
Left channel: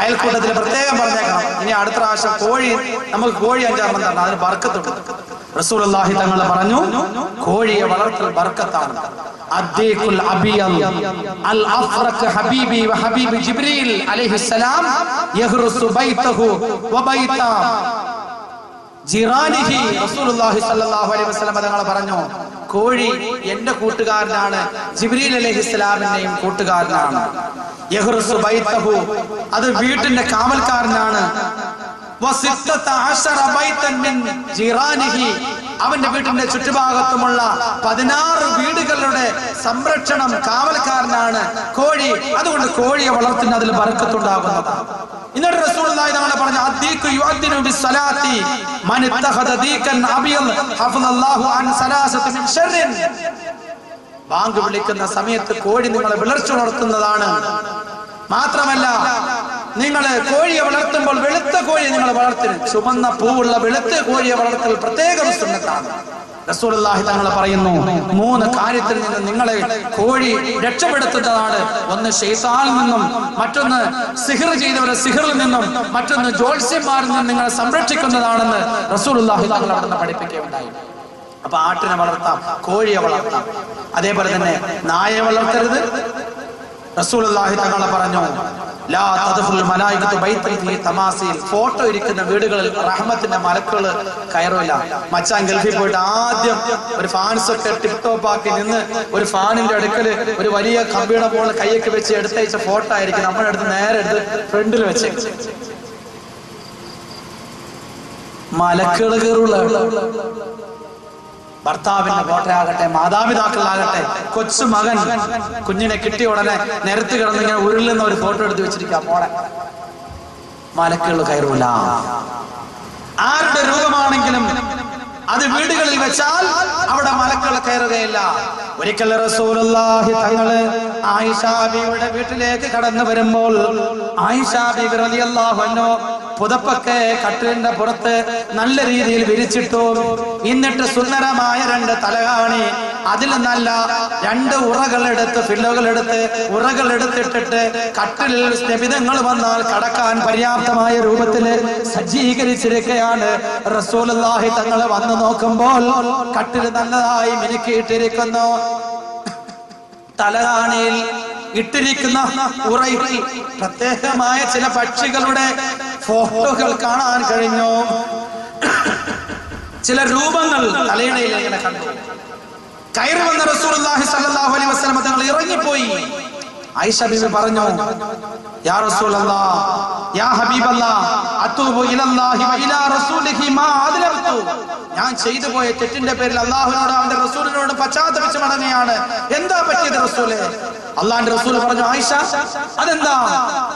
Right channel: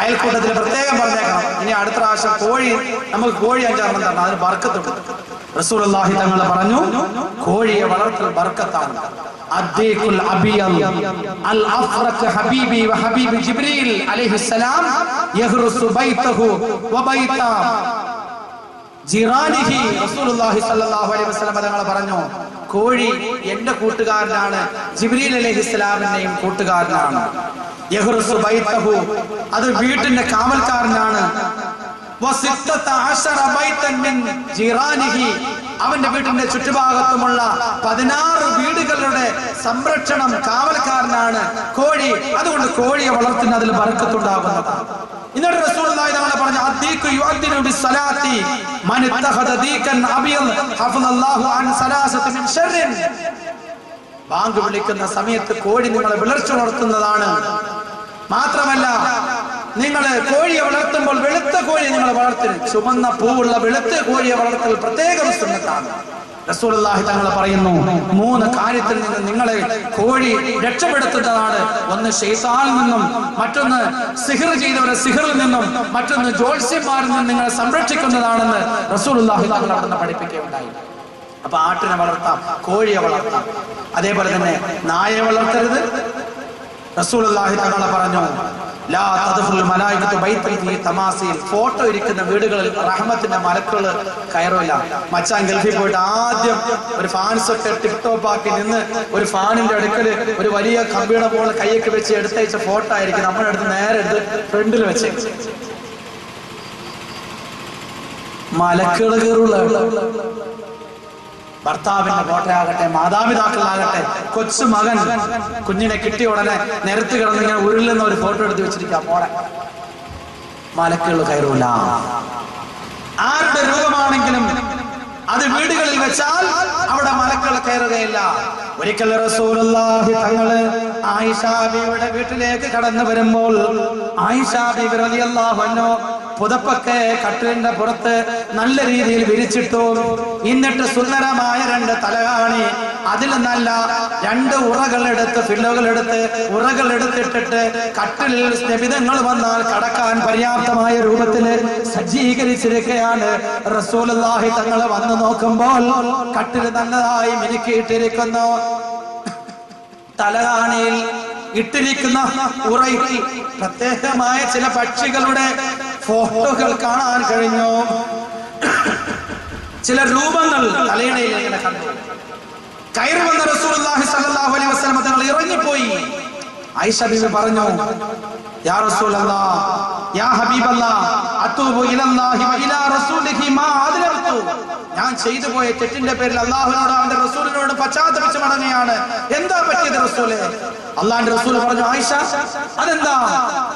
അയൽക്കൂട്ടത്തിൽ പ്രത്യേകം പറഞ്ഞേക്കണം, ഇനി അടുത്ത പ്രാവശ്യം നമുക്ക് കോഴി 5-6 തരണം, അതിന് ബർക്കത്തുണ്ട്. റസൂലുള്ളാഹി തങ്ങൾ പറഞ്ഞു കോഴിയെ വളർത്തൽ ബർക്കത്താണ്. അദ്ദീഖുൽ അബിയൽ അൽ അഫ്റഖ് ഹബീബി വ ഹബീബ് ജിബ്രീൽ അലൈഹിസ്സലാം യഹ്റുസു ബൈതഹു വ ബൈത ജിറാനിഹി. റസൂലുള്ളാഹി സ്വല്ലല്ലാഹു അലൈഹി വസല്ലം തങ്ങൾ പറഞ്ഞു കോഴി എന്റെ കൂട്ടുകാരനാണ്, ജിബ്രീൽ അലൈഹിസ്സലാമിന്റെയും കൂട്ടുകാരനാണ്. യഹ്റുസു ബൈതഹു, അത് വീട്ടിന്റെ കാവൽക്കാരനാണ്. അവന്റെ വീട്ടിന്റെ ചുറ്റുഭാഗത്തുമുള്ള 16 വീടുകളുടെ സംരക്ഷണം കാവൽക്കാരനാണ് കോഴി. അതുകൊണ്ട് കോഴിയെ വളർത്തുന്ന അതിൽ ബർക്കത്തുണ്ടാകുന്നതാണ്. എന്നിട്ട് റസൂലുള്ളാഹി തആല പറഞ്ഞു അദ്ദീഖു യുഅദ്ദിനു ബിസ്സലാത്തി മൻ ഇത്തഖദ ദീകൻ അബിയൽ ഹഫളല്ലാഹു അൻ സലാസതി മിൻ ശർറിൻ. ബാങ്ക് വിളിക്കുന്ന സമയത്ത് കോഴി നിങ്ങളെ വിളർച്ചുണർത്തുന്നതാണ്. മാത്രമല്ല നിങ്ങൾ കോഴിയെ വളർത്തുമ്പോൾ വെളുത്ത കോഴിയെ നിങ്ങൾ വളർത്തരുത്. ചുമന്ന പൂവുള്ള വെളുത്ത കോഴിയെ വളർത്തൽ പ്രത്യേകം സുന്നത്താണ്. റസൂലുള്ളാഹി തങ്ങൾ പറയുന്നു 3 കാര്യത്തിൽ നിന്ന് നിങ്ങളെ കോഴി രക്ഷപ്പെടുത്തുന്നതാണ്. ഒന്ന് ശൈത്താനിൽ നിന്നും, മറ്റൊന്ന് സിഹ്ർ ചെയ്തവരെ സിഹ്റിൽ നിന്നും, മറ്റൊന്ന് ജ്യോത്സ്യന്മാരിൽ നിന്നും നിങ്ങളെ സംരക്ഷിക്കുന്നതാണെന്ന് റസൂലുള്ളാഹി തങ്ങൾ അവിടെ നിന്ന് പഠിപ്പിക്കുകയുണ്ടായി. അപ്പൊ ആട്ടിനെ വളർത്താം, കോഴിയെ വളർത്താം. അതേപോലെ തന്നെ നായയെ വളർത്തരുത്. റസൂലുള്ളാഹി തങ്ങൾ പറഞ്ഞു ലാ തദ്ഖുൽ മലായികത്തു ബൈതൻ ഫീ തമാസീൽ. ഫോട്ടോ ഇരിക്കുന്ന വീടുകളിൽ റഹ്മത്തിന്റെ മലക്കുകൾ കയറില്ല. മച്ചാൻ ഗൾഫിൽ പോയിട്ട് ആദ്യം ഒരു ഫാൻസ് ഒക്കെ ടിപ് ടോപ്പ് ആക്കി നിന്ന് ഒരു ഫാനിന്റെ അടുക്കല് ഒരു വലിയ കമ്പിയുടെ മുകളിൽ കൈയൊക്കെ വെച്ച് എടുത്തയച്ച ഫോട്ടോ ആയിരിക്കും നമ്മുടെ അടുത്ത് നേരെ എടുത്ത് ഫ്രണ്ടിൽ വെച്ച്. മലക്കുകൾ കയറുള്ള ഭർത്താവിന്റെ ഫോട്ടോ ആകട്ടെ, മാതാപിതാക്കളാകട്ടെ, കൊച്ചു മകൻ കുഞ്ഞിനെ കിട്ടിയ ഉടനെ നിരത്ത് കിടന്നിങ്ങനെ ഉരുളുന്ന ഒരു ഫോട്ടോ എടുത്ത് വെച്ചിരിക്കാം. മോളെ മലക്കുകൾ കയറൂല. ആരുടെ രൂപമാണെങ്കിലും അത് വീടുകളിൽ വെച്ചാൽ അവിടെ മലക്കുകൾ കയറുകയില്ല. ഒരിക്കൽ റസൂലുള്ളാഹി തങ്ങള് ആയിഷ ബീവിയുടെ വീട്ടിലേക്ക് കടന്നു വരുമ്പോൾ ആയിഷ ബീവി റളിയല്ലാഹു അൻഹ പുതപ്പൊക്കെ കട്ടിലിന്റെ പുറത്ത് നല്ല രീതിയിൽ വിരിച്ചിട്ടു. എന്നിട്ട് സുന്ദരമായ 2 തലകാണി, അതിൽ നല്ല 2 ഉറകളെടുത്ത് ഉറകളെടുത്തിട്ടിട്ട് കട്ടിലിൽ സ്നേഹിതങ്ങൾ വന്നാൽ കടക്കാൻ പര്യാപ്തമായ രൂപത്തിൽ സജ്ജീകരിച്ചിരിക്കുകയാണ്. റസൂലുള്ളാഹി തങ്ങൾ വന്നു നോക്കുമ്പോൾ കട്ടിൽ നല്ലതായി മിനുക്കിയിട്ടിരിക്കുന്നു. തലകാണിയിൽ ഇട്ടിരിക്കുന്ന ഉറയിൽ പ്രത്യേകമായ ചില പക്ഷികളുടെ ഫോട്ടോകൾ കാണാൻ കഴിഞ്ഞു. ചില രൂപങ്ങൾ തലയിണയിൽ ഇങ്ങനെ കണ്ടു. കയറി വന്ന റസൂലുള്ളാഹി സ്വല്ലല്ലാഹു അലൈഹി വസല്ലം തങ്ങൾ ഇറങ്ങിപ്പോയി. ആയിഷ ബീവി പറഞ്ഞു യാ റസൂലല്ലാഹ് യാ ഹബീബല്ലാഹ് അതൂബു ഇലല്ലാഹി വ ഇലാ റസൂലിഹി മാ അദ്ലംതു. ഞാൻ ചെയ്തു പോയ തെറ്റിന്റെ പേരിൽ അല്ലാഹുവിനോടും അവന്റെ റസൂലിനോടും പശ്ചാത്തപിച്ച് മടങ്ങുകയാണ്. എന്താ പറ്റിയത് റസൂലേ? അല്ലാഹുവിന്റെ റസൂൽ പറഞ്ഞു ആയിഷ അതെന്താ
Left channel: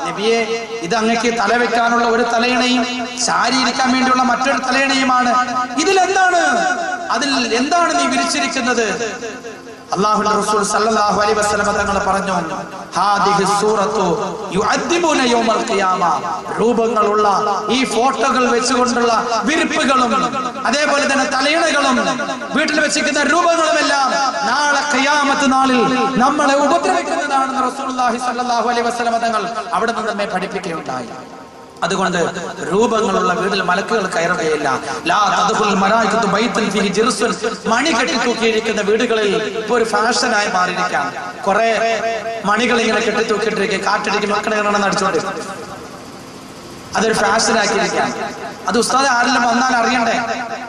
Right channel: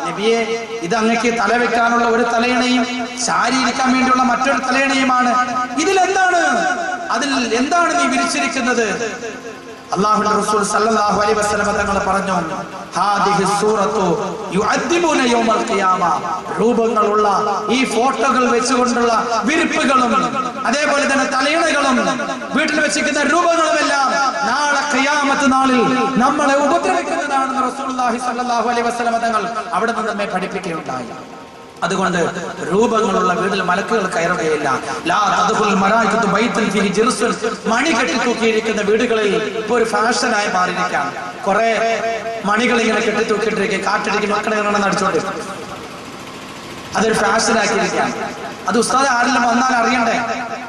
നബിയെ, ഇത് അങ്ങക്ക് തല വെക്കാനുള്ള ഒരു തലയിണയും ശാരീരിക്കാൻ വേണ്ടിയുള്ള മറ്റൊരു തലയിണയുമാണ്. അതിൽ എന്താണ് നീ വിരിച്ചിരിക്കുന്നത്? അല്ലാഹുവിന്റെ റസൂൽ സല്ലല്ലാഹു അലൈഹി വസല്ലം തങ്ങൾ പറഞ്ഞു ഹാദിഹി സൂറത്തു യുഅദ്ദിബുന യൗമൽ ഖിയാമ. രൂപങ്ങളുള്ള ഈ ഫോട്ടോകൾ വെച്ചുകൊണ്ടുള്ള വിരിപ്പുകളും അതേപോലെ തന്നെ തലയിണകളും വീട്ടിൽ വെച്ചിരിക്കുന്ന രൂപങ്ങളുമെല്ലാം നാളെ ഖിയാമത്ത് നാളിൽ നമ്മളെ ഉപദ്രവിക്കുന്നതാണെന്ന് റസൂലുള്ളാഹി സല്ലല്ലാഹു അലൈഹി വസല്ലം തങ്ങൾ അവിടെ നിന്ന് നമ്മെ പഠിപ്പിക്കുകയുണ്ടായി. അതുകൊണ്ട് രൂപങ്ങളുള്ള വീട്ടിൽ മലക്കുകൾ കയറുകയില്ല. ലാ തദ്ഖുൽ മലായികത്തു ബൈതൻ ഫീഹി ജിർസുൻ. മണി കെട്ടി തൂക്കിയിരിക്കുന്ന വീടുകളിൽ ഇപ്പൊ ഒരു ഫാഷനായി മാറിയിരിക്കുകയാണ്. കുറെ മണികൾ ഇങ്ങനെ കെട്ടി തൂക്കിയിട്ടിരിക്കുക, കാറ്റടിക്ക് മക്കളെ അടിച്ചോണ്ട് അതൊരു ഫാഷനാക്കിയിരിക്കുകയാണ്. അത് ഉസ്താദ് ആരെങ്കിലും വന്നാൽ അറിയണ്ടേ?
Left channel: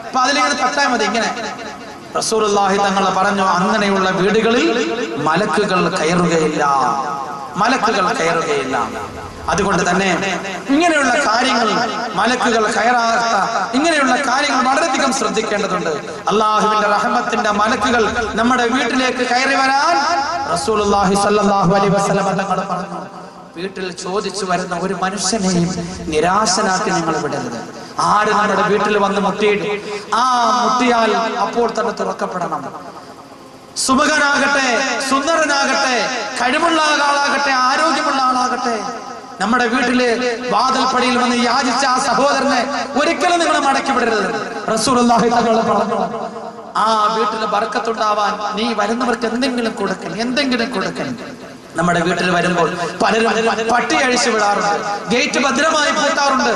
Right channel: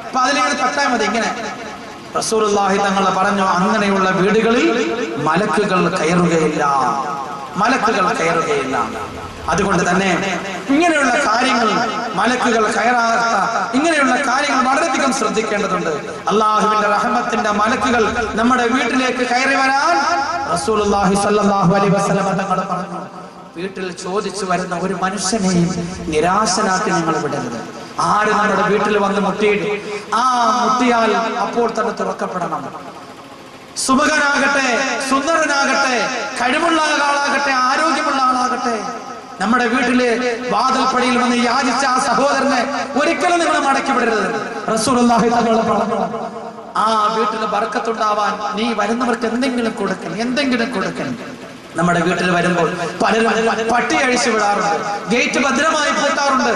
അപ്പൊ അതിലിങ്ങനെ തട്ടാൽ മതി. ഇങ്ങനെ റസൂലുള്ളാഹി തങ്ങൾ പറഞ്ഞു, അങ്ങനെയുള്ള വീടുകളിൽ മലക്കുകൾ കയറുകയില്ല, മലക്കുകൾ കയറുകയില്ല. അതുകൊണ്ട് തന്നെ ഇങ്ങനെയുള്ള കാര്യങ്ങൾ മലക്കുകൾ കയറാത്ത ഇങ്ങനെയുള്ള കാര്യങ്ങൾ വളരെയധികം ശ്രദ്ധിക്കേണ്ടതുണ്ട്. അള്ളാഹുവിന്റെ റഹ്മത്തിന്റെ മലക്കുകൾ നമ്മുടെ വീട്ടിലേക്ക് കയറി വരാൻ റസൂലുള്ളാഹി സ്വല്ലല്ലാഹു അലൈഹി വസല്ലം തങ്ങൾ പറഞ്ഞു. വീട്ടിൽ ചോദിച്ചു വരുന്ന ഒരു മനുഷ്യനെയും നിരാശനാക്കി നിങ്ങൾ വിടരുത്. ആര് നമ്മുടെ വീട്ടിൽ വന്ന് മുട്ടിയിട്ട് മുട്ടിയാൽ അപ്പോൾ തന്നെ തുറക്കപ്പെടണം. സുമുഖനാകട്ടെ, സുന്ദരനാകട്ടെ, കഴിവുള്ള ആളാകട്ടെ, ആരോഗ്യമുള്ള ആളാകട്ടെ, നമ്മുടെ വീട്ടില് വാതിൽപ്പടിയിൽ വന്ന് യാചിച്ച ആ സഹോദരനെ ഒരിക്കലും നിങ്ങൾ മടക്കി വിടരുത്. റസൂലുള്ളാഹി തങ്ങൾ പറഞ്ഞു, ആ വീട്ടിൽ ബർക്കത്തുണ്ടാവാൻ നീ വരുന്നവർക്ക് എന്തെങ്കിലും കൊടുക്കൽ. നമ്മുടെ വീട്ടിൽ വരുമ്പോൾ പലരും പട്ടി അഴിച്ചു വിടാറുണ്ട്, ഗേറ്റ് ഭദ്രമായി പൂട്ടാറുണ്ട്.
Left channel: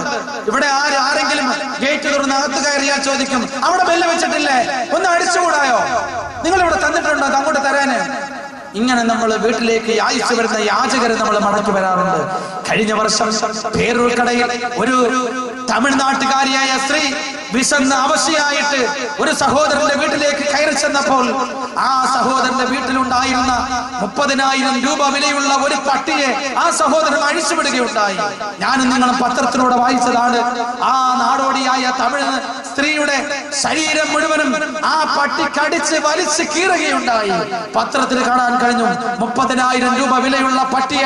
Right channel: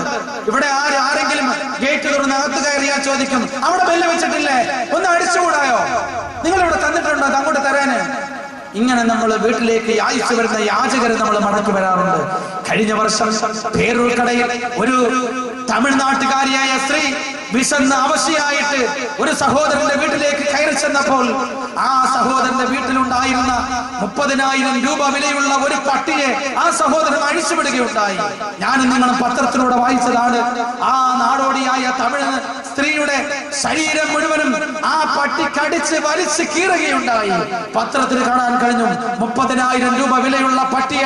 ഇവിടെ ആരെങ്കിലും ഗേറ്റ് തുറന്ന് അകത്ത് കയറിയാൽ ചോദിക്കും, അവിടെ ബെല്ല് വെച്ചിട്ടില്ലേ, ഒന്ന് അടിച്ചുകൂടായോ, നിങ്ങൾ ഇവിടെ തന്നിട്ടുണ്ടോ, അങ്ങോട്ട് തരാന്. ഇങ്ങനെ നമ്മൾ വീട്ടിലേക്ക് യാചിച്ചു വരുന്ന യാചകരെ നമ്മൾ മടക്കി വരാറുണ്ട്. കഴിഞ്ഞ വർഷം പേരൂർക്കടയിൽ ഒരു തമിഴ്നാട്ടുകാരിയായ സ്ത്രീ വിശന്ന അവശയായിട്ട് ഒരു സഹോദരന്റെ വീട്ടിലേക്ക് കയറി ചെന്നപ്പോൾ ആ സഹോദരന്റെ വീട്ടിലുണ്ടായിരുന്ന 30,000 രൂപ വിലയുള്ള ഒരു പട്ടിയെ ആ സഹോദരൻ അഴിച്ചുവിടുകയുണ്ടായി. ഞാനും നിങ്ങളും പത്രത്തിലൂടെ വായിച്ചതാണ്. ആ നാടോടിയായ തമിഴ് സ്ത്രീയുടെ ശരീരം മുഴുവനും ആ പട്ടി കടിച്ച് വലിച്ച് കീറുകയുണ്ടായി. പത്രത്തിൽ കാണാൻ കഴിഞ്ഞു. 30,000 രൂപ വിലയുള്ള പട്ടിയെ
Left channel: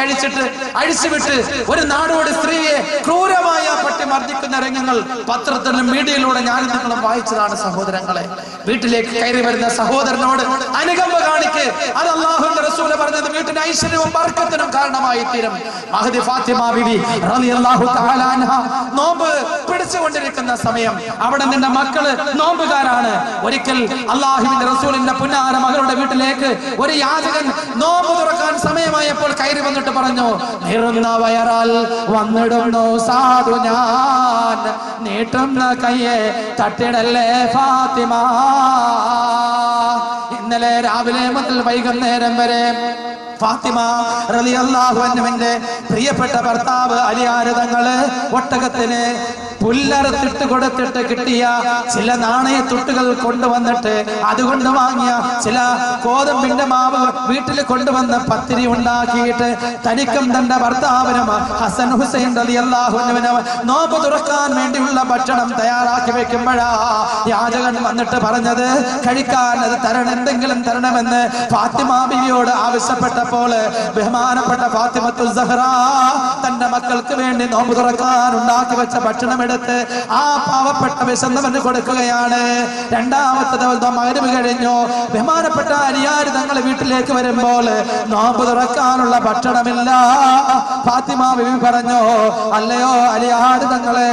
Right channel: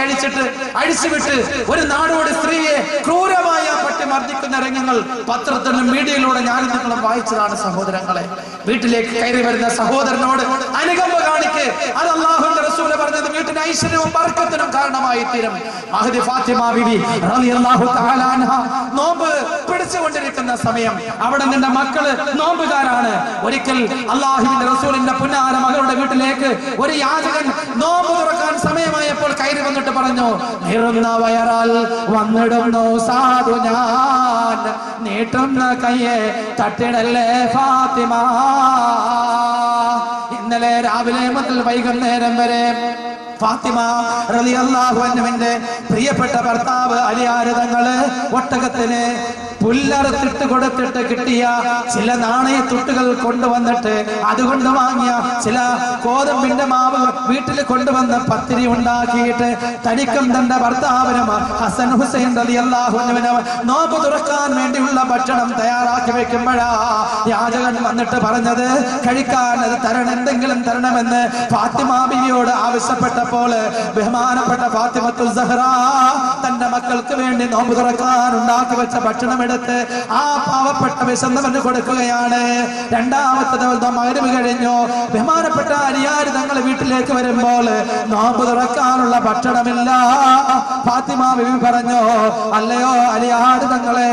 അഴിച്ചുവിട്ട് ഒരു നാടോടി സ്ത്രീയെ ക്രൂരമായ പട്ടി മർദ്ദിക്കുന്ന രംഗങ്ങൾ പത്രത്തിലും മീഡിയയിലൂടെ ഞാനും നിങ്ങളും വായിച്ചതാണ്. സഹോദരങ്ങളെ, വീട്ടിലേക്ക് കയറി വരുന്ന സഹോദരനോട് അനുകമ്പ കാണിക്ക്. അത് അല്ലാഹുവിന്റെ റസൂൽ പറഞ്ഞത് വീട്ടിന് ഐശ്വര്യവും ബർക്കത്തിനും കാരണമായി തീരും. മഹദി ഫാത്തിമ ബിബി റളിയല്ലാഹു തആല അൻഹ നോമ്പ് പിടിച്ചുകൊണ്ടിരിക്കുന്ന സമയം, അവിടെ നിന്റെ മക്കള് നോമ്പുകാരാണ്. ഒരിക്കൽ അല്ലാഹുവിന്റെ റസൂലിന്റെ പുന്നാര മകളുടെ വീട്ടിലേക്ക് ഒരു യാചകൻ നോമ്പ് തുറക്കാൻ സമയമായപ്പോൾ കയറി വന്നിട്ട് പറഞ്ഞു, നിറന്ന വയറാൽ വന്നിടുന്നു സാധു ഞാൻ, നീട്ടുന്ന കയ്യെ തട്ടിടല്ലേ ഫാത്തിമ. ഇന്നലെ രാവിലെ മുതൽ വൈകുന്നേരം വരെ ഫാത്തിമ റളിയല്ലാഹു അൻഹുവിന്റെ പ്രിയപ്പെട്ട ഭർത്താവ് അലിയാർ തങ്ങള് ഒട്ടകത്തിന് പുല്ലറുത്തിട്ട് കൊടുത്തിട്ട് കിട്ടിയ ചില നാണയത്തുട്ടുകൾ കൊണ്ടുവന്നിട്ട് അതുകൊണ്ട് വാങ്ങിയ ചില ഗോതമ്പിന്റെ മാവ് വീട്ടിൽ കൊണ്ടുവന്ന് പത്തിരി ഉണ്ടാക്കിയിട്ട് തനിക്കും തന്റെ ഭർത്താവിനും ഹസൻ ഹുസൈൻ റളിയല്ലാഹു അൻഹുവിനും നോമ്പ് തുറക്കാൻ വേണ്ടിയുള്ള ഭക്ഷണം തയ്യാറാക്കി വെക്കുമ്പോഴാ യാചകൻ വന്നിട്ട് പറഞ്ഞത്, കഴിക്കാൻ അത് തരണം, എന്തെങ്കിലും തരണമെന്ന് ഫാത്തിമ ബിവിയോട് ആവശ്യപ്പെട്ടപ്പോൾ ബഹുമാനപ്പെട്ട ഫാത്തിമത്തുൽ സഹ്റ തന്റെ മക്കൾക്ക് വേണ്ടി നോമ്പ് തുറക്കാൻ ഉണ്ടാക്കി വെച്ച ഭക്ഷണം എടുത്ത് ആ പാവപ്പെട്ട വിശന്നവന് കൊടുക്കുകയാണ്. രണ്ടാമത്തെ ദിവസം മഗ്‌രിബ് കഴിഞ്ഞു. ബഹുമാനപ്പെട്ട അലിയാർ തങ്ങൾ വീട്ടിലേക്ക് വരുമ്പോൾ നോമ്പ് തുറക്കാനുള്ള ഭക്ഷണമില്ല. ഫാത്തിമ ബിബി പറഞ്ഞു, അല്ലയോ അലിയാർ തങ്ങളെ,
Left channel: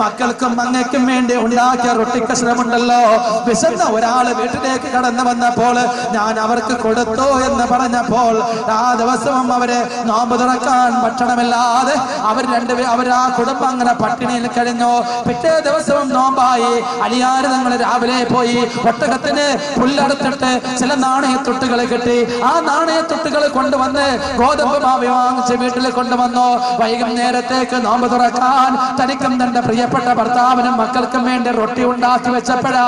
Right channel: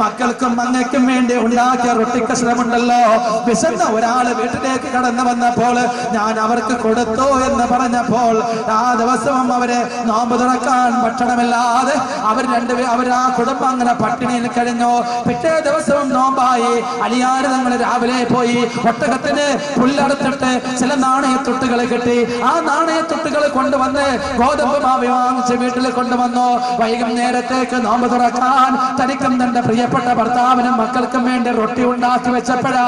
മക്കൾക്കും അങ്ങയ്ക്കും വേണ്ടി ഉണ്ടാക്കിയ റൊട്ടിക്കഷ്ണമുണ്ടല്ലോ, വിശന്ന ഒരാള് വീട്ടിലേക്ക് കടന്നു വന്നപ്പോൾ ഞാൻ അവർക്ക് കൊടുത്തു എന്ന് പറഞ്ഞപ്പോൾ ആ ദിവസവും അവര് നോമ്പ് തുറക്കാൻ ഭക്ഷണമില്ലാതെ അവർ ആ കുടുംബം അങ്ങനെ പട്ടിണിയിൽ കഴിഞ്ഞു. പിറ്റേ ദിവസവും നോമ്പായി. അലിയാർ തങ്ങൾ രാവിലെ പോയി ഒട്ടകത്തിന് പുല്ലറുത്തിട്ട് ചില നാണയത്തുട്ടുകൾ കിട്ടി. ആ നാണയത്തുട്ടുകൾ കൊണ്ടുവന്ന് ഗോതമ്പ് മാവ് വാങ്ങിച്ച് വീട്ടിൽ കൊണ്ടുവന്നു. വൈകുന്നേരത്തേക്ക് നോമ്പ് തുറക്കാൻ തനിക്കും തന്റെ പ്രിയപ്പെട്ട ഭർത്താവിനും മക്കൾക്കും വേണ്ടി റൊട്ടി ഉണ്ടാക്കി വെച്ചപ്പോഴാ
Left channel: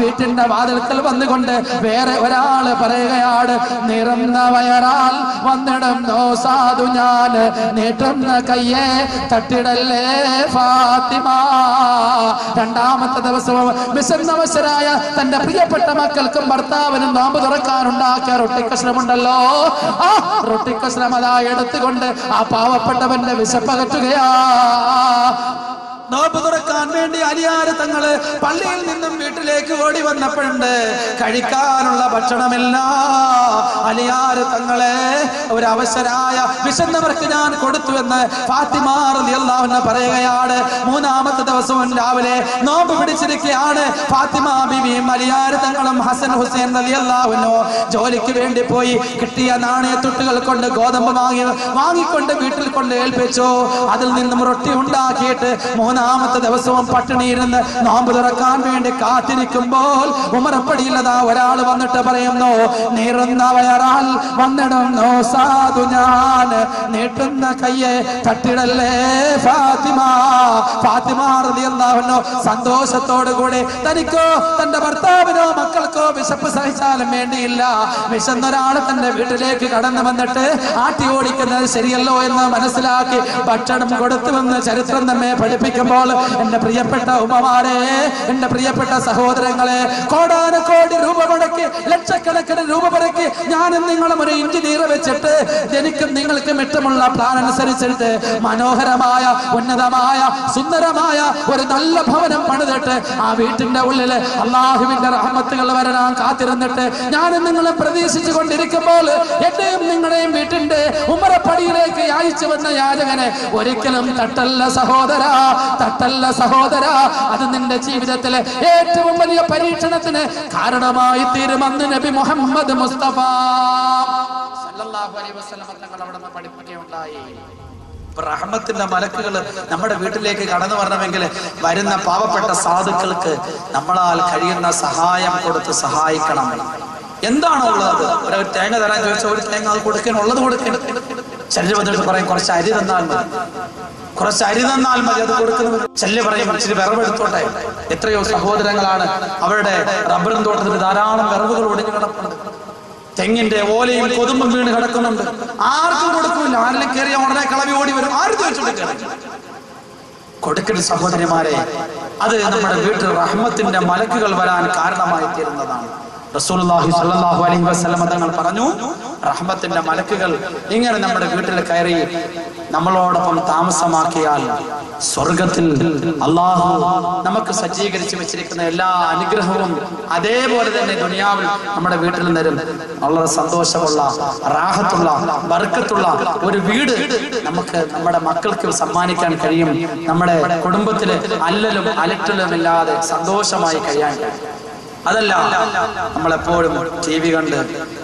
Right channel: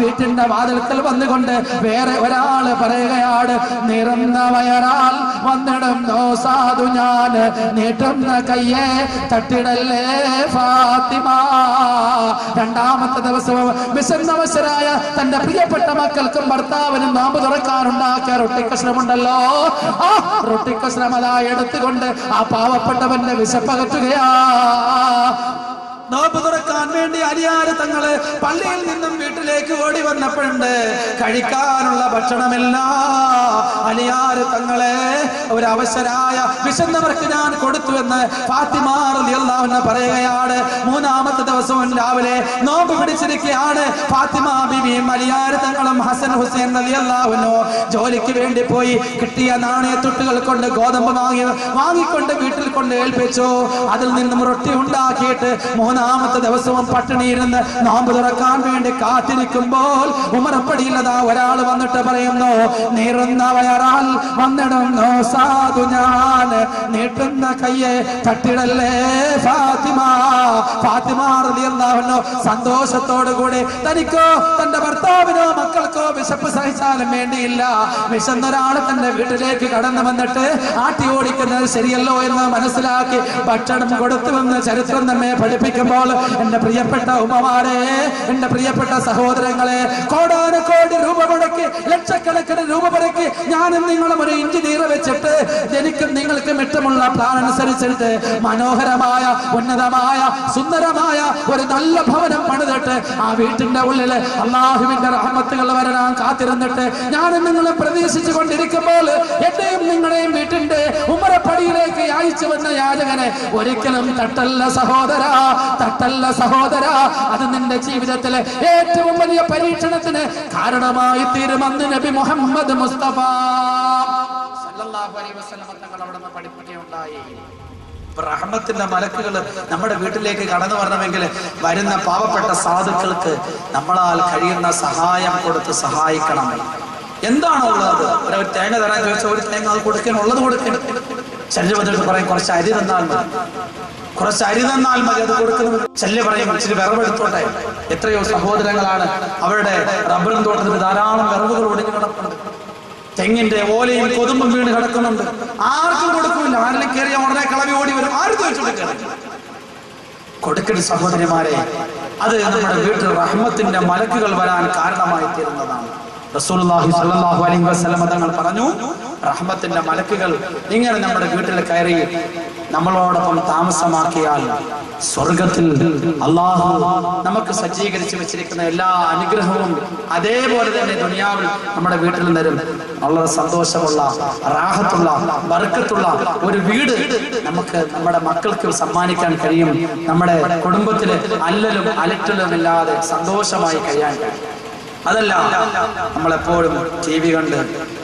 വീട്ടിന്റെ വാതിൽക്കൽ വന്നുകൊണ്ട് വേറെ ഒരാള് പറയുകയാണ്, നിറന്ന വയറാൽ വന്നിടുന്നു സാധു ഞാൻ, നീട്ടുന്ന കയ്യെ തട്ടിടല്ലേ ഫാത്തിമ. രണ്ടാമത്തെ ദിവസവും വിശന്നവശരായ തന്റെ പ്രിയപ്പെട്ട മക്കൾക്കും ഭർത്താവിനും നോമ്പ് തുറക്കാനുണ്ടാക്കിയ റൊട്ടിക്കഷ്ണമുണ്ടല്ലോ, ആ റൊട്ടിക്കഷ്ണം അതാ എടുത്തുകൊണ്ട് ആ പാവപ്പെട്ടവന്റെ വിശപ്പകറ്റുകയാ. നോമ്പ് തുറക്കാൻ വേണ്ടി അലിയാർ തങ്ങള് പള്ളിയിൽ നിന്നും വീട്ടിലേക്ക് ഓടി വന്നപ്പോഴുണ്ട് കഴിക്കാനുള്ള ഭക്ഷണമില്ല. അലിയാർ തങ്ങളെ ഒരു അവശരായ വിശന്നവർക്ക് ഞാൻ കൊടുത്തു എന്ന് ഫാത്തിമ റളിയല്ലാഹു അൻഹ പറയുകയാണ്. മൂന്നാമത്തെ ദിവസവും രാവിലെ നോമ്പ് പിടിച്ചിരിക്കുകയാണ്. ഫാത്തിമ ബിബിയും അലിയാർ തങ്ങളും ഹസൻ ഹുസൈൻ റളിയല്ലാഹു അൻഹു ജോലിക്ക് വേണ്ടി പോയി കിട്ടിയ നാണയത്തുട്ടുകൾ കൊണ്ട് ഗോതമ്പ് വാങ്ങിക്കൊണ്ട് വീട്ടിൽ കൊണ്ട് ഏൽപ്പിച്ചു. അതിൽ നിന്നും റൊട്ടി ഉണ്ടാക്കിയിട്ട് മൂന്നാമത്തെ ദിവസവും പട്ടിണിയിരുന്ന് നോമ്പ് തുറക്കാൻ വേണ്ടി കാത്തിരിക്കുമ്പോൾ ഉമറപ്പടിയില്ലതാ ഒരാൾ വന്നിട്ട് പറയുന്നു, നീറുന്ന കയറാൻ വന്നിടുന്നു സാധു ഞാൻ, നീട്ടുന്ന കയ്യെ തട്ടിടല്ലേ ഫാത്തിമ. ഫാത്തിമ റളിയല്ലാഹു അൻഹ സന്തോഷത്തോടു കൂടി തനിക്കോ തന്റെ ഭർത്താവിനോ മക്കൾക്കോ വിശപ്പ് സഹിച്ചാലും വേണ്ടിയില്ല, വിശന്നൊരാൾ തന്റെ വീട്ടിലേക്ക് കടന്നു വന്നിട്ട് ആട്ടി ഓടിക്കുന്നത് ശരിയല്ലോ എന്ന് മനസ്സിലാക്കി ഭക്ഷണം കൊടുത്തുവെന്ന് ചരിത്രം നമ്മെ പഠിപ്പിക്കുമ്പോൾ എന്റെ പ്രിയപ്പെട്ട ഉമ്മമാരെ, എന്റെ പ്രിയപ്പെട്ട സഹോദരങ്ങളെ, കോടാനുകോടി രൂപ മുടക്കി ലക്ഷക്കണക്കിന് രൂപ മുടക്കി ഞാനും നിങ്ങളും ഒരു എഞ്ചിനീയർ വെച്ചിട്ട് എനിക്കും നിങ്ങൾക്കും ഇഷ്ടമുള്ള പ്ലാൻ അനുസരിച്ചിട്ട് മനോഹരമായ ഉന്നതമായ സുന്ദരമായ ഒരു നല്ല ഭവനം പണിതിട്ട് ആ വീട്ടിന്റെ ഉള്ളിൽ അള്ളാഹുവിന്റെ റഹ്മത്തുകൾ വരാൻ കാത്തിരുന്നിട്ട് ഞാനും നിങ്ങളെ പ്രതീക്ഷിച്ചു കൊണ്ടിരിക്കുമ്പോൾ എന്റെയും നിങ്ങളുടെയും വീട്ടിന്റെ ഉമ്മറപ്പടിയിലേക്ക് അയച്ചു വന്ന യാചകനെ ഒരിക്കലും തട്ടല്ല സഹോദര, തട്ടല്ല സഹോദര. അത് നിന്റെ ജീവിതത്തിലെ ഏറ്റവും വലിയ പരീക്ഷണത്തിന് കാരണമായി തീരുമെന്ന് നബി മുഹമ്മദ് മുസ്തഫ സല്ലല്ലാഹു അലൈഹി വസല്ലം തങ്ങൾ അവിടെ പഠിപ്പിക്കുകയുണ്ടായി. റഹ്മത്തിന്റെ മലക്കുകൾ നമ്മുടെ വീട്ടിലേക്ക് കടന്നു വരണമെങ്കിൽ വരുന്ന പാവപ്പെട്ട സാധുക്കൾക്ക് നമ്മളാൽ കഴിയുന്ന സഹായം കൊടുത്ത് സഹായിക്കണം. എന്താണോ ഉള്ളത്, ഒരു തേങ്ങ തരാൻ ചോദിച്ചാൽ ഒരു തേങ്ങ അത് കൊടുക്കണം, ഉള്ളത് കൊടുക്കണം. ശല്യബന്ധത്തിൽ പറയും കുറച്ച് അരി തന്നാൽ മതി, കുറച്ച് അരി തന്നാൽ മതി, അത് കൊടുക്കുന്നത്. ശല്യ പറയും ഇച്ചിരി വിറവെടുത്തോട്ടെ. എത്രയോ സഹോദരങ്ങളാണ് അവരുടെ റബ്ബറും തോട്ടത്തിൽ ധാരാളം വിറവുകൾ ഒടിഞ്ഞു കിടക്കുന്നുണ്ട്, തെങ്ങിന്റെ ഓലയും കൊതുമ്പും വീണ് കിടക്കുന്നുണ്ട്, ആർക്കും കൊടുക്കില്ല. ആരെങ്കിലും കയറിയ ഉടനെ കളവി ഓടി വരും, ആരും ചോദിച്ചോണ്ട് കൊടുക്കരുത് സഹോദരിമാരെ. അത് നമ്മുടെ വീട്ടിൽ റഹ്മത്തിന്റെ മലക്കുകൾ വരാൻ കാരണമായി തീരുന്നതാണ്. റസൂലുള്ളാഹി സ്വല്ലല്ലാഹു അലൈഹി വസല്ലം തങ്ങൾ പറഞ്ഞു, റഹ്മത്തിന്റെ മലക്കുകൾ ഇങ്ങനെ നമ്മുടെ വീട്ടിൽ കയറി നമ്മളോടൊപ്പം താമസമാക്കിയാൽ സ്വർഗത്തിൽ അള്ളാഹു നമുക്ക് സജ്ജീകരിച്ച് വെച്ചിരിക്കുന്ന എല്ലാ അനുഗ്രഹവും അതേപോലെ തന്നെ ദുനിയാവിൽ നമ്മുടെ വീട്ടിൽ തരും. വളരെ സന്തോഷമുള്ള, റാഹത്തുള്ള, ബർക്കത്തുള്ള ഒരു വീട് നമുക്ക് നമ്മുടെ മക്കൾക്ക് സമ്മാനിക്കാൻ കഴിയും. നമ്മുടെ കുടുംബത്തിൽ അല്ലലും അലറ്റലും ഇല്ലാതെ സന്തോഷമായി കഴിയാൻ കഴിയും. അതല്ല നമ്മളെപ്പോഴും ടി വി കണ്ട്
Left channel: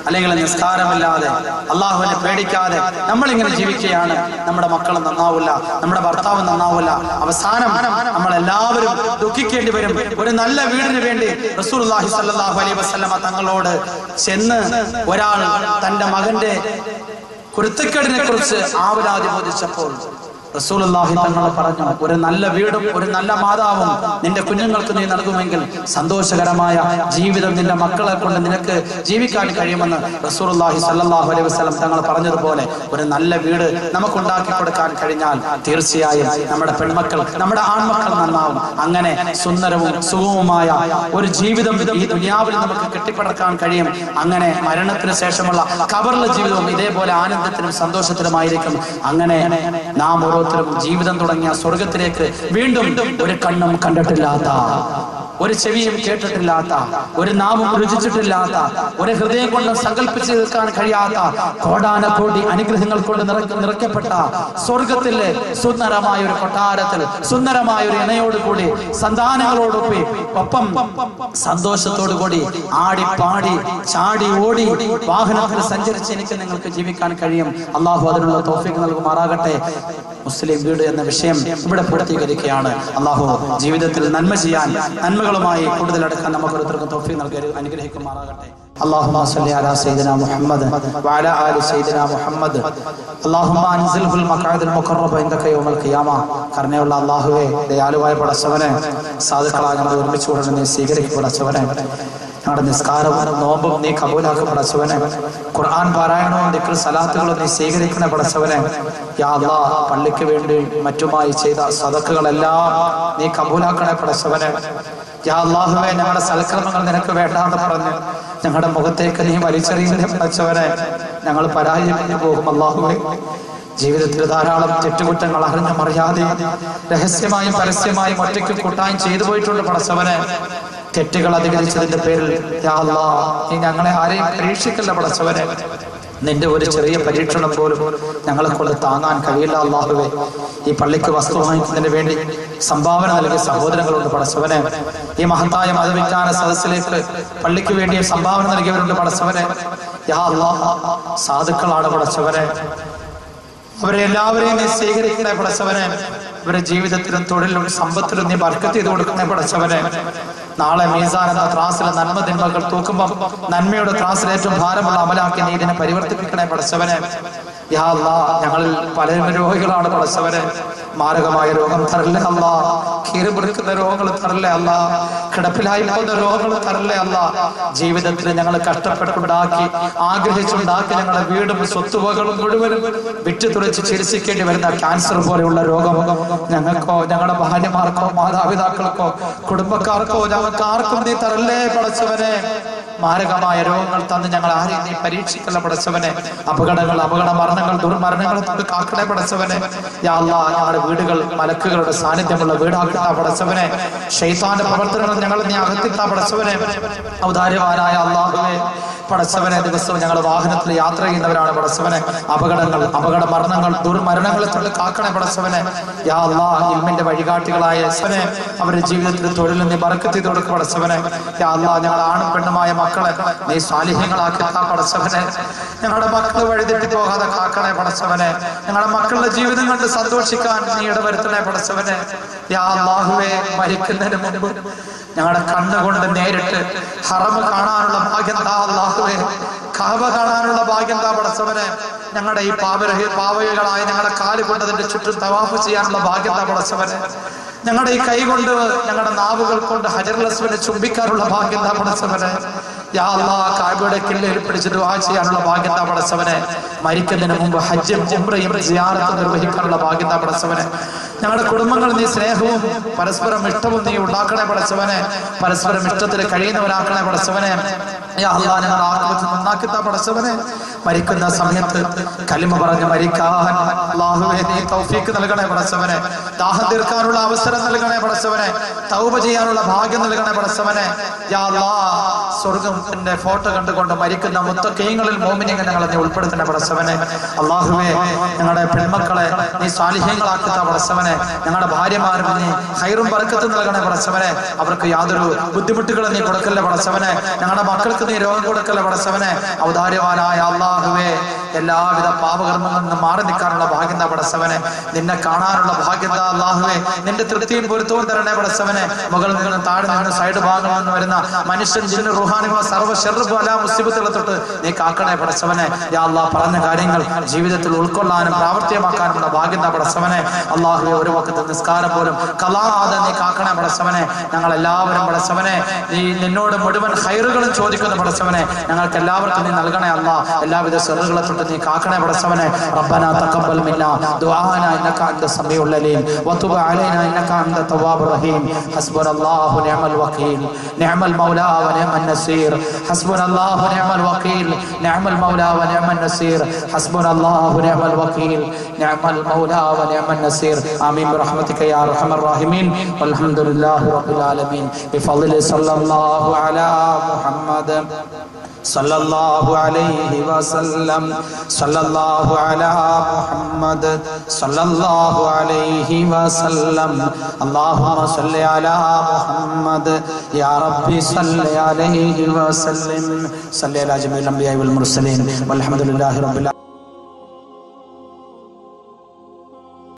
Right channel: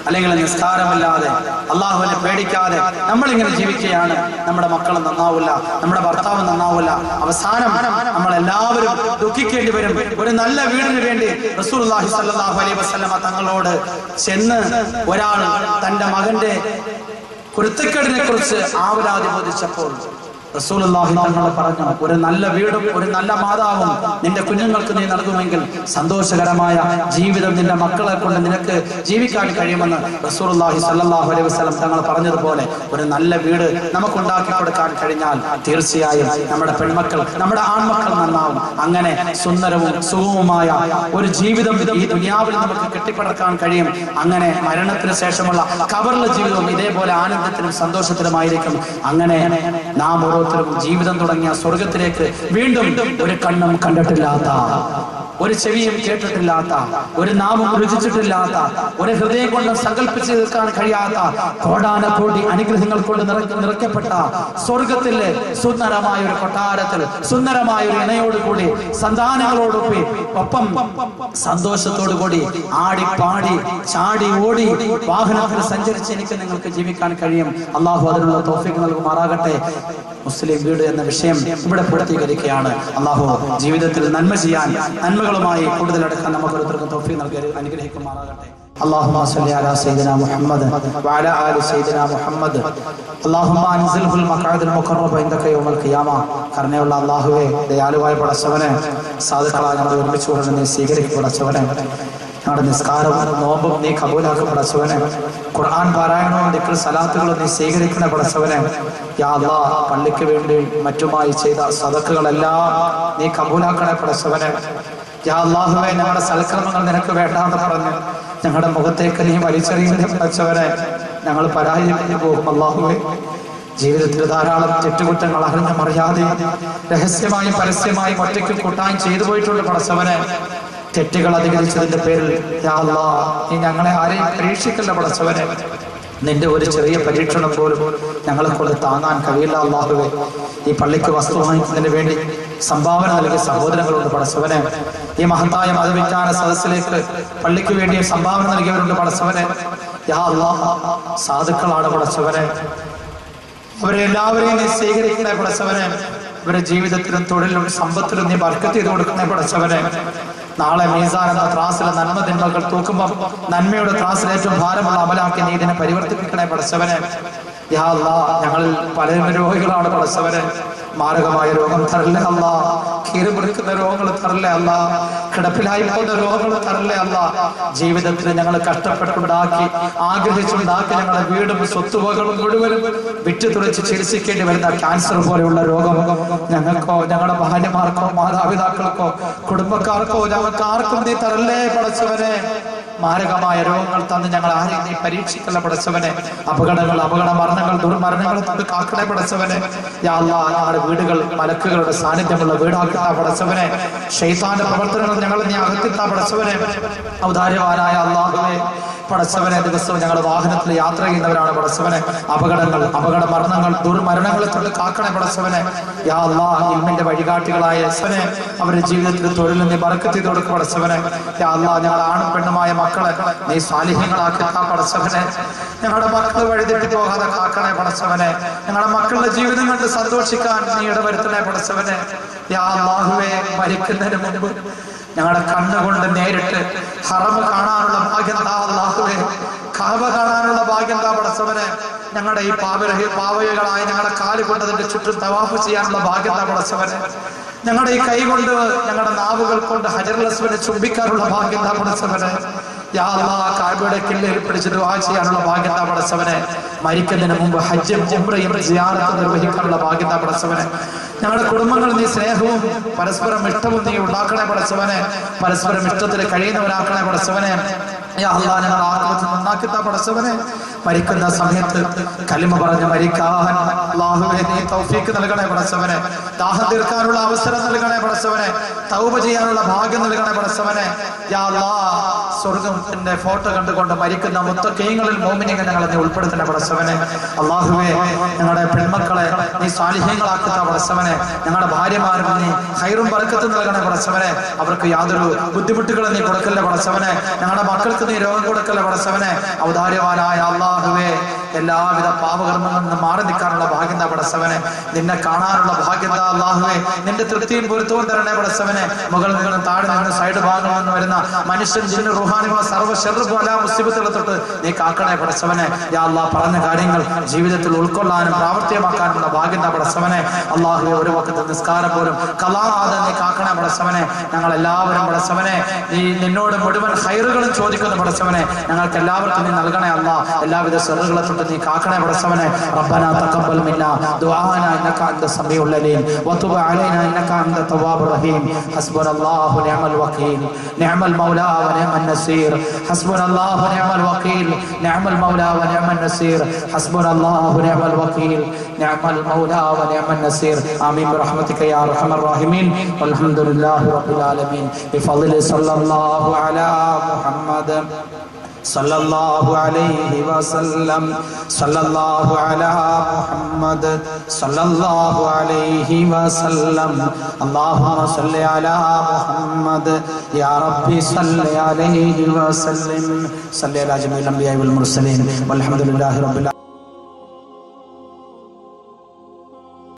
അല്ലെങ്കിൽ നിസ്കാരമില്ലാതെ അള്ളാഹുവിനെ പേടിക്കാതെ നമ്മളിങ്ങനെ ജീവിക്കുകയാണ്. നമ്മുടെ മക്കൾ നന്നാവില്ല, നമ്മുടെ ഭർത്താവ് നന്നാവില്ല, അവസാനം നമ്മളെല്ലാവരും ദുഃഖിക്കേണ്ടി വരും. ഒരു നല്ല വീടിന് വേണ്ടി റസൂലുള്ളാഹി സ്വല്ലല്ലാഹു അലൈഹി വസല്ലമ തങ്ങളോട് ചെന്ന് ഒരാൾ തന്റെ മകന്റെ കുരുത്തക്കേടിനെ കുറിച്ച് ആവലാതി ബോധിച്ചപ്പോൾ റസൂലുള്ളാഹി തങ്ങൾ പറഞ്ഞു, ഒരു നല്ല വീടും ഒരു നല്ല മാതാവും നിന്റെ കുഞ്ഞുങ്ങൾക്ക് നീ നൽകുമെങ്കിൽ സന്തോഷകരമായ ജീവിതം നിന്റെ മക്കളെ കൊണ്ട് നിനക്ക് ജീവിക്കാൻ കഴിയുമെന്ന് റസൂലുള്ളാഹി സ്വല്ലല്ലാഹു അലൈഹി വസല്ലം തങ്ങൾ പറഞ്ഞതുപോലെ ഒരു നല്ല വീട് നമുക്കുണ്ടാക്കി കൊടുക്കാൻ കഴിഞ്ഞാൽ തീർച്ചയായും നമ്മുടെ പെൺമക്കൾ, നമ്മുടെ ആൺമക്കൾ നന്നാവും. അങ്ങനെ സുന്ദരവും സുഗമവുമായ ഒരു ജീവിതം ഈ ദുനിയാവിൽ നമുക്ക് കെട്ടിപ്പടക്കാൻ കഴിയും. അങ്ങനെ മരണത്തിന് ശേഷമുള്ള ഖബറിലെ ജീവിതവും ഇതേപോലെ ആനന്ദത്തിനും സന്തോഷത്തിനുമായിരിക്കും. അങ്ങനെ നാം ഓരോരുത്തരും ജീവിതം തുടങ്ങിയ സ്വർഗത്തിലേക്ക് വീണ്ടും ഒരു കണ്ണും കണ്ടിട്ടില്ലാത്ത, ഒരു ചെവിയും കേട്ടിട്ടില്ലാത്ത, ഒരു നാവും രുചിച്ചിട്ടില്ലാത്ത, ഒരു ഹൃദയം കൊണ്ട് സങ്കല്പിച്ച് തീർക്കാൻ കഴിയാത്ത കോടാനകോടി അനുഗ്രഹങ്ങൾ കൊണ്ട് നിറയ്ക്കപ്പെട്ട സ്വർഗത്തിലെ സുന്ദരമായ ഒരു കൊട്ടാരത്തിൽ സുന്ദരമായ ഒരു ഇണയോടുകൂടി സന്താനങ്ങളോടൊപ്പം ഒപ്പം സന്തോഷത്തോടുകൂടി ആടി പാടി ചാടി ഓടി വാഹനത്തിൽ സഞ്ചരിച്ച് എനിക്ക് നിങ്ങൾക്ക് ജീവിക്കാൻ കഴിയും. അള്ളാഹു അതിനുള്ള തൗഫീഖ് നൽകുമാറാകട്ടെ. മുസ്ലിം വീട് എന്ന വിഷയം ഇവിടെ പൂർത്തീകരിക്കുകയാണ്. അള്ളാഹു ജീവിതത്തിൽ നന്മ ചെയ്യാൻ, നന്മകളുമായി കൂടുതൽ അടുക്കാൻ നമുക്ക് ഓരോരുത്തർക്കും തൗഫീഖ് നൽകി അനുഗ്രഹിക്കുമാറാകട്ടെ. اللهم صل على سيدنا محمد وعلى آل سيدنا محمد اللهم انزله المقعد المقرب عندك يوم القيامة. കരുണയുള്ള അല്ലാഹുവേ, ദയാലുവായ പടച്ചവനെ, സാധുക്കളായ ഞങ്ങൾ ഒരുമിച്ച് കൂടെ നീ സ്വീകരിക്കും പടച്ചവനെ. ഞങ്ങളുടെ നിസ്കാരവും നോമ്പും നീ കബൂലാക്കും പടച്ചവനെ. ഖുർആൻ പാരായണവും ദിക്ർ സലാത്തുകളും നീ സ്വീകരിക്കണ പടച്ചവനെ. യാ അല്ലാഹ്, പള്ളിക്ക് വേണ്ടി മറ്റുമായി ചെയ്ത സദഖകളെല്ലാം നീ കബൂലാക്കണേ പടച്ചവനെ. യാ അല്ലാഹുവേ, ഞങ്ങളുടെ സൽക്കർമ്മങ്ങൾ നിനക്ക് വേണ്ടാന്ന് പറഞ്ഞ് ഞങ്ങളുടെ മുഖത്തേക്ക് നീ വലിച്ചെറിയുന്ന പടച്ചവനെ. ഞങ്ങൾ പരാജയപ്പെട്ടു പോകും അല്ലാഹുവേ. ജീവിതത്തിൽ ധാരാളം തെറ്റുകുറ്റങ്ങൾ അറിഞ്ഞും അറിയാതെ രഹസ്യമായും പരസ്യമായും ഒറ്റയ്ക്ക് കൂട്ടായും ചെയ്തു പോയിട്ടുണ്ട് പടച്ചവനെ. തെറ്റുകൾ അധികരിച്ചതിന്റെ പേരിൽ യാ അല്ലാഹ്, നീ ഞങ്ങളെ ആരെയും പരീക്ഷിക്കല്ല പടച്ചവനെ. നിന്റെ ഒരു ചെറിയ പരീക്ഷണം പോലും ഞങ്ങളെ കൊണ്ട് താങ്ങാൻ കഴിയില്ല അല്ലാഹുവേ. ഈ പള്ളിക്ക് വസ്തു വാങ്ങിക്കുന്നതിന് വേണ്ടി സംഭാവന നൽകിയ സഹോദരങ്ങളുണ്ട് പടച്ചവനെ. ഈ മഹത്തായ മതവിജ്ഞാന സദസ്സിലേക്ക് പള്ളിക്ക് വേണ്ടി സംഭാവന നൽകിയവരുണ്ട് പടച്ചവനെ. യാ അല്ലാഹ്, സാധുക്കളാണ് പടച്ചവനെ. അവരെ എല്ലാവരെയും നീ സ്വീകരിക്കണേ പടച്ചവനെ. ഇവരുടെ ജീവിതത്തിലും തൊഴിലും സമ്പത്തിലും നീ ബർക്കത്ത് ചെയ്ത് കൊടുക്കണേ പടച്ചവനെ. നാളെ മീസാൻ എന്ന ത്രാസിലെ നന്മ തിന്മകൾ തൂക്കുമ്പോൾ നന്മയുടെ ത്രാസിൽ ഏറ്റവും ഭാരമുള്ള അമലാക്കി നീ ഇതിനെ പരിവർത്തിപ്പിക്കണേ പടച്ചവനെ. യാ അല്ലാഹ്, ഞങ്ങളിൽ പലരും രോഗികളാണ് പടച്ചവനെ. മാരകമായ രോഗം തരല്ലേ അല്ലാ, കീറിമുറിക്കുന്ന രോഗങ്ങൾ തരല്ലേ അല്ലാ, കിടപ്പിലായി പോകുന്ന രോഗങ്ങൾ തരല്ലേ അല്ലാ. ജീവിതത്തിൽ ഞങ്ങൾ കഷ്ടപ്പെട്ടുണ്ടാക്കി ആഗ്രഹിച്ചുണ്ടാക്കി ഞങ്ങളുടെ വീടും സ്വത്തുവകളും മുഴുവനും വിറ്റുതുളച്ച് ചികിത്സിക്കേണ്ടി വരുന്ന ക്യാൻസർ പോലെയുള്ള രോഗം ഞങ്ങൾക്കോ ഞങ്ങളുടെ ഭാര്യമാർക്കോ മാതാപിതാക്കൾക്കോ കുടുംബക്കാർക്കോ ഞങ്ങൾക്ക് ആർക്കും നീ തരല്ലേ പടച്ചവനെ. മാരകമായ രോഗങ്ങൾ തന്ന് ഞങ്ങൾ ആരെയും നീ പരീക്ഷിക്കല്ല പടച്ചവനെ. അപകട മരണങ്ങൾ ദുർമരണങ്ങൾ തന്ന് കാക്കണേ പടച്ചവനെ. യാ അല്ലാഹ്, ഞങ്ങളുടെ വീടുകൾ മലക്കുകളുടെ സാന്നിധ്യമുള്ള വീടാക്കിത്താ പടച്ചവനെ. ശൈത്താന്റെ പ്രവർത്തനങ്ങൾ ഞങ്ങൾ നീ അകത്തിത്താ പടച്ചവനെ. ഔദാര്യവാനായ അല്ലാഹുവേ പടച്ചവനെ, ദിവസവും ഞങ്ങൾ വാഹനത്തിൽ യാത്ര ചെയ്യുന്നവരാണ് പടച്ചവനെ. അപകട മരണങ്ങൾ ദുർമരണങ്ങളെ തൊട്ട് കാക്കണേ പടച്ചവനെ. യാ അല്ലാഹ്, ഇൽമിന്റെ വഴികാട്ടികളായ അവരുടെ ജീവിതത്തിൽ തൊഴിൽ നീ ബർക്കത്ത് ചെയ്ത് കൊടുക്കുക പടച്ചവനെ. യാ അല്ലാഹ്, ഞങ്ങളുടെ ആണും പെണ്ണുമായ മക്കളെ നീ സാലിഹ്യങ്ങളാക്കി താ പടച്ചവനെ. ഞങ്ങളുടെ മക്കൾ വഴിതെറ്റി പോകാതെ കാക്കണേ പടച്ചവനെ. ഞങ്ങളുടെ മക്കളുടെ ജീവിതം കണ്ട് സന്തോഷിക്കാൻ നീ ഇടവരുത്തണേ പടച്ചവനെ. യാ അല്ലാഹുവേ, മരിക്കുന്നതിന് മുമ്പ് ഞങ്ങളുടെ കണ്ണുകൊണ്ട് നേരിട്ട് ഹറമ് കാണാനുള്ള ഭാഗ്യം താ അല്ലാഹുവേ. കഅബ കാണാനുള്ള ഭാഗ്യം താ പടച്ചവനെ. ഞങ്ങളുടെ ഈ പാവകളായ ഞങ്ങളുടെ കാല് കൊണ്ട് അതിന്റെ ചുറ്റും തവാഫ് ചെയ്യാനുള്ള ഭാഗ്യം താ പടച്ചവനെ. ഞങ്ങളുടെ ഈ കൈ കൊണ്ട് ഞങ്ങളുടെ നാവുകൾ കൊണ്ട് ഹജറുൽ അസ്വദിനെ ചുംബിക്കാനുള്ള ഭാഗ്യം താ പടച്ചവനെ. യാ അല്ലാഹ്, കഅബയുടെ കില്ലയിൽ പിടിച്ച് ദുആ ചെയ്യാനുള്ള ഭാഗ്യം താ പടച്ചവനെ. മരിക്കുന്നതിന് മുമ്പ് ഹജ്ജും ഉംറയും സിയാറത്തും നിർവഹിക്കാനുള്ള ഭാഗ്യം താ പടച്ചവനെ. ഞങ്ങളുടെ കുടുംബങ്ങൾ നീ സ്നേഹവും പരസ്പരം ഇഷ്ടവും നീ ഉണ്ടാക്കണേ പടച്ചവനെ. പരസ്പരം ഇഷ്ടത്തിൽ കഴിയുന്നവരാക്കണേ പടച്ചവനെ. യാ അല്ലാഹ്, ഞങ്ങൾ ആഖിറത്ത് നന്നാക്കി താ പടച്ചവനെ. മരിക്കുന്ന സമയത്ത് കലിമ പറഞ്ഞ് മരിക്കാൻ അല്ലാഹുവേ നീ തൗഫീക്ക് നൽകണേ പടച്ചവനെ. ദാഹം തീർക്കാനുള്ള അവസരം നൽകണേ പടച്ചവനെ. തൗബ ചെയ്യാനുള്ള ഭാഗ്യം നൽകണേ പടച്ചവനെ. യാ അല്ലാഹ്, സ്വർഗ്ഗത്തിന്റെ ഫോട്ടോ കണ്ടുകൊണ്ട് മരിക്കുന്ന മുത്തഖീങ്ങളിൽ മോമിനീങ്ങൾ ഞങ്ങളെ നീ ഉൾപ്പെടുത്തണേ പടച്ചവനെ. അല്ലാഹുവേ, ഞങ്ങളുടെ പെൺമക്കളെ നീ സാലിഹ്യങ്ങളാക്കി താ പടച്ചവനെ. ഞങ്ങളുടെ ഭാര്യമാർക്ക് നീ ഖൈറും ബർക്കത്തും നൽകണേ പടച്ചവനെ. അവർക്ക് യാതൊരു ബുദ്ധിമുട്ടുകളും നീ കൊടുക്കല്ലേ പടച്ചവനെ. ഞങ്ങളുടെ മക്കൾക്ക് നീ രോഗം കൊടുക്കല്ലേ പടച്ചവനെ. ഔദാര്യവാനായ അല്ലാഹുവേ, എല്ലാവിധ പാപകർമ്മങ്ങളിൽ നിന്ന് മാറി നിൽക്കാനുള്ള ഭാഗ്യം താ പടച്ചവനെ. നിന്നെ കാണാനുള്ള ഭാഗ്യം താ അല്ലാഹുവേ. നിന്റെ തൃപ്തിയും പൊരുത്തവും തരണേ പടച്ചവനെ. മുകളിൽ നിന്ന് താഴെ നിന്ന് സൈഡ് ഭാഗങ്ങളിൽ നിന്ന് വരുന്ന മനുഷ്യൻ ജിന്ന് റുഹാനിമ സർവ്വ ശർറും എല്ലാ മുസീബത്തുകളെ തൊട്ട് നീ കാക്കണേ പടച്ചവനെ. യാ അല്ലാഹ്, പറഞ്ഞ കാര്യങ്ങൾ ജീവിതത്തിൽ ഉൾക്കൊള്ളാനും പ്രാവർത്തികമാക്കാനുമുള്ള ഭാഗ്യം താ പടച്ചവനെ. അല്ലാഹുവേ, ഒരു വഖത്ത് നിസ്കാരം പോലും കളാതെ നീ കാക്കണേ പടച്ചവനെ. ഞങ്ങൾ എല്ലാവരും പടച്ചവനെ നീ നിന്നോട് മുഴുവൻ ഖൈറുകളും ചോദിക്കുന്ന പടച്ചവനെ. ഞങ്ങൾക്ക് എല്ലാവർക്കും നീ നൽകണേ അല്ലാഹ്. എല്ലാവിധ ശർറുകളെ തൊട്ട് നീ കാക്കണേ പടച്ചവനെ. റബ്ബനാ തഖബ്ബൽ മിന്നാ ദുആനാ ഇന്നക അൻത സമീഉൽ അലീം വതുബ് അലൈനാ ഇന്നക അൻത തവ്വാബുർ റഹീം. ഹസ്ബുനല്ലാഹു നിഅമൽ വകീൽ നിഅമൽ മൗലാ വ നിഅമൻ നസീർ. ഹസ്ബുനല്ലാഹു നിഅമൽ വകീൽ നിഅമൽ മൗലാ വ നിഅമൻ നസീർ. ഹസ്ബുനല്ലാഹു നിഅമൽ വകീൽ നിഅമൽ മൗലാ വ നിഅമൻ നസീർ. ആമീൻ ബിറഹ്മതിക യാ അർഹമർ റഹീമീൻ. വൽഹംദുലില്ലാഹി റബ്ബിൽ ആലമീൻ. ബിഫദ്ലി സല്ലല്ലാഹു അലാ മുഹമ്മദ് സല്ലല്ലാഹു അലൈഹി വസല്ലം. സല്ലല്ലാഹു അലാ മുഹമ്മദ് സല്ലല്ലാഹു അലൈഹി വസല്ലം. അല്ലാഹുമ്മ സല്ലി അലാ മുഹമ്മദ് യാ റബ്ബി സല്ലി അലൈഹി വസല്ലം. സല്ലി അലാ ജമീഇൽ അംബിയാ വൽ മുർസലീൻ വൽഹംദുലില്ലാഹി റബ്ബിൽ ആലമീൻ.